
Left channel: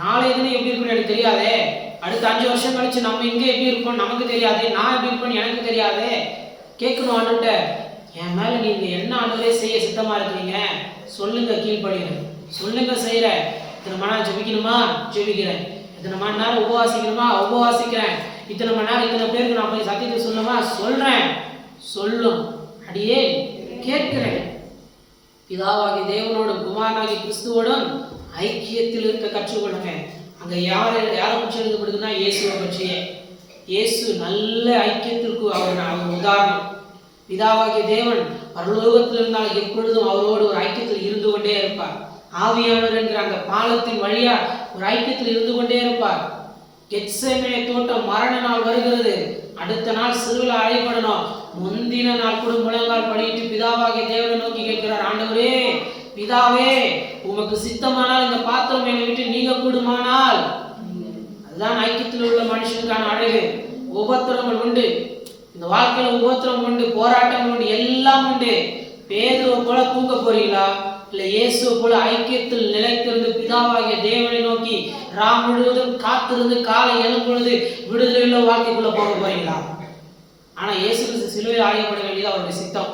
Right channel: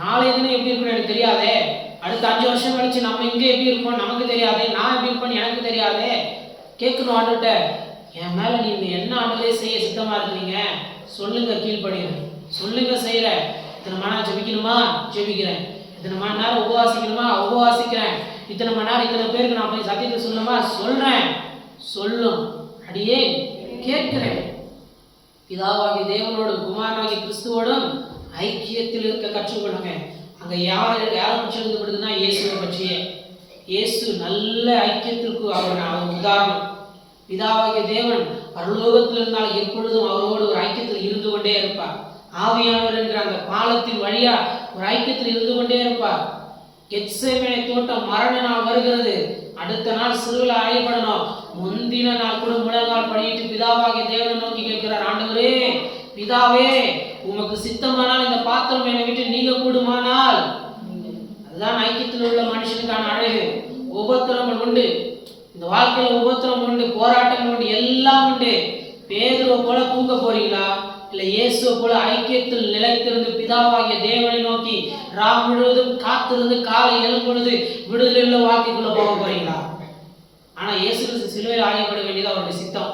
நாளைய தினம் எப்படி இருக்குன்னு எனக்கு தெரியாதே. அடுத்த 5 வருஷம் கழிச்சு நம்ம எங்கே எப்படி இருப்போம் நமக்கு தெரியாதே. நான் எப்படி இருப்பேன்னு எனக்கு தெரியாதே. கேட்கணும் ஆண்டவர்கிட்ட, என் மேலே நீங்கள் என்ன ஆண்டவரே செய்ய சித்தமாக இருக்கிறீங்க சொல்லுங்க, கீழ்படுகிறேன். சொல்லுங்க, செய்கிறேன். இத்தனை மணி நேரம் ஜெபிக்கணுமா, ஜெபிக்கிறேன். இத்தனை மணி நேரம் உபவாசிக்கணுமா, உபவாசிக்கிறேன். இத்தனை மணி நேரம் இத்தனை பேருக்கு நான் போய் சத்தியத்தை சொல்லணுமா, சொல்கிறேன். சொல்லும் அடியே கேட்கிறேன். பிதாவாகிய தேவனோடும் குமாரனாகிய கிறிஸ்துவோடும் ஐக்கியத்தில் இருக்க கற்றுக்கொள்ளுங்க. அங்கே யாரை பற்றி எழுதப்படுதுன்னா இயேசுவை பற்றியே. இயேசு நல்ல ஐக்கியத்திற்கு அவர் உதாரணம். பிதாவாகிய தேவன் பரலோகத்தில் இருந்தால் எப்பொழுதும் அவரோடு ஒரு ஐக்கியத்தில் இருந்து கொண்டே இருப்பார். ஆவியானவர் என்கிற அந்த பாலத்தின் வழியா ஒரு ஐக்கியத்தில் இருந்து கொண்டே இருப்பார். கெத்செமனே தோட்டம் மரண நாள் வருகிறது, அடுத்த நாள் சிறுவில் அழைப்படணும். முந்தின நாள் கூட முழங்கால் படியிட்டு பிதாவாகிய தேவனை நோக்கி கேட்கிறார், ஆண்டவரே பிதாவே உமக்கு சித்தமானால் இந்த பாத்திரம் என்னை விட்டு நீங்க கூடுமானால். அதுதான் ஐக்கியத்தில் உள்ள மனுஷனுக்கான அழகு. உபத்திரங்கள் உண்டு, இந்த வாழ்க்கையில உபத்திரம் உண்டு, போராட்டங்கள் உண்டு, எல்லாம் உண்டு. பேதுருவை போல தூங்க போறீங்களா, இல்லை இயேசுவை போல ஐக்கியத்தில் நிலைத்திருந்து பிதாவாகிய தேவனை நோக்கி ராம் முழுவதும் காத்திருந்து காலை எழும்பொழுது விடுதலை உள்ள வாழ்க்கைக்குள்ள போக போறீங்களா? ஆனா இயேசு சிலுவையில் ஆயப்பட வேண்டியது அவருடைய சித்தம்,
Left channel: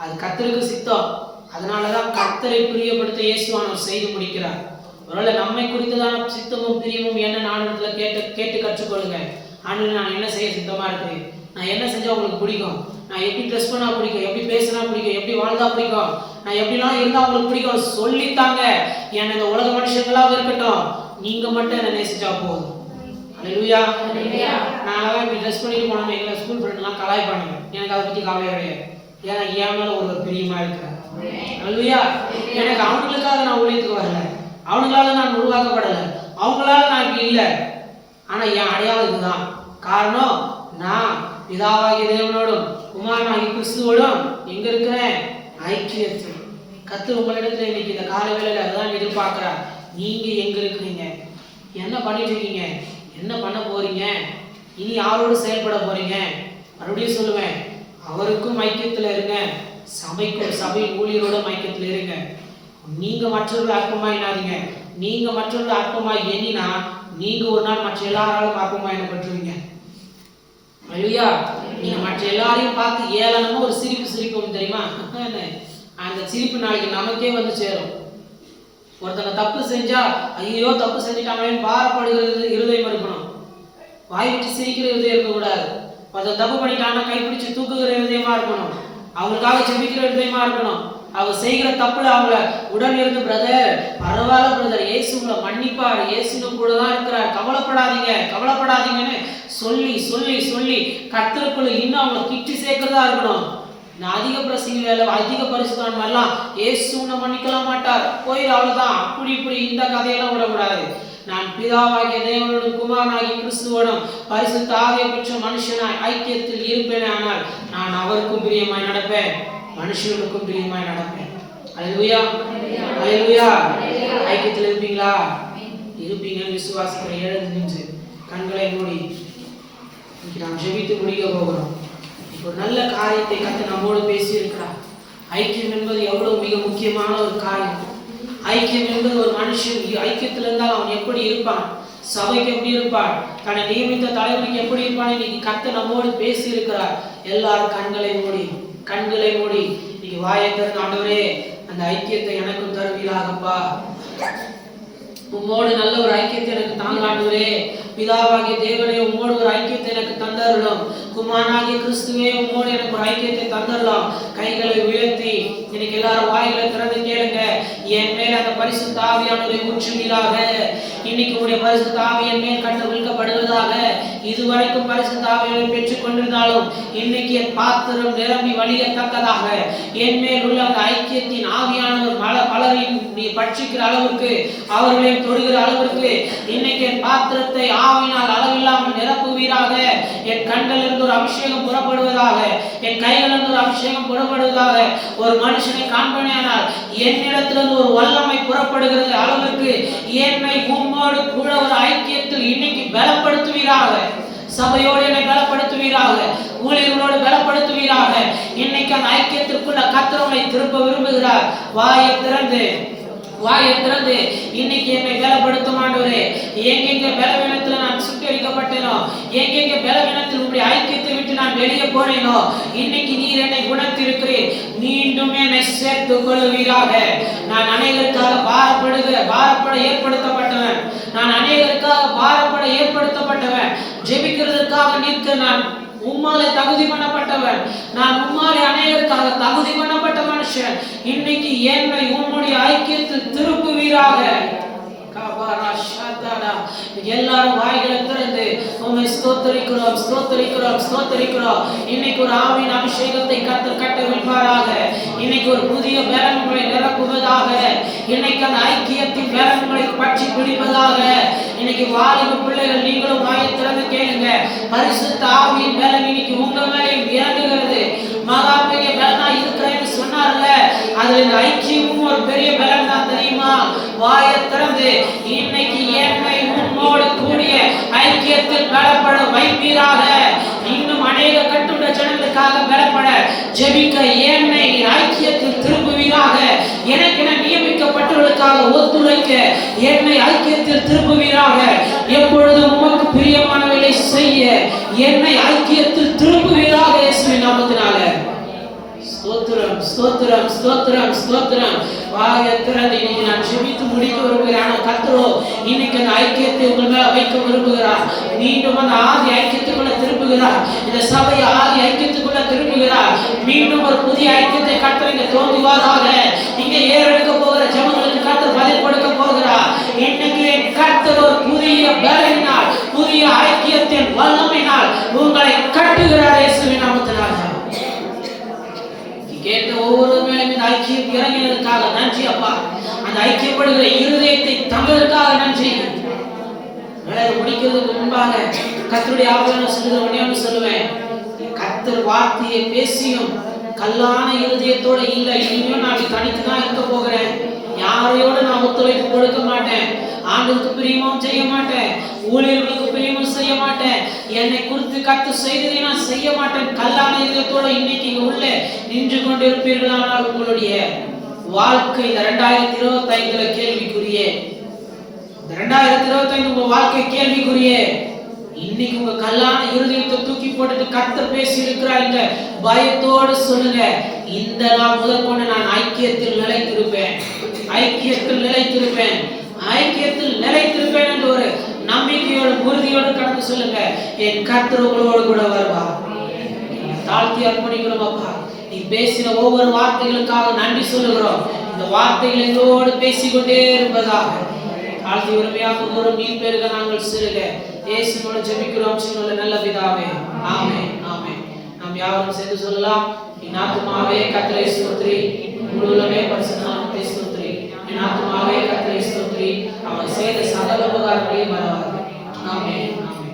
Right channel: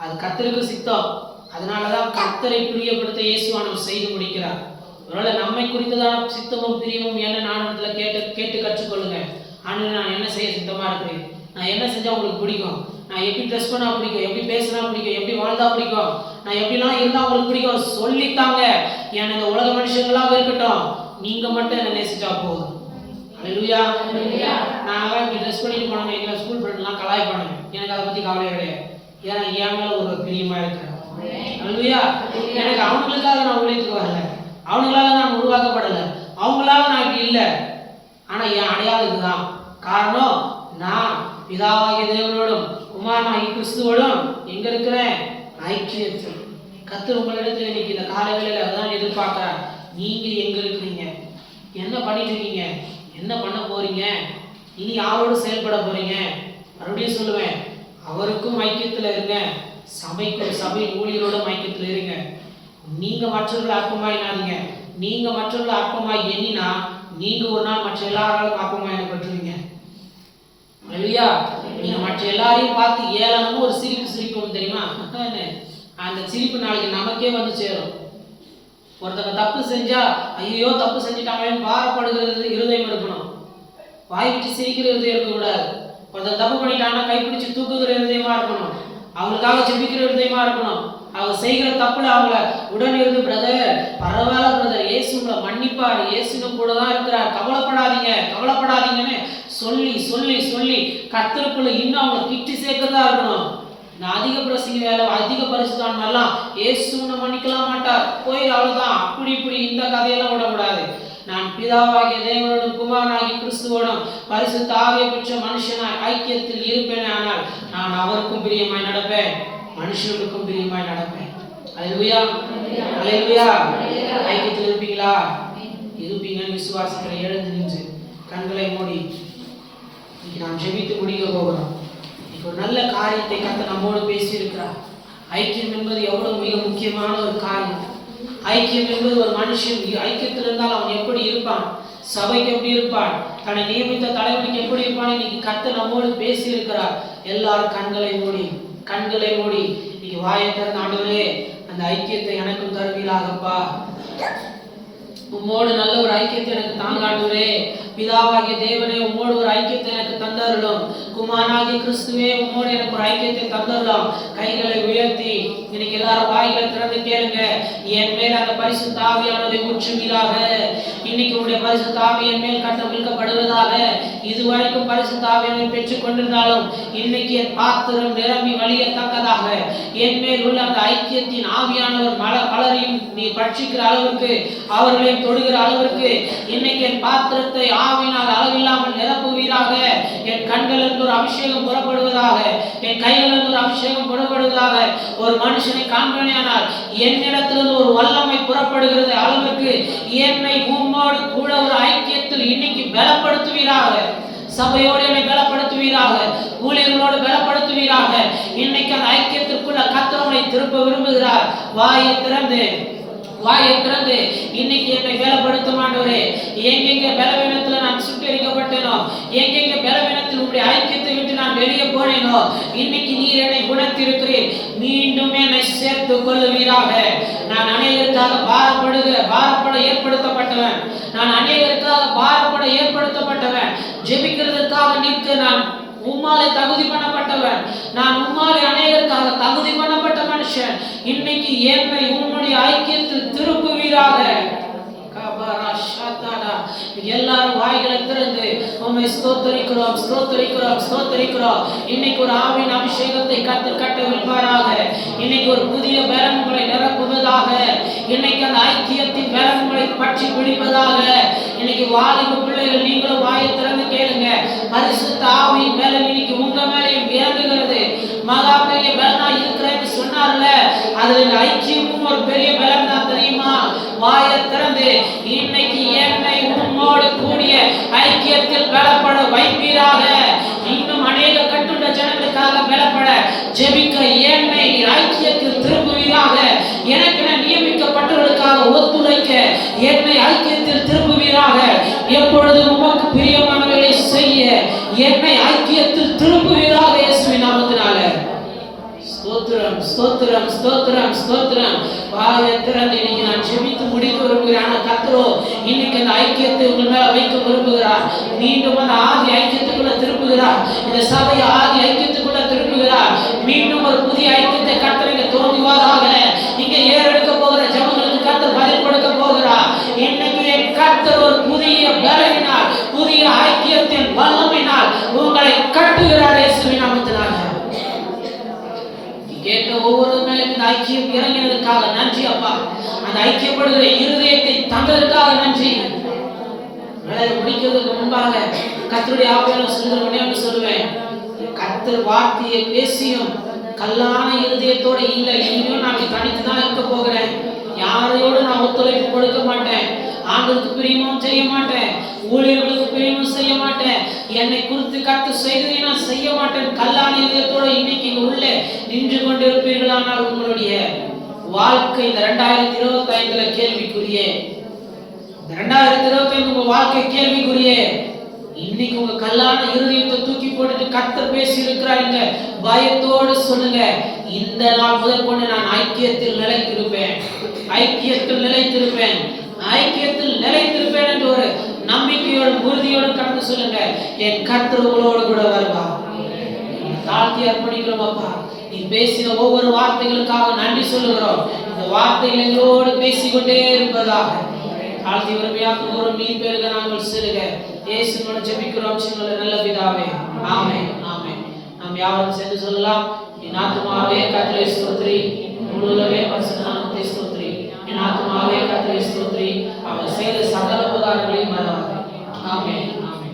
அது கர்த்தருக்கு சித்தம். அதனாலதான் கர்த்தரை பிரியப்படுத்த இயேசுவானவர் செய்து முடிக்கிறார். ஒருவேளை நம்மை குறித்ததான சித்தமும் பிரியமும் என்ன நாடகத்துல கேட்டு கற்றுக்கொள்ளுங்க. ஆண்டு நான் என்ன செய்ய சித்தமா இருக்கிறேன், நான் என்ன செஞ்சா உங்களுக்கு பிடிக்கும், நான் எப்படி ட்ரெஸ் பண்ணா பிடிக்கும், எப்படி பேசினா பிடிக்கும், எப்படி வாழ்ந்தா பிடிக்கும், நான் எப்படிலாம் இருந்தா உங்களுக்கு பிடிக்கும் சொல்லித்தாங்க. ஏன்னா இந்த உலக மனுஷங்களாக இருக்கட்டும், நீங்க மட்டும் என்ன நேசிச்சா போதும். அல்லேலூயா. நாங்களாம் இப்படி ட்ரெஸ் பண்ணிட்டு போனோம், எங்களை ஸ்கூல் ஃப்ரெண்ட்லாம் கலாய்ப்பானுங்க, எனக்கு அதை பற்றி கவலையே கிடையாது. ஏன்னா என் மேலே ஒரு பிரியமா இருக்கிறேன். அல்லேலூயா. எனக்கு அவங்களுக்காக நான் ஊழியத்துக்கு வரல, அவங்களால நான் உருவாக்கப்படலை, அவங்களால நான் இப்படி இல்லை. ஆனால் என் அடையாளம் இதுதான். காரணம், நான் பிதாவாகிய தேவனோடும் குமாரனாகிய கிறிஸ்துவோடும் எங்க இருக்கிறேன், ஐக்கியத்தில். கர்த்தர் உங்களிடத்தில் இன்னைக்கு இந்த காலங்களில் அதுதான் எதிர்பார்க்கிறார். நீங்க எங்க இருக்கிறீங்க, என்ன பண்ணிட்டு இருக்கீங்க, என்ன பண்ண போறீங்க, இனி யாரோடு செயல்பட போறீங்க? மறுபடியும் சொல்லுவேன், அவருக்கும் ஐக்கியத்துல இருங்க, சபைக்கும் சபை ஊழியரோட ஐக்கியத்துல இருங்க. நீங்க மற்றவர்கள் அற்பமாய் எண்ணாதீங்க. நீங்க மற்றவர்கள் அற்பமாய் எண்ணினா நீங்க ஒரு நாள் மற்ற எல்லாராலும் அற்பமாய் எண்ணப்பட்டுருவீங்க. அல்லேலூயா. நீங்க மற்ற எல்லாரையும் பார்த்து ஏளனமும் ஒரு சிரிப்பு தெரியுமா? அந்த சிரிப்பு நாளைக்கு நமக்கே வந்து சேரும். ஒருத்தங்க தப்பு செஞ்சா ஐயோ தப்பு செஞ்சுட்டாங்களேன்னு பாரப்படுகிறது இருதயம் இருக்கணும். வாய் விட்டு சிரிக்கிற இருதயம் இருக்கக்கூடாது. ஒருத்தர் தப்பு பண்ணிட்டாங்கன்னா கைப்பிடிச்சு தூக்குகிற இருதயமா இருக்கணும். அவங்களுக்காக ஜெபிக்கிற இருதயமா இருக்கணும். அவங்க செய்கிற தப்புல அவங்கள உடன் இருந்து பிரதர் பரவாயில்ல பிரதர், இயேசு உங்களை மன்னிப்பார், இயேசுன்னு கூட தான் இருக்கிறார், கவலைப்படாதீங்கன்னு சொல்லி சொல்லி சொல்லி கர்த்தருக்குள்ள இன்னும் அவங்க கிட்டி சேர்க்கிறதா இருக்கணும். நான் அதிக பிரசங்க வேலை அதிக பரிசுத்தான் வரலாம், இயேசு உன்னை மன்னிக்கல மாட்டார் போய் அவ்வளவுதான் அப்படி இப்படி இந்த கதையெல்லாம் விடக்கூடாது. நான் பிதாவாகிய தேவனோடும் குமாரனாகிய கிறிஸ்துவோடும் பரிசுத்த ஆவியை பெற்ற மனுஷனாய் ஐக்கியத்தில் இருப்பேன். ஆனால் நான் அவருக்கும் பிரியமாய் நடப்பேன், மனுஷனுக்கும் பிரியமாய் நடப்பேன். அல்லேலூயா, அல்லேலூயா. ஐக்கியத்தில் இருப்பீங்களா? இருப்பீங்கன்னு விசுவாசத்தை எழுந்து நின்று கண்களை மூடி இன்னைக்கு நாம் ஜெபித்து முடிக்க போகிறோம். ஒரு நல்ல காரியத்தை கர்த்தர் நம்மோடு பேசி இருக்கிறார். ஐக்கியம் என்பது எவ்வளவு மிக முக்கியமான ஒரு காரியம். ஐக்கியம் என்பது ஒரு மனுஷன் ஐக்கியத்தில் இருந்தால் அவன் எப்படி இருப்பான், சபைக்கு எப்படி இருப்பான், தன்னை நியமித்த தலைவனுக்கு எப்படி இருப்பான், இன்னைக்கு கர்த்தர் நம்மோடு பேசி இருக்கிறார். எல்லாரும் கண்களை மூடி இன்னைக்கு வாயை திறந்து ஆண்டவரே அந்த ஐக்கியத்தை எனக்கும் தருவீராகப்பா, உம்மோடு நல்ல ஒரு ஐக்கியத்தை எனக்கு தாங்க ஆண்டவரே, பிதாவாகிய தேவனே உம்மோடு ஒரு ஐக்கியத்தை எனக்கு தந்தருளும், குமாரனாகிய கிறிஸ்துவே உம்மோடு எனக்கு ஒரு ஐக்கியத்தை தந்தருளும். கைகளை உயர்த்தி இன்னைக்கு எல்லாரும் வாய்களை திறந்து கேளுங்க. என் மேல் அந்த பரிசுத்த ஆவியானவரை ஊற்றுவீராக. இன்னைக்கு உடைய பரிசுத்த ஆவி என் மேல் கட்ட விழுக்கப்படுவதாக. இதுவரைக்கும் பரிசுத்த ஆவியானவரை பெற்றுக் கொண்டிருந்தாலும் இன்னைக்கு என் பாத்திரம் நிரம்பி வழியத்தக்கதாக என் மேல் உள்ள அந்த ஐக்கியத்தின் ஆவியானவர் பலரையும் நீ பட்சிக்கிற அளவிற்கு அவர்களையும் தொடுகிற அளவிற்கு இன்னைக்கு என் பாத்திரத்தை ஆவினால் அளவில்லாமல் நிரப்புவீராக. என் கண்களிலிருந்து ஒரு அபிஷேகம் புறப்படுவதாக, என் கைகளிலிருந்து ஒரு அபிஷேகம் புறப்படுவதாக. ஒரு மனுஷனை காண்பேனானால் என்னிடத்திலிருந்து ஒரு வல்லமை புறப்படுகிறது அளவிற்கு என்னை உம்மோடு கூட ஒரு ஐக்கியத்தில் இன்னைக்கு பலப்படுத்துவீராக. சபையோடு என்னை பலப்படுத்துவீராக, ஊழியர்களோடு பலப்படுத்துவீராக. இன்னைக்கு அந்த ஐக்கியத்திற்குள்ள கர்த்தர் உம்மை திருப்ப விரும்புகிறார். வாயை திறந்து இன்னைக்கு என்னை பலப்படுத்தும் ஆண்டவரே. எங்கெங்க பலவீனத்துல நான் சுட்டரிக்கப்பட்டேனோ, எங்கெங்க பலவீனத்தில் உடைய ஐக்கியத்தை விட்டு நான் வெளியே போனேனோ, இன்னைக்கு நீர் என்னை குணத்திருக்கிறீர். மீண்டும் என்னை சேர்த்து கொள்ளுவீராக. நான் அநேகருக்காக பாரப்பட ஏற்படுத்தப்பட்டவன். நான் அநேகருக்காக பாரப்பட ஏற்படுத்தப்பட்டவன். ஜெபிக்கிறதுக்காக நிற்க நான் உம்மாலே தகுதி பண்ணப்பட்டவன். நான் உம்மாலே அநேகருக்காக தகுதி பண்ணப்பட்ட மனுஷன். இன்னைக்கு என்னை உம்முடைய ஐக்கியத்தில் திருப்புவீராக. எல்லாரும் வாய்களை திறந்து உம்மை ஸ்தோத்தரிக்கிறோம். இன்னைக்கு ஒரு ஆவியின் அபிஷேகத்தை கர்த்தர் கட்டவிழ்ப்பாராக. இன்னைக்கு ஒரு புதிய பலன் உங்களை நிரப்புவதாக. இன்னைக்கு அந்த ஐக்கியத்தின் பலன் உங்களை பற்றி பிடிப்பதாக. இன்னைக்கு வாலிப பிள்ளைகள் நீங்களும் வாயை திறந்து கேளுங்க. பரிசுத்த ஆவியின் பலன் இன்னைக்கு உங்க மேலேயும் இறங்குகிறது. மகா பெரிய பலனா இருக்கிறேன்னு சொன்னார்ல, அதுல ஐக்கியமும் ஒரு பெரிய பலன் தான் தெரியுமா? வாயை திறந்து இன்னைக்கு என்னை உம்மோடு கூடிய ஐக்கியத்தில் பலப்பட வைப்பீராக. இன்னும் அநேக கட்டுண்ட ஜனங்களுக்காக பலப்பட ஜெபிக்க என்னை ஐக்கியத்தில் திருப்புவீராக. எனக்கென நியமிக்கப்பட்டவர்களுக்காக ஒத்துழைக்க என்னை ஐக்கியத்தில் திருப்புவீராக. எப்பொழுதும் உமக்கு பிரியமானவர்களை செய்ய என்னை ஐக்கியத்தில் திருப்புவீராக. இயேசுவின் நாமத்தினால ஸ்தோத்திரம். வாயை திறந்து இன்னைக்கு நான் ஜெபித்து முடிக்க விரும்புகிறேன். கர்த்தரோ இன்னைக்கு அந்த ஐக்கியத்தை உங்கள் மேல வைக்க விரும்புகிறார். மீண்டும் அந்த ஆதி ஐக்கியத்துக்குள்ள திருப்புகிறார். இந்த சபையை ஆதி ஐக்கியத்துக்குள்ள திருப்புகிறார். மீண்டும் ஒரு புதிய ஐக்கியத்தை கர்த்தர் இங்க தோன்றுவாராக. இங்க ஏறெடுக்க போகிற ஜனங்களுக்கு கர்த்தர் பதில் கொடுக்க போகிறார். இன்னைக்கு என் கர்த்தர் ஒரு புதிய பலனினால், புதிய ஐக்கியத்தின் வல்லமையினால் உங்களை கட்டுகிறார். இயேசுவின் நாமத்தினால கேட்ட ஒவ்வொரு மேலும் இந்த ஐக்கியம் இறங்கினதற்காக நன்றி அப்பா. அந்த ஐக்கியப்படுகிற இருதயத்தை தந்ததற்காக நன்றி. முடிக்கிறதுக்கு முன்பாக கர்த்தருடைய ஆவியானவர் சொல்லுகிறவனே சொல்லுவேன், கர்த்தர் வார்த்தையை பேசியும் கல்லான இருதயத்தோட இல்லை, இனியும் நான் தனித்து தான் இருக்க போகிறேன், யாரும் வார்த்தையோடு நான் ஒத்துழைப்பு கொடுக்க மாட்டேன், ஆண்டவருக்கு பிரியமும் செய்ய மாட்டேன், ஊழியர்களுக்கு பிரியமும் செய்ய மாட்டேன், என்னை குறித்து கர்த்தர் செய்ததை நான் செய்ய மாட்டேன், கல்லான இதயத்தோடு இன்னைக்கு இங்க உள்ள நின்று கொண்டிருப்பீர்களானால் உங்களுடைய வாழ்க்கை இந்த 2025 கேள்விக்குரிய, இந்த 2025 உங்க வாழ்க்கை கேள்விக்குரிய. இன்னைக்கு உங்க கல்லான இருதயத்தை தூக்கி போட்டுட்டு கர்த்தர் பேசி இருக்கிறாங்க, பயத்தோடு சொல்லுங்க, இந்த நாள் முதல் கொண்டு நான் ஐக்கியத்தில் நிலைத்திருப்பேன், ஐக்கியத்தில் நிலைத்திருப்பேன், ஐக்கியத்தில் நிலைத்திருப்பேன் என்று ஒரு நம்பிக்கையோடு உறுதியோடு கடந்து சொல்லுங்க. என் கர்த்தர் உங்களோடு கூட வருவார். தாழ்த்தி அர்ப்பணிக்கிறோம் அப்பா, நீ பேசின ஒவ்வொரு வார்த்தைகளுக்காக நன்றி சொல்லுகிறோம். இந்த வார்த்தைகள் எங்களோடு பேசிக்கொண்டே இருப்பதாக தாழ்த்தி உரிமையாக ஒரு நீ பெருக நாங்கள் சிறுக இயேசுவோட ஜெபிக்கிறோம் நல்ல பிதாவே, ஆமென் ஆமென். நாம் யாவரும் சேர்ந்து சொல்லலாம். என் ஆத்துமாவே கர்த்தரை ஸ்தோத்திரி, முழுவதுமே பரிசுத்த நாமத்தை ஸ்தோத்திரி. என் ஆத்துமாவே கர்த்தரை ஸ்தோத்திரி, அவர் செய்த சகல உபகாரங்களையும் மறவாதே. ஆமென் ஆமென்.